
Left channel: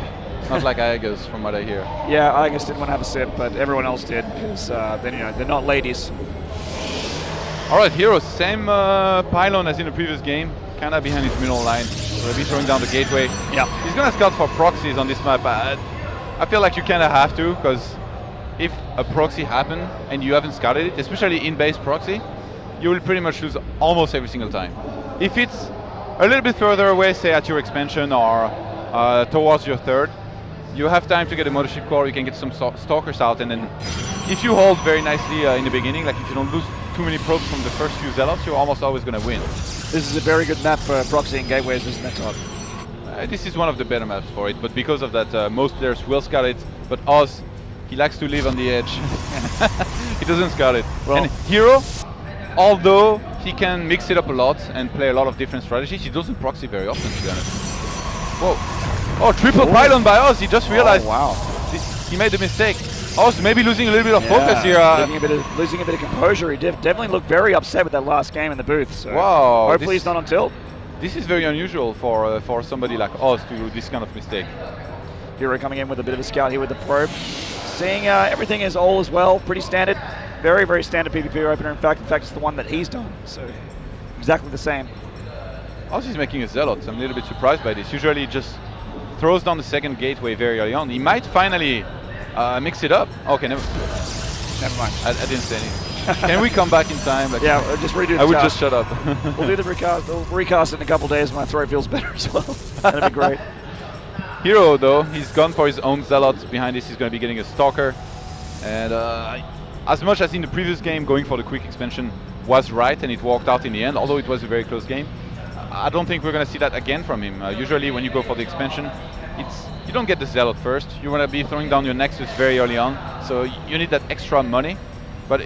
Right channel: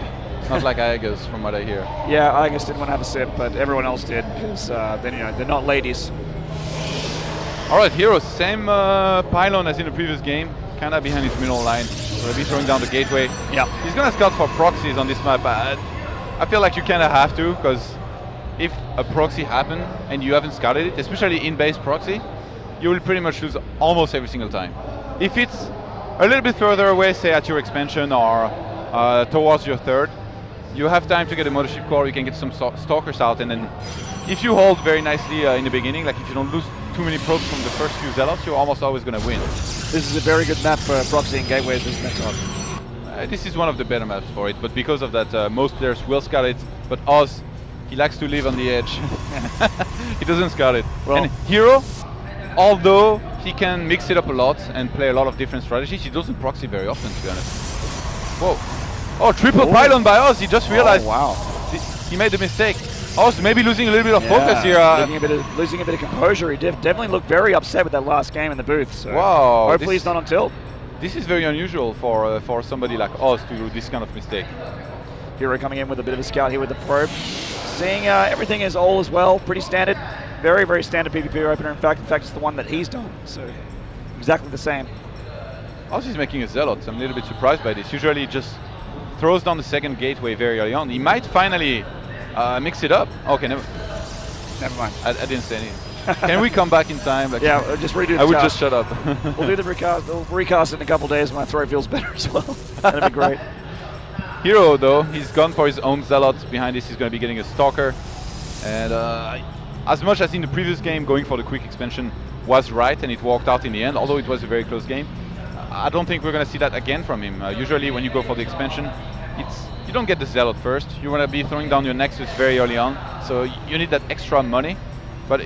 Not like Aegis, from what I hear. Yeah, Aegis didn't want to have a sip, but everyone else did because they're not ladies. Alright, HerO, same pylon as in the previous game, kind of behind his middle line. We'll be throwing down the gateway. Yeah. He's gonna scout for proxies on this map. I feel like you kind of have to, because if a proxy happens and you haven't scouted it, especially in-base proxy, you will pretty much lose almost every single time. If it's a little bit further away, say at your expansion or towards your third, you have time to get a mothership core, you can get some stalkers out, and then if you hold very nicely in the beginning, like if you don't lose too many probes from the first few zealots, you're almost always going to win. This is a very good map for proxy and gateways, isn't it, Todd? This is one of the better maps for it, but because of that, most players will scout it, but Oz, he likes to live on the edge. He doesn't scout it. Well, and HerO, although he can mix it up a lot and play a lot of different strategies, he doesn't proxy very often, to be honest. Whoa. Oh, triple pylon by Oz, he just realized he made a mistake. Oz maybe losing a little bit of focus here. Losing a bit of composure. He definitely looked very upset with that last game in the booth. So wow. Hopefully he's not on tilt. This is very unusual for somebody like Oz to do this kind of mistake. HerO coming in with a bit of a scout here with the probe. Seeing everything is all as well, pretty standard. Very, very standard PvP opener. In fact, it's the one that he's done. So exactly the same. Oz is making a zealot. I'm a little bit surprised by this. Usually he just throws down the second gateway very early on. He might finally mix it up. Okay, never mind. I didn't say anything. Can we come back in time? Like, yeah, just redo the I would task. just shut up. We'll do the recast. We'll recast it in a couple days. My throat feels better as well. That'd be great. HerO, though, he's gone for his own zealot. Behind this, he's going to be getting a stalker. And as much as in the previous game, going for the quick expansion was right, and it worked out in the end, although it was a very close game. I don't think we're going to see that again from him. Usually when you go for the expansion, you don't get the zealot first. You want to be throwing down your nexus very early on, so you need that extra money. But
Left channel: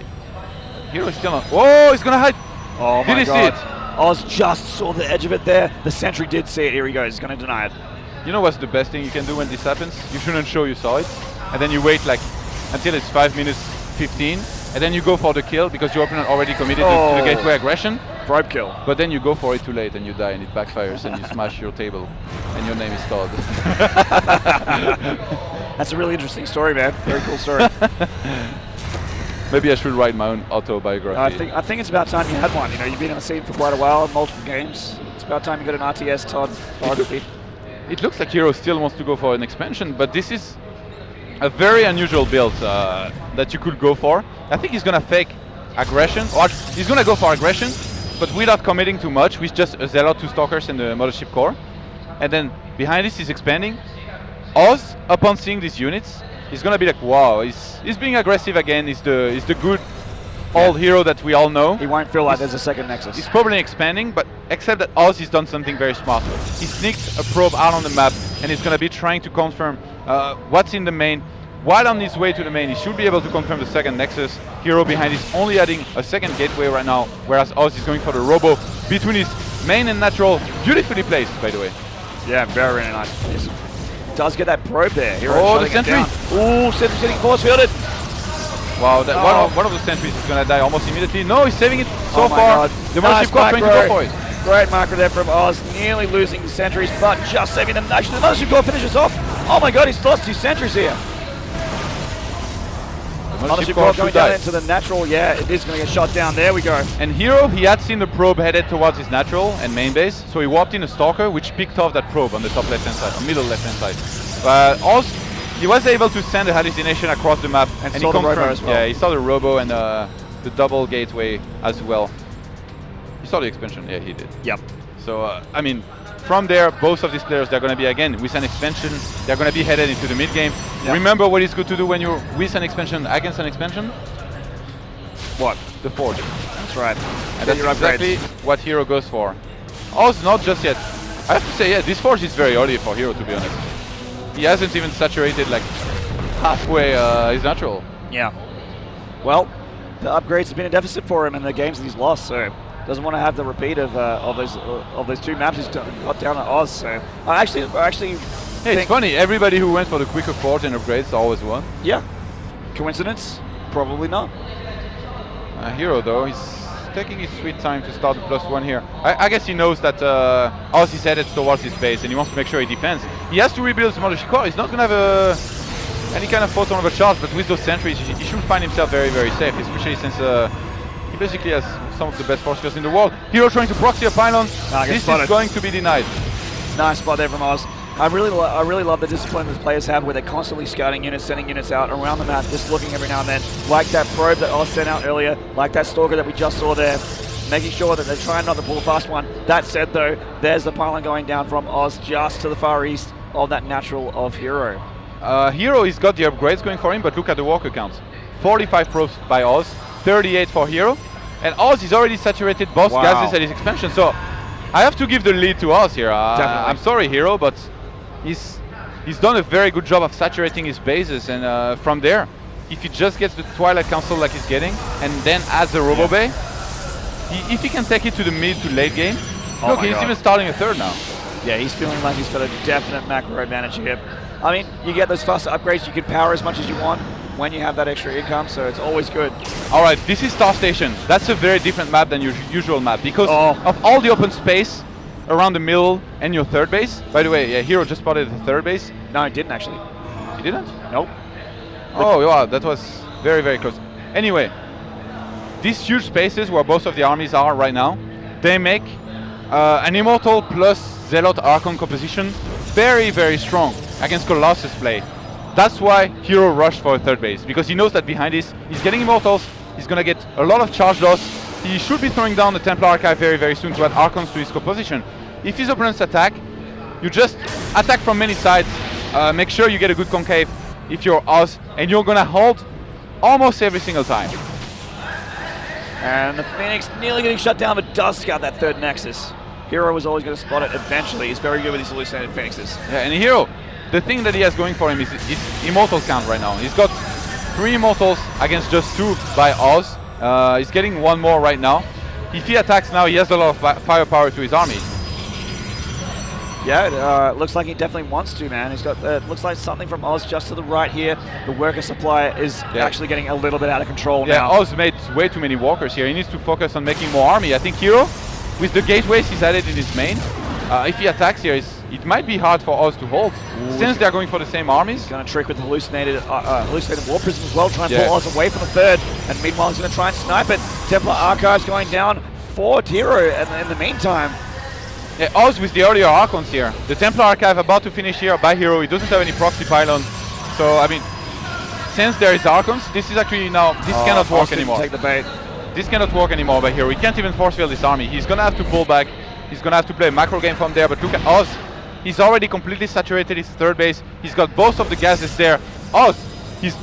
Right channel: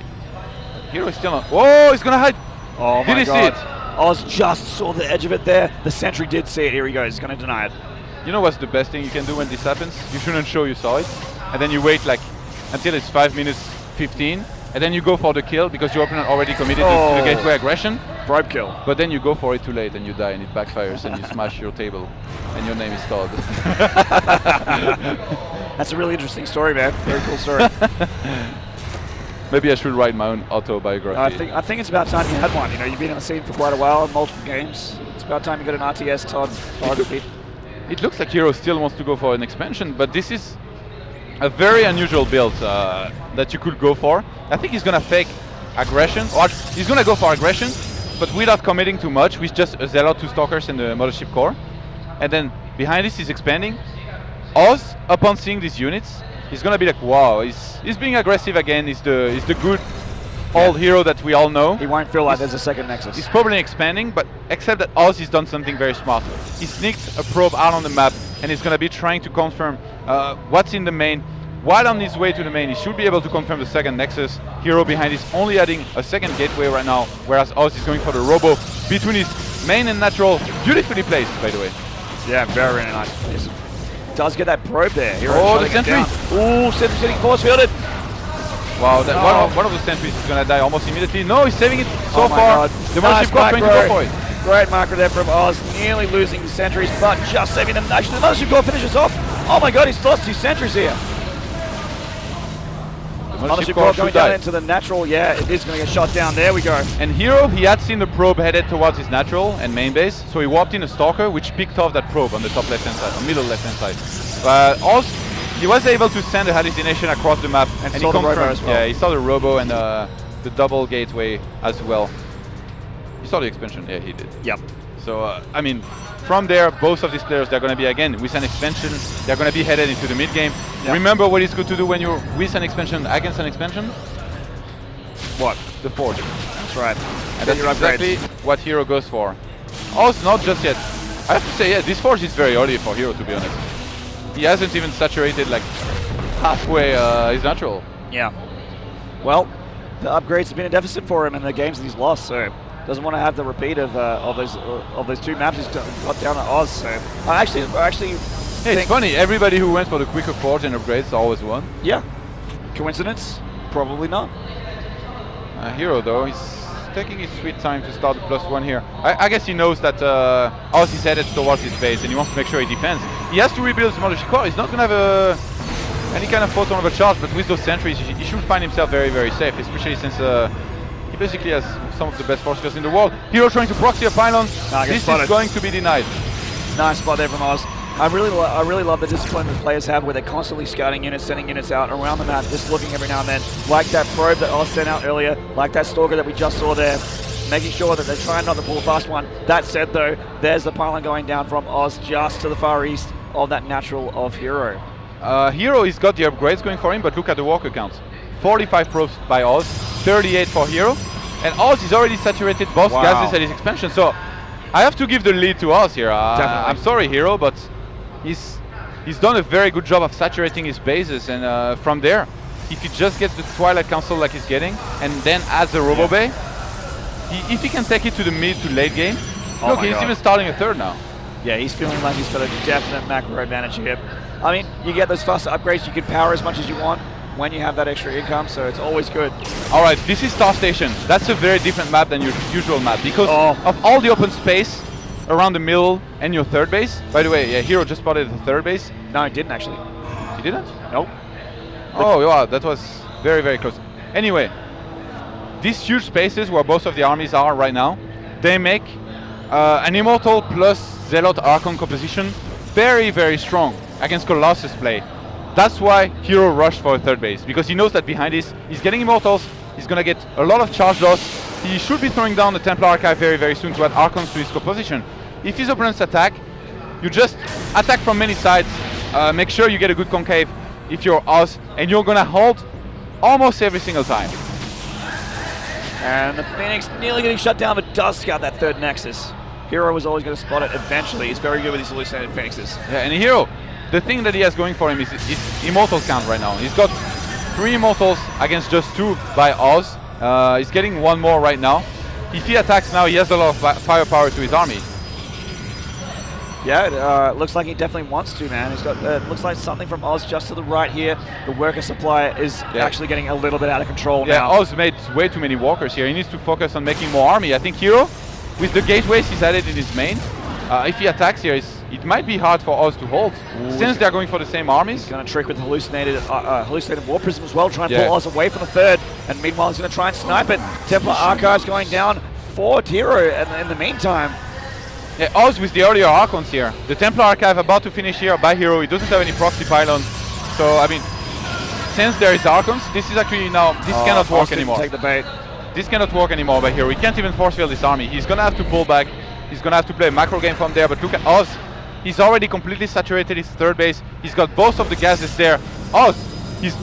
HerO is still on. Oh, he's gonna hide. Oh Did my he god. see it? Oz just saw the edge of it there. The sentry did see it. Here he goes. He's going to deny it. You know what's the best thing you can do when this happens? You shouldn't show you saw it, and then you wait like until it's 5 minutes 15, and then you go for the kill because your opponent already committed to the gateway aggression. Probe kill. But then you go for it too late and you die and it backfires and you smash your table and your name is Todd. That's a really interesting story, man. Very cool story. Maybe I should write my own autobiography. I think it's about time you had one. You know, you've been on the scene for quite a while, multiple games. It's about time you got an RTS Todd biography. It looks like HerO still wants to go for an expansion, but this is a very unusual build that you could go for. I think he's gonna fake aggression, or he's gonna go for aggression, but without committing too much, with just a Zealot, 2 Stalkers and the Mothership Core. And then behind this he's expanding. Oz, upon seeing these units, he's gonna be like, wow, he's being aggressive again. He's the good old HerO that we all know. He won't feel like there's a second Nexus. He's probably expanding, but except that Oz has done something very smart. He sneaked a probe out on the map, and he's gonna be trying to confirm what's in the main. While on his way to the main, he should be able to confirm the second Nexus. HerO behind is only adding a second gateway right now, whereas Oz is going for the Robo between his main and natural. Beautifully placed, by the way. Yeah, very nice. Does get that probe there. Oh, the sentry! Ooh, sentry sitting force fielded. Wow, one of the sentries is going to die almost immediately. No, he's saving it so Oh my far. God. The Nice Mothership Core trying to macro. go for it. Great macro there from Oz, nearly losing the sentries, but just saving them. Actually, the Mothership Core finishes off. Oh my god, he's lost 2 sentries here. Mothership Core going down into the natural. Yeah, it is going to get shot down. There we go. And HerO, he had seen the probe headed towards his natural and main base, so he walked in a Stalker, which picked off that probe on the top left-hand side, or middle left-hand side. But Oz, he was able to send a hallucination across the map, and he saw the confirmed. Robo as well. Yeah, he saw the Robo and the double gateway as well. He saw the expansion. Yeah, he did. Yep. So I mean, from there, both of these players, they're going to be again with an expansion. They're going to be headed into the mid game. Yep. Remember what is good to do when you're with an expansion against an expansion? What? The Forge. That's right. And that's your upgrades. exactly what HerO goes for. Oz, not just yet. I have to say, yeah, this Forge is very early for HerO, to be honest. He hasn't even saturated like halfway his natural. Yeah. Well, the upgrades have been a deficit for him in the games that he's lost, so doesn't want to have the repeat of those 2 maps he's got down at Oz. So I actually Yeah, it's funny. Everybody who went for the quicker Forge and upgrades always won. yeah. Coincidence? Probably not. HerO though, he's taking his sweet time to start the +1 here. I guess he knows that Oz is headed towards his base and he wants to make sure he defends. He has to rebuild his Mothership Core. He's not going to have any kind of photon of a charge, but with those sentries, he should find himself very, very safe, especially since he basically has some of the best forces in the world. HerO trying to proxy a pylon. This is going to be denied. Nice spot there from Oz. I really love the discipline that players have where they're constantly scouting units, sending units out around the map, just looking every now and then, like that probe that Oz sent out earlier, like that Stalker that we just saw there, making sure that they're trying not to pull fast one. That said though, there's the pylon going down from Oz just to the far east of that natural of HerO. HerO has got the upgrades going for him, but look at the walker counts. 45 probes by Oz, 38 for HerO, and Oz is already saturated both gases at his expansion, so I have to give the lead to Oz here. I'm sorry HerO, but he's done a very good job of saturating his bases, and from there, if he just gets the Twilight Council like he's getting, and then adds the Robo Bay, if he can take it to the mid to late game, look, he's even starting a third now. Yeah, he's feeling like he's got a definite macro advantage here. I mean, you get those faster upgrades, you can power as much as you want when you have that extra income, so it's always good. Alright, this is Star Station. That's a very different map than your usual map, because of all the open space around the middle and your third base. By the way, yeah, HerO just spotted the third base. No, he didn't actually. He didn't? Nope. Oh, yeah, that was very, very close. Anyway, these huge spaces where both of the armies are right now, they make an Immortal plus Zealot Archon composition very, very strong against Colossus play. That's why HerO rushed for a third base, because he knows that behind this, he's getting Immortals, he's gonna get a lot of charge loss. He should be throwing down the Templar Archive very, very soon to add Archons to his composition. If his opponents attack, you just attack from many sides, make sure you get a good concave if you're Oz, and you're gonna hold almost every single time. And the Phoenix nearly getting shut down, but does scout that third Nexus. HerO was always going to spot it eventually. He's very good with his hallucinated Phoenixes. Yeah, and HerO, the thing that he has going for him is his Immortals count right now. He's got 3 Immortals against just 2 by Oz. He's getting one more right now. If he attacks now, he has a lot of firepower to his army. Yeah, it looks like he definitely wants to, man. He's got, looks like something from Oz just to the right here. The worker supply is actually getting a little bit out of control now. Yeah, Oz made way too many walkers here. He needs to focus on making more army. I think HerO, with the gateways he's added in his main, if he attacks here, it might be hard for Oz to hold. Since they're going for the same armies. He's going to trick with the hallucinated war prism as well, trying to pull Oz away from the third. And meanwhile, he's going to try and snipe it. Templar Archives going down for HerO in the meantime. Yeah, Oz with the earlier Archons here. The Templar Archive about to finish here by HerO. He doesn't have any proxy pylons. So, I mean, since there is Archons, this is actually now, this cannot work anymore. Take the bait. This cannot work anymore by HerO. He can't even force field this army. He's going to have to pull back. He's going to have to play a macro game from there. But look at Oz. He's already completely saturated his third base. He's got both of the gases there. Oz, he's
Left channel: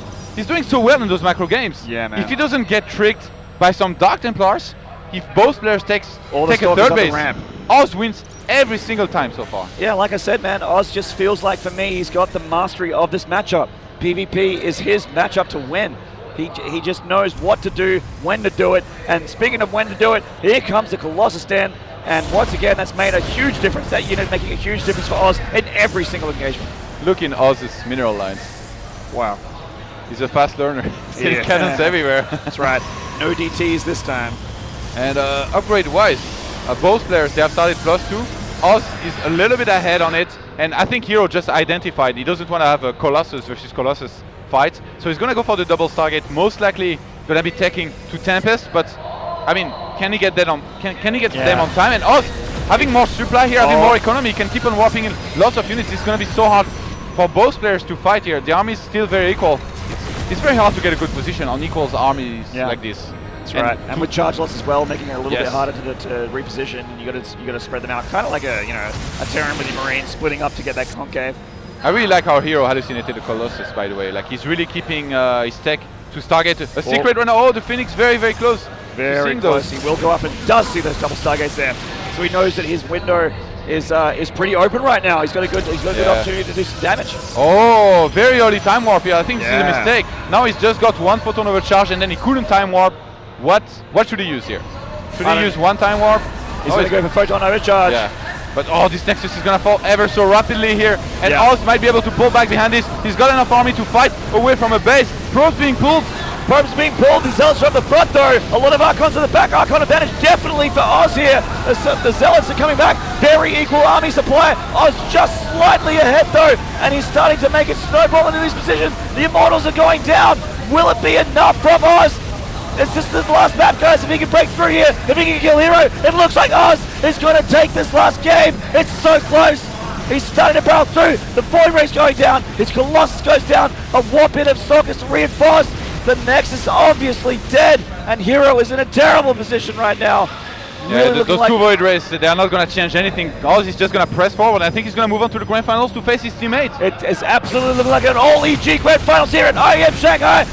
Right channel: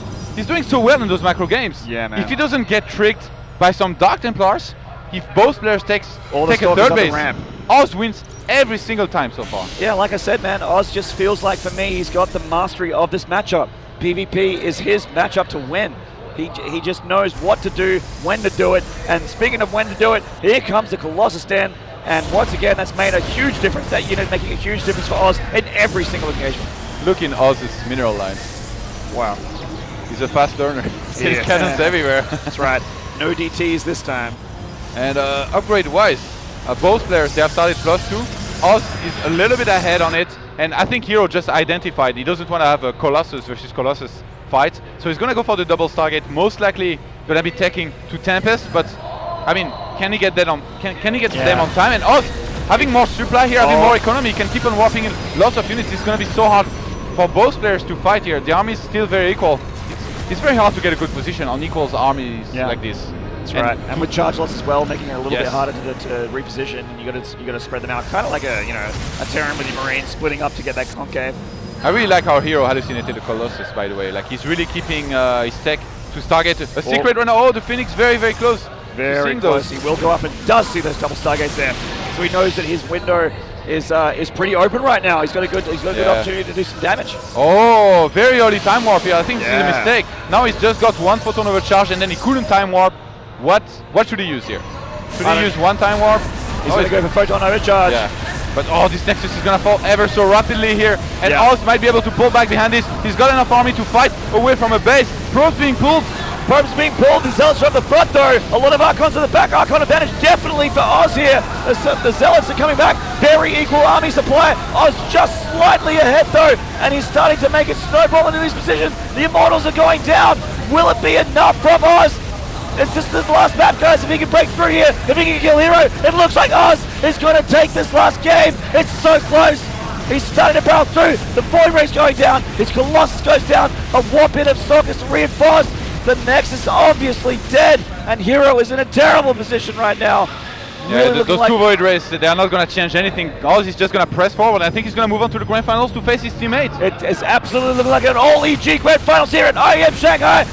doing so well in those macro games. Yeah, man. If he doesn't get tricked by some Dark Templars, if both players take a third base, Oz wins every single time so far. Yeah, like I said, man, Oz just feels like, for me, he's got the mastery of this matchup. PvP is his matchup to win. He just knows what to do, when to do it. And speaking of when to do it, here comes the Colossus stand. And once again, that's made a huge difference. That unit making a huge difference for Oz in every single engagement. Look in Oz's mineral lines. Wow. He's a fast learner. He's cannons everywhere. That's right. No DTs this time. And upgrade-wise, both players, they have started +2. Oz is a little bit ahead on it. And I think HerO just identified he doesn't want to have a Colossus versus Colossus fight. So he's going to go for the double Stargate. Most likely going to be taking to Tempest, but I mean, can he get that on? Can he get to them on time? And Oz, having more supply here, having more economy, can keep on warping in lots of units. It's going to be so hard for both players to fight here. The army is still very equal. It's very hard to get a good position on equals armies like this. That's right. And with charge lots as well, making it a little bit harder to reposition. You got to spread them out, kind of like a Terran with your Marines splitting up to get that concave. I really like how HerO hallucinated the Colossus, by the way. Like, he's really keeping his tech to Stargate. A secret runner. Oh, the Phoenix very, very close. Very close. He will go up and does see those double Stargates there. So he knows that his window is pretty open right now. He's got a good opportunity to do some damage. Oh, very early time warp here. I think this is a mistake. Now he's just got one photon overcharge and then he couldn't time warp. What should he use here? Should he use one time warp? He's going to go for photon overcharge. Yeah. But this Nexus is going to fall ever so rapidly here. And Oz might be able to pull back behind this. He's got enough army to fight away from a base. Probes being pulled. Probes being pulled. The Zealots from the front though. A lot of Archons in the back. Archon advantage definitely for Oz here. The Zealots are coming back. Very equal army supply. Oz just slightly ahead though. And he's starting to make it snowball into these positions. The Immortals are going down. Will it be enough from Oz? It's just this last map, guys. If he can break through here, if he can kill HerO, it looks like Oz is going to take this last game. It's so close. He's starting to barrel through. The Void Ray's going down. His Colossus goes down. A warp in of Stalkers reinforced. The Nexus obviously dead. And HerO is in a terrible position right now. Yeah, those two Void Rays, they are not going to change anything. Oz is just going to press forward. I think he's going to move on to the Grand Finals to face his teammate. It is absolutely like an all EG Grand Finals here at IEM Shanghai.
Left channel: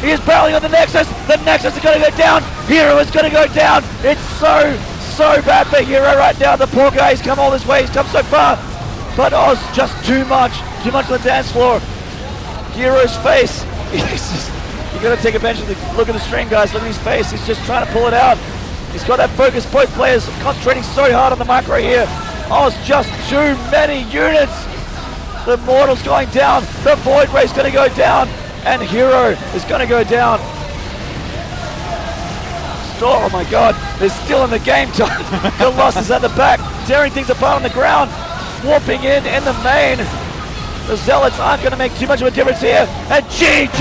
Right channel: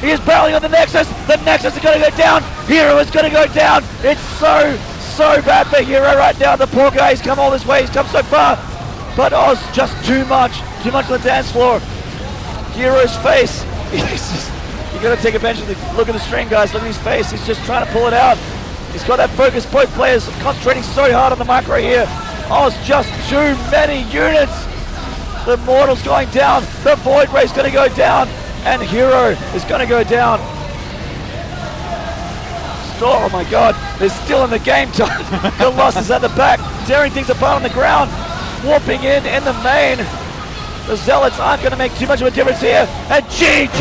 He is barreling on the Nexus. The Nexus is going to go down. HerO is going to go down. It's so bad for HerO right now. The poor guy, he's come all this way. He's come so far. But Oz, just too much on the dance floor. HerO's face. You got to take advantage of the look at the string, guys. Look at his face. He's just trying to pull it out. He's got that focus point. Players concentrating so hard on the micro here. Oz, just too many units. The Mortal's going down. The Void Ray's going to go down. And HerO is going to go down. Oh my god, they're still in the game time. Colossus at the back, tearing things apart on the ground. Warping in the main. The Zealots aren't going to make too much of a difference here. And GG!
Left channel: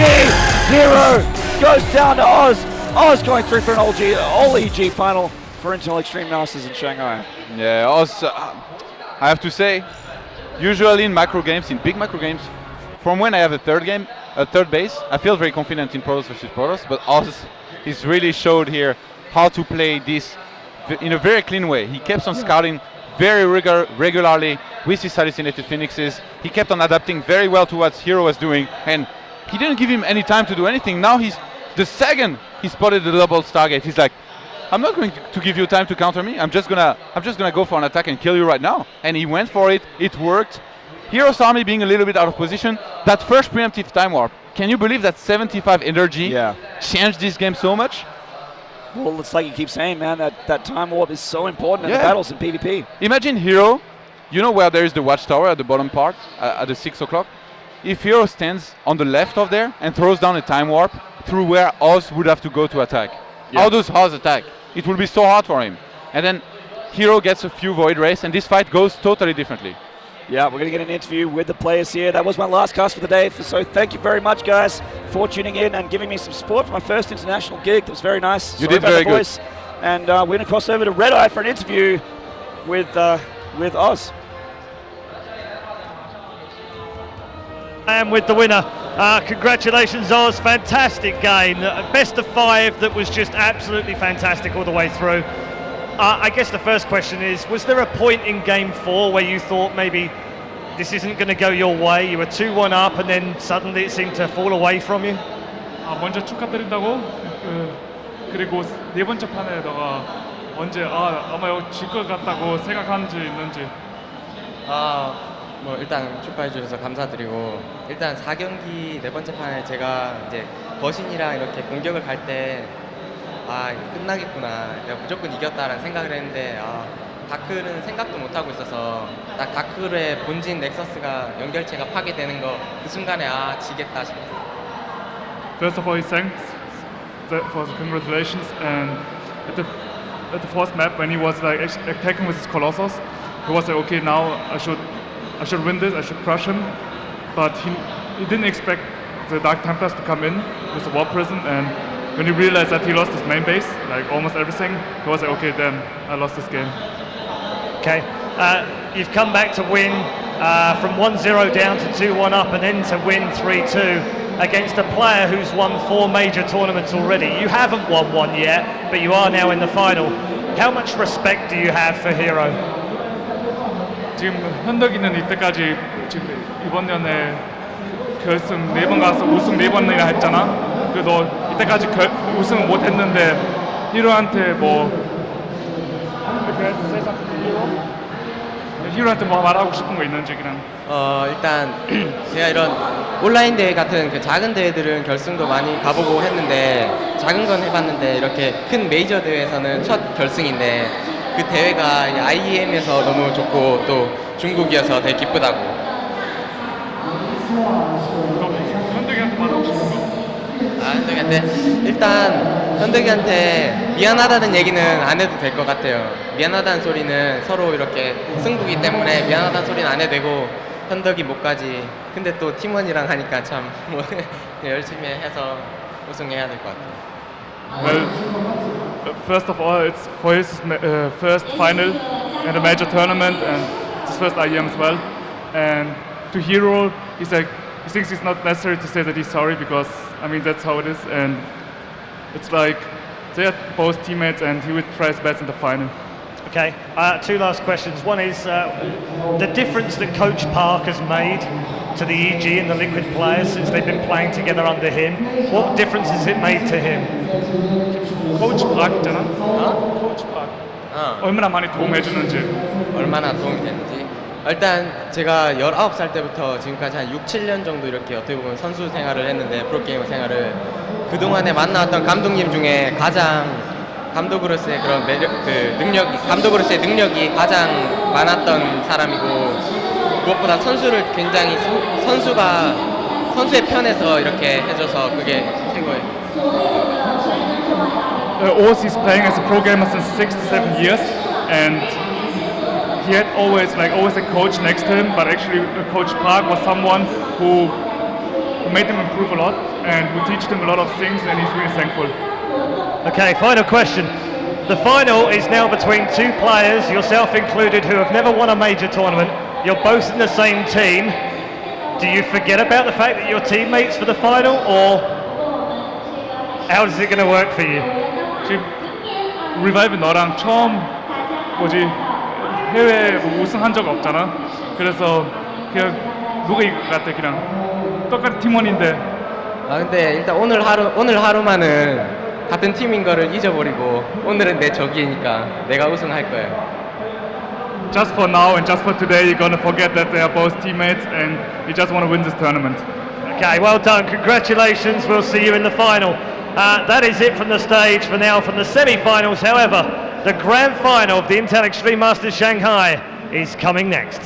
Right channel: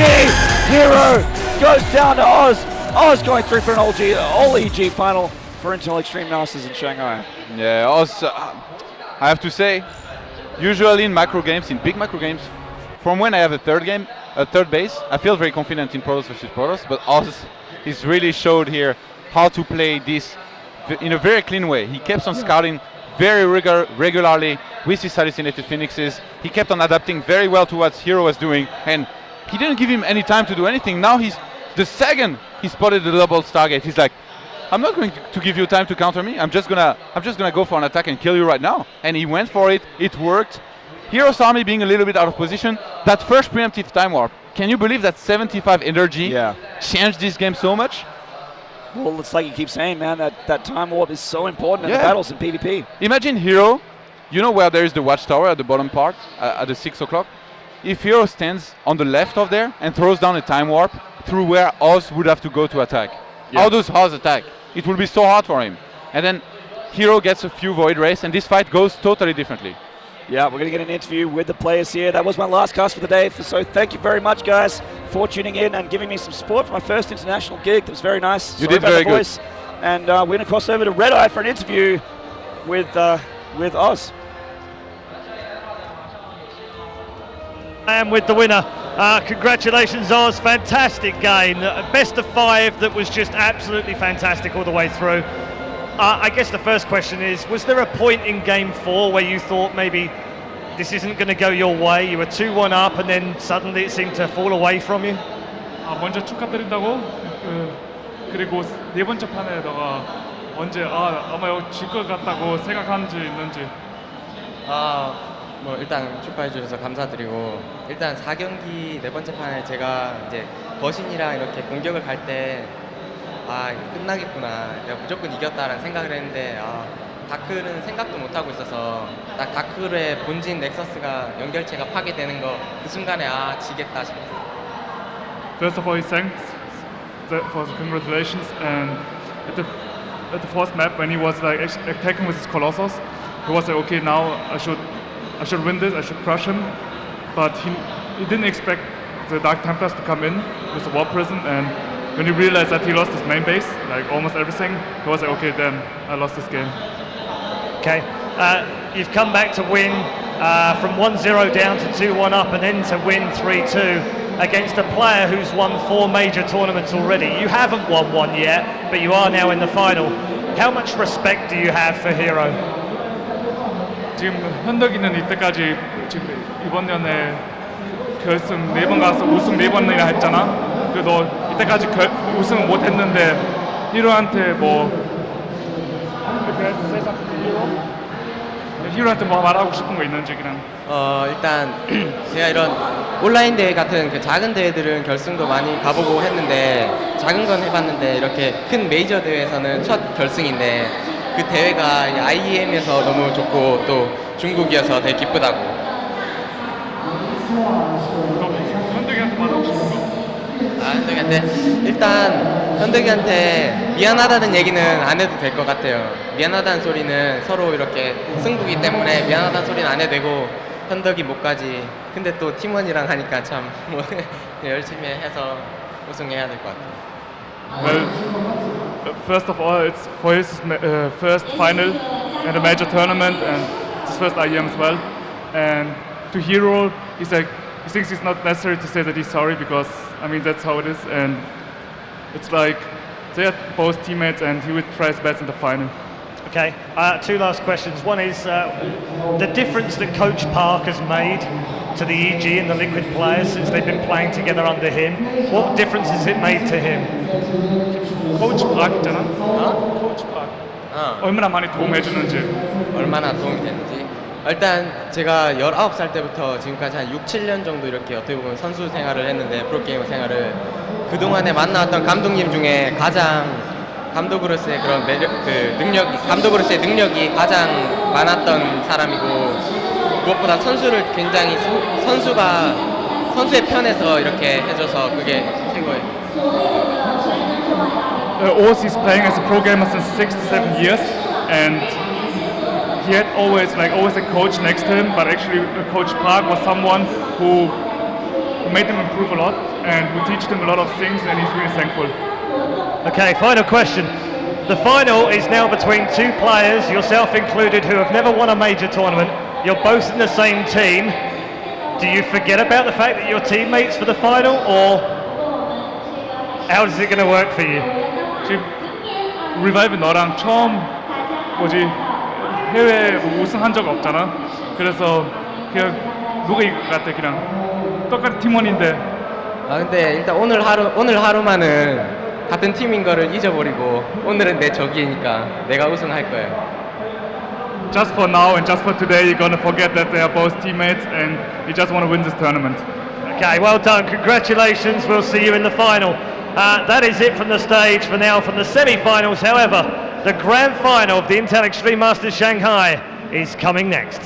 HerO goes down to Oz. Oz going through for an all EG final for Intel Extreme Masters in Shanghai. Yeah, Oz, I have to say, usually in macro games, in big macro games, from when I have a third base, I feel very confident in Protoss versus Protoss, but Oz is really showed here how to play this in a very clean way. He kept on scouting very regularly with his hallucinated Phoenixes. He kept on adapting very well to what HerO was doing, and he didn't give him any time to do anything. Now the second he spotted the double Stargate, he's like, I'm not going to give you time to counter me. I'm just gonna go for an attack and kill you right now. And he went for it. It worked. HerO's army being a little bit out of position. That first preemptive time warp. Can you believe that 75 energy changed this game so much? Well, it's like you keep saying, man, that time warp is so important in Yeah. the battles in PvP. Imagine HerO, you know where there is the watchtower at the bottom part, at the 6 o'clock? If HerO stands on the left of there and throws down a time warp through where Oz would have to go to attack, how does Oz attack? It will be so hard for him. And then HerO gets a few Void Rays and this fight goes totally differently. Yeah, we're going to get an interview with the players here. That was my last cast for the day. So thank you very much, guys, for tuning in and giving me some support for my first international gig. That was very nice. You did very good. And we're going to cross over to Red Eye for an interview with Oz. I am with the winner. Congratulations, Oz. Fantastic game. Best of 5 that was just absolutely fantastic all the way through. I guess the first question is, was there a point in game 4 where you thought maybe this isn't going to go your way? You were 2-1 up and then suddenly it seemed to fall away from you? 먼저 축하드린다고 그리고 네 번째 판에다가 언제 아마 이거 질 것 같다고 생각한 적 있는지. 뭐 일단 축하해 주셔서 감사드리고 일단 4경기 네 번째 판에 제가 이제 거신이랑 이렇게 공격을 갈 때 끝나겠구나, 내가 무조건 이겼다라는 생각을 했는데 다크는 생각도 못하고 있어서 딱 다크의 본진 넥서스가 연결체가 파괴되는 거 그 순간에 지겠다 싶었어요. First of all, thanks for the congratulations. And at the first map, when he was like attacking with his Colossus, he was like, okay, now I should win this, I should crush him. But he didn't expect the Dark Templars to come in with the War Prison, and when he realized that he lost his main base, like almost everything, he was like, okay, then I lost this game. Okay, you've come back to win from 1-0 down to 2-1 up and then to win 3-2 against a player who's won 4 major tournaments already. You haven't won one yet, but you are now in the final. How much respect do you have for HerO? 지금 현덕이는 이때까지 지금 이번 년에 결승 4번 가서 우승 4번이나 했잖아. 그래도 이때까지 우승을 못 했는데 HerO한테 HerO한테 뭐 말하고 싶은 거 있는지 그냥. 일단 제가 이런 온라인 대회 같은 그 작은 대회들은 결승도 많이 가보고 했는데 작은 건 해봤는데 이렇게 큰 메이저 대회에서는 첫 결승인데 그 대회가 IEM에서 너무 좋고 또 중국이어서 되게 기쁘다고. 현덕이한테 말하고 싶은 거. 현덕이한테 일단 현덕이한테 미안하다는 얘기는 안 해도 될 것 같아요. 미안하다는 소리는 서로 이렇게 승부기 때문에 미안하다는 소리는 안 해도 되고 현덕이 못 가지. 근데 또 팀원이랑 하니까 참 열심히 해서 우승해야 될 것 같아요. Well, first of all, it's for his first final in a major tournament, and it's his first IEM as well. And to HerO, he thinks it's not necessary to say that he's sorry because I mean that's how it is, and it's like they are both teammates, and he would try his best in the final. Okay, 2 last questions. One is the difference that Coach Park has made to the EG and the Liquid players since they've been playing together under him. What difference has it made to him? 코치 박 있잖아. 코치 박. 얼마나 많이 도움해 주는지. 얼마나 도움이 되는지. 일단 제가 19살 때부터 지금까지 한 6-7년 정도 이렇게 어떻게 보면 선수 생활을 했는데 프로게이머 생활을 그동안에 만나왔던 감독님 중에 가장 감독으로서의 그런 감독으로서의 능력이 가장 많았던 사람이고 무엇보다 선수를 굉장히 선수의 편에서 이렇게 해줘서 그게 큰 거예요. Oz is playing as a pro gamer since 6 to 7 years, and he had always a coach next to him, but actually Coach Park was someone who made him improve a lot and who taught him a lot of things, and he's really thankful. Okay, final question. The final is now between 2 players, yourself included, who have never won a major tournament. You're both in the same team. Do you forget about the fact that you're teammates for the final, or how is it going to work for you? 지금 리바이브 너랑 처음 해외 우승한 적 없잖아. 그래서 그냥 누가 이길 것 같아. 그냥 똑같은 팀원인데. 근데 일단 오늘 하루만은 같은 팀인 거를 잊어버리고 오늘은 내 적이니까 내가 우승할 거예요. Just for now and just for today, you're gonna forget that they are both teammates and you just want to win this tournament. Okay, well done. Congratulations. We'll see you in the final. That is it from the stage for now from the semi-finals. However, the grand final of the Intel Extreme Masters Shanghai is coming next.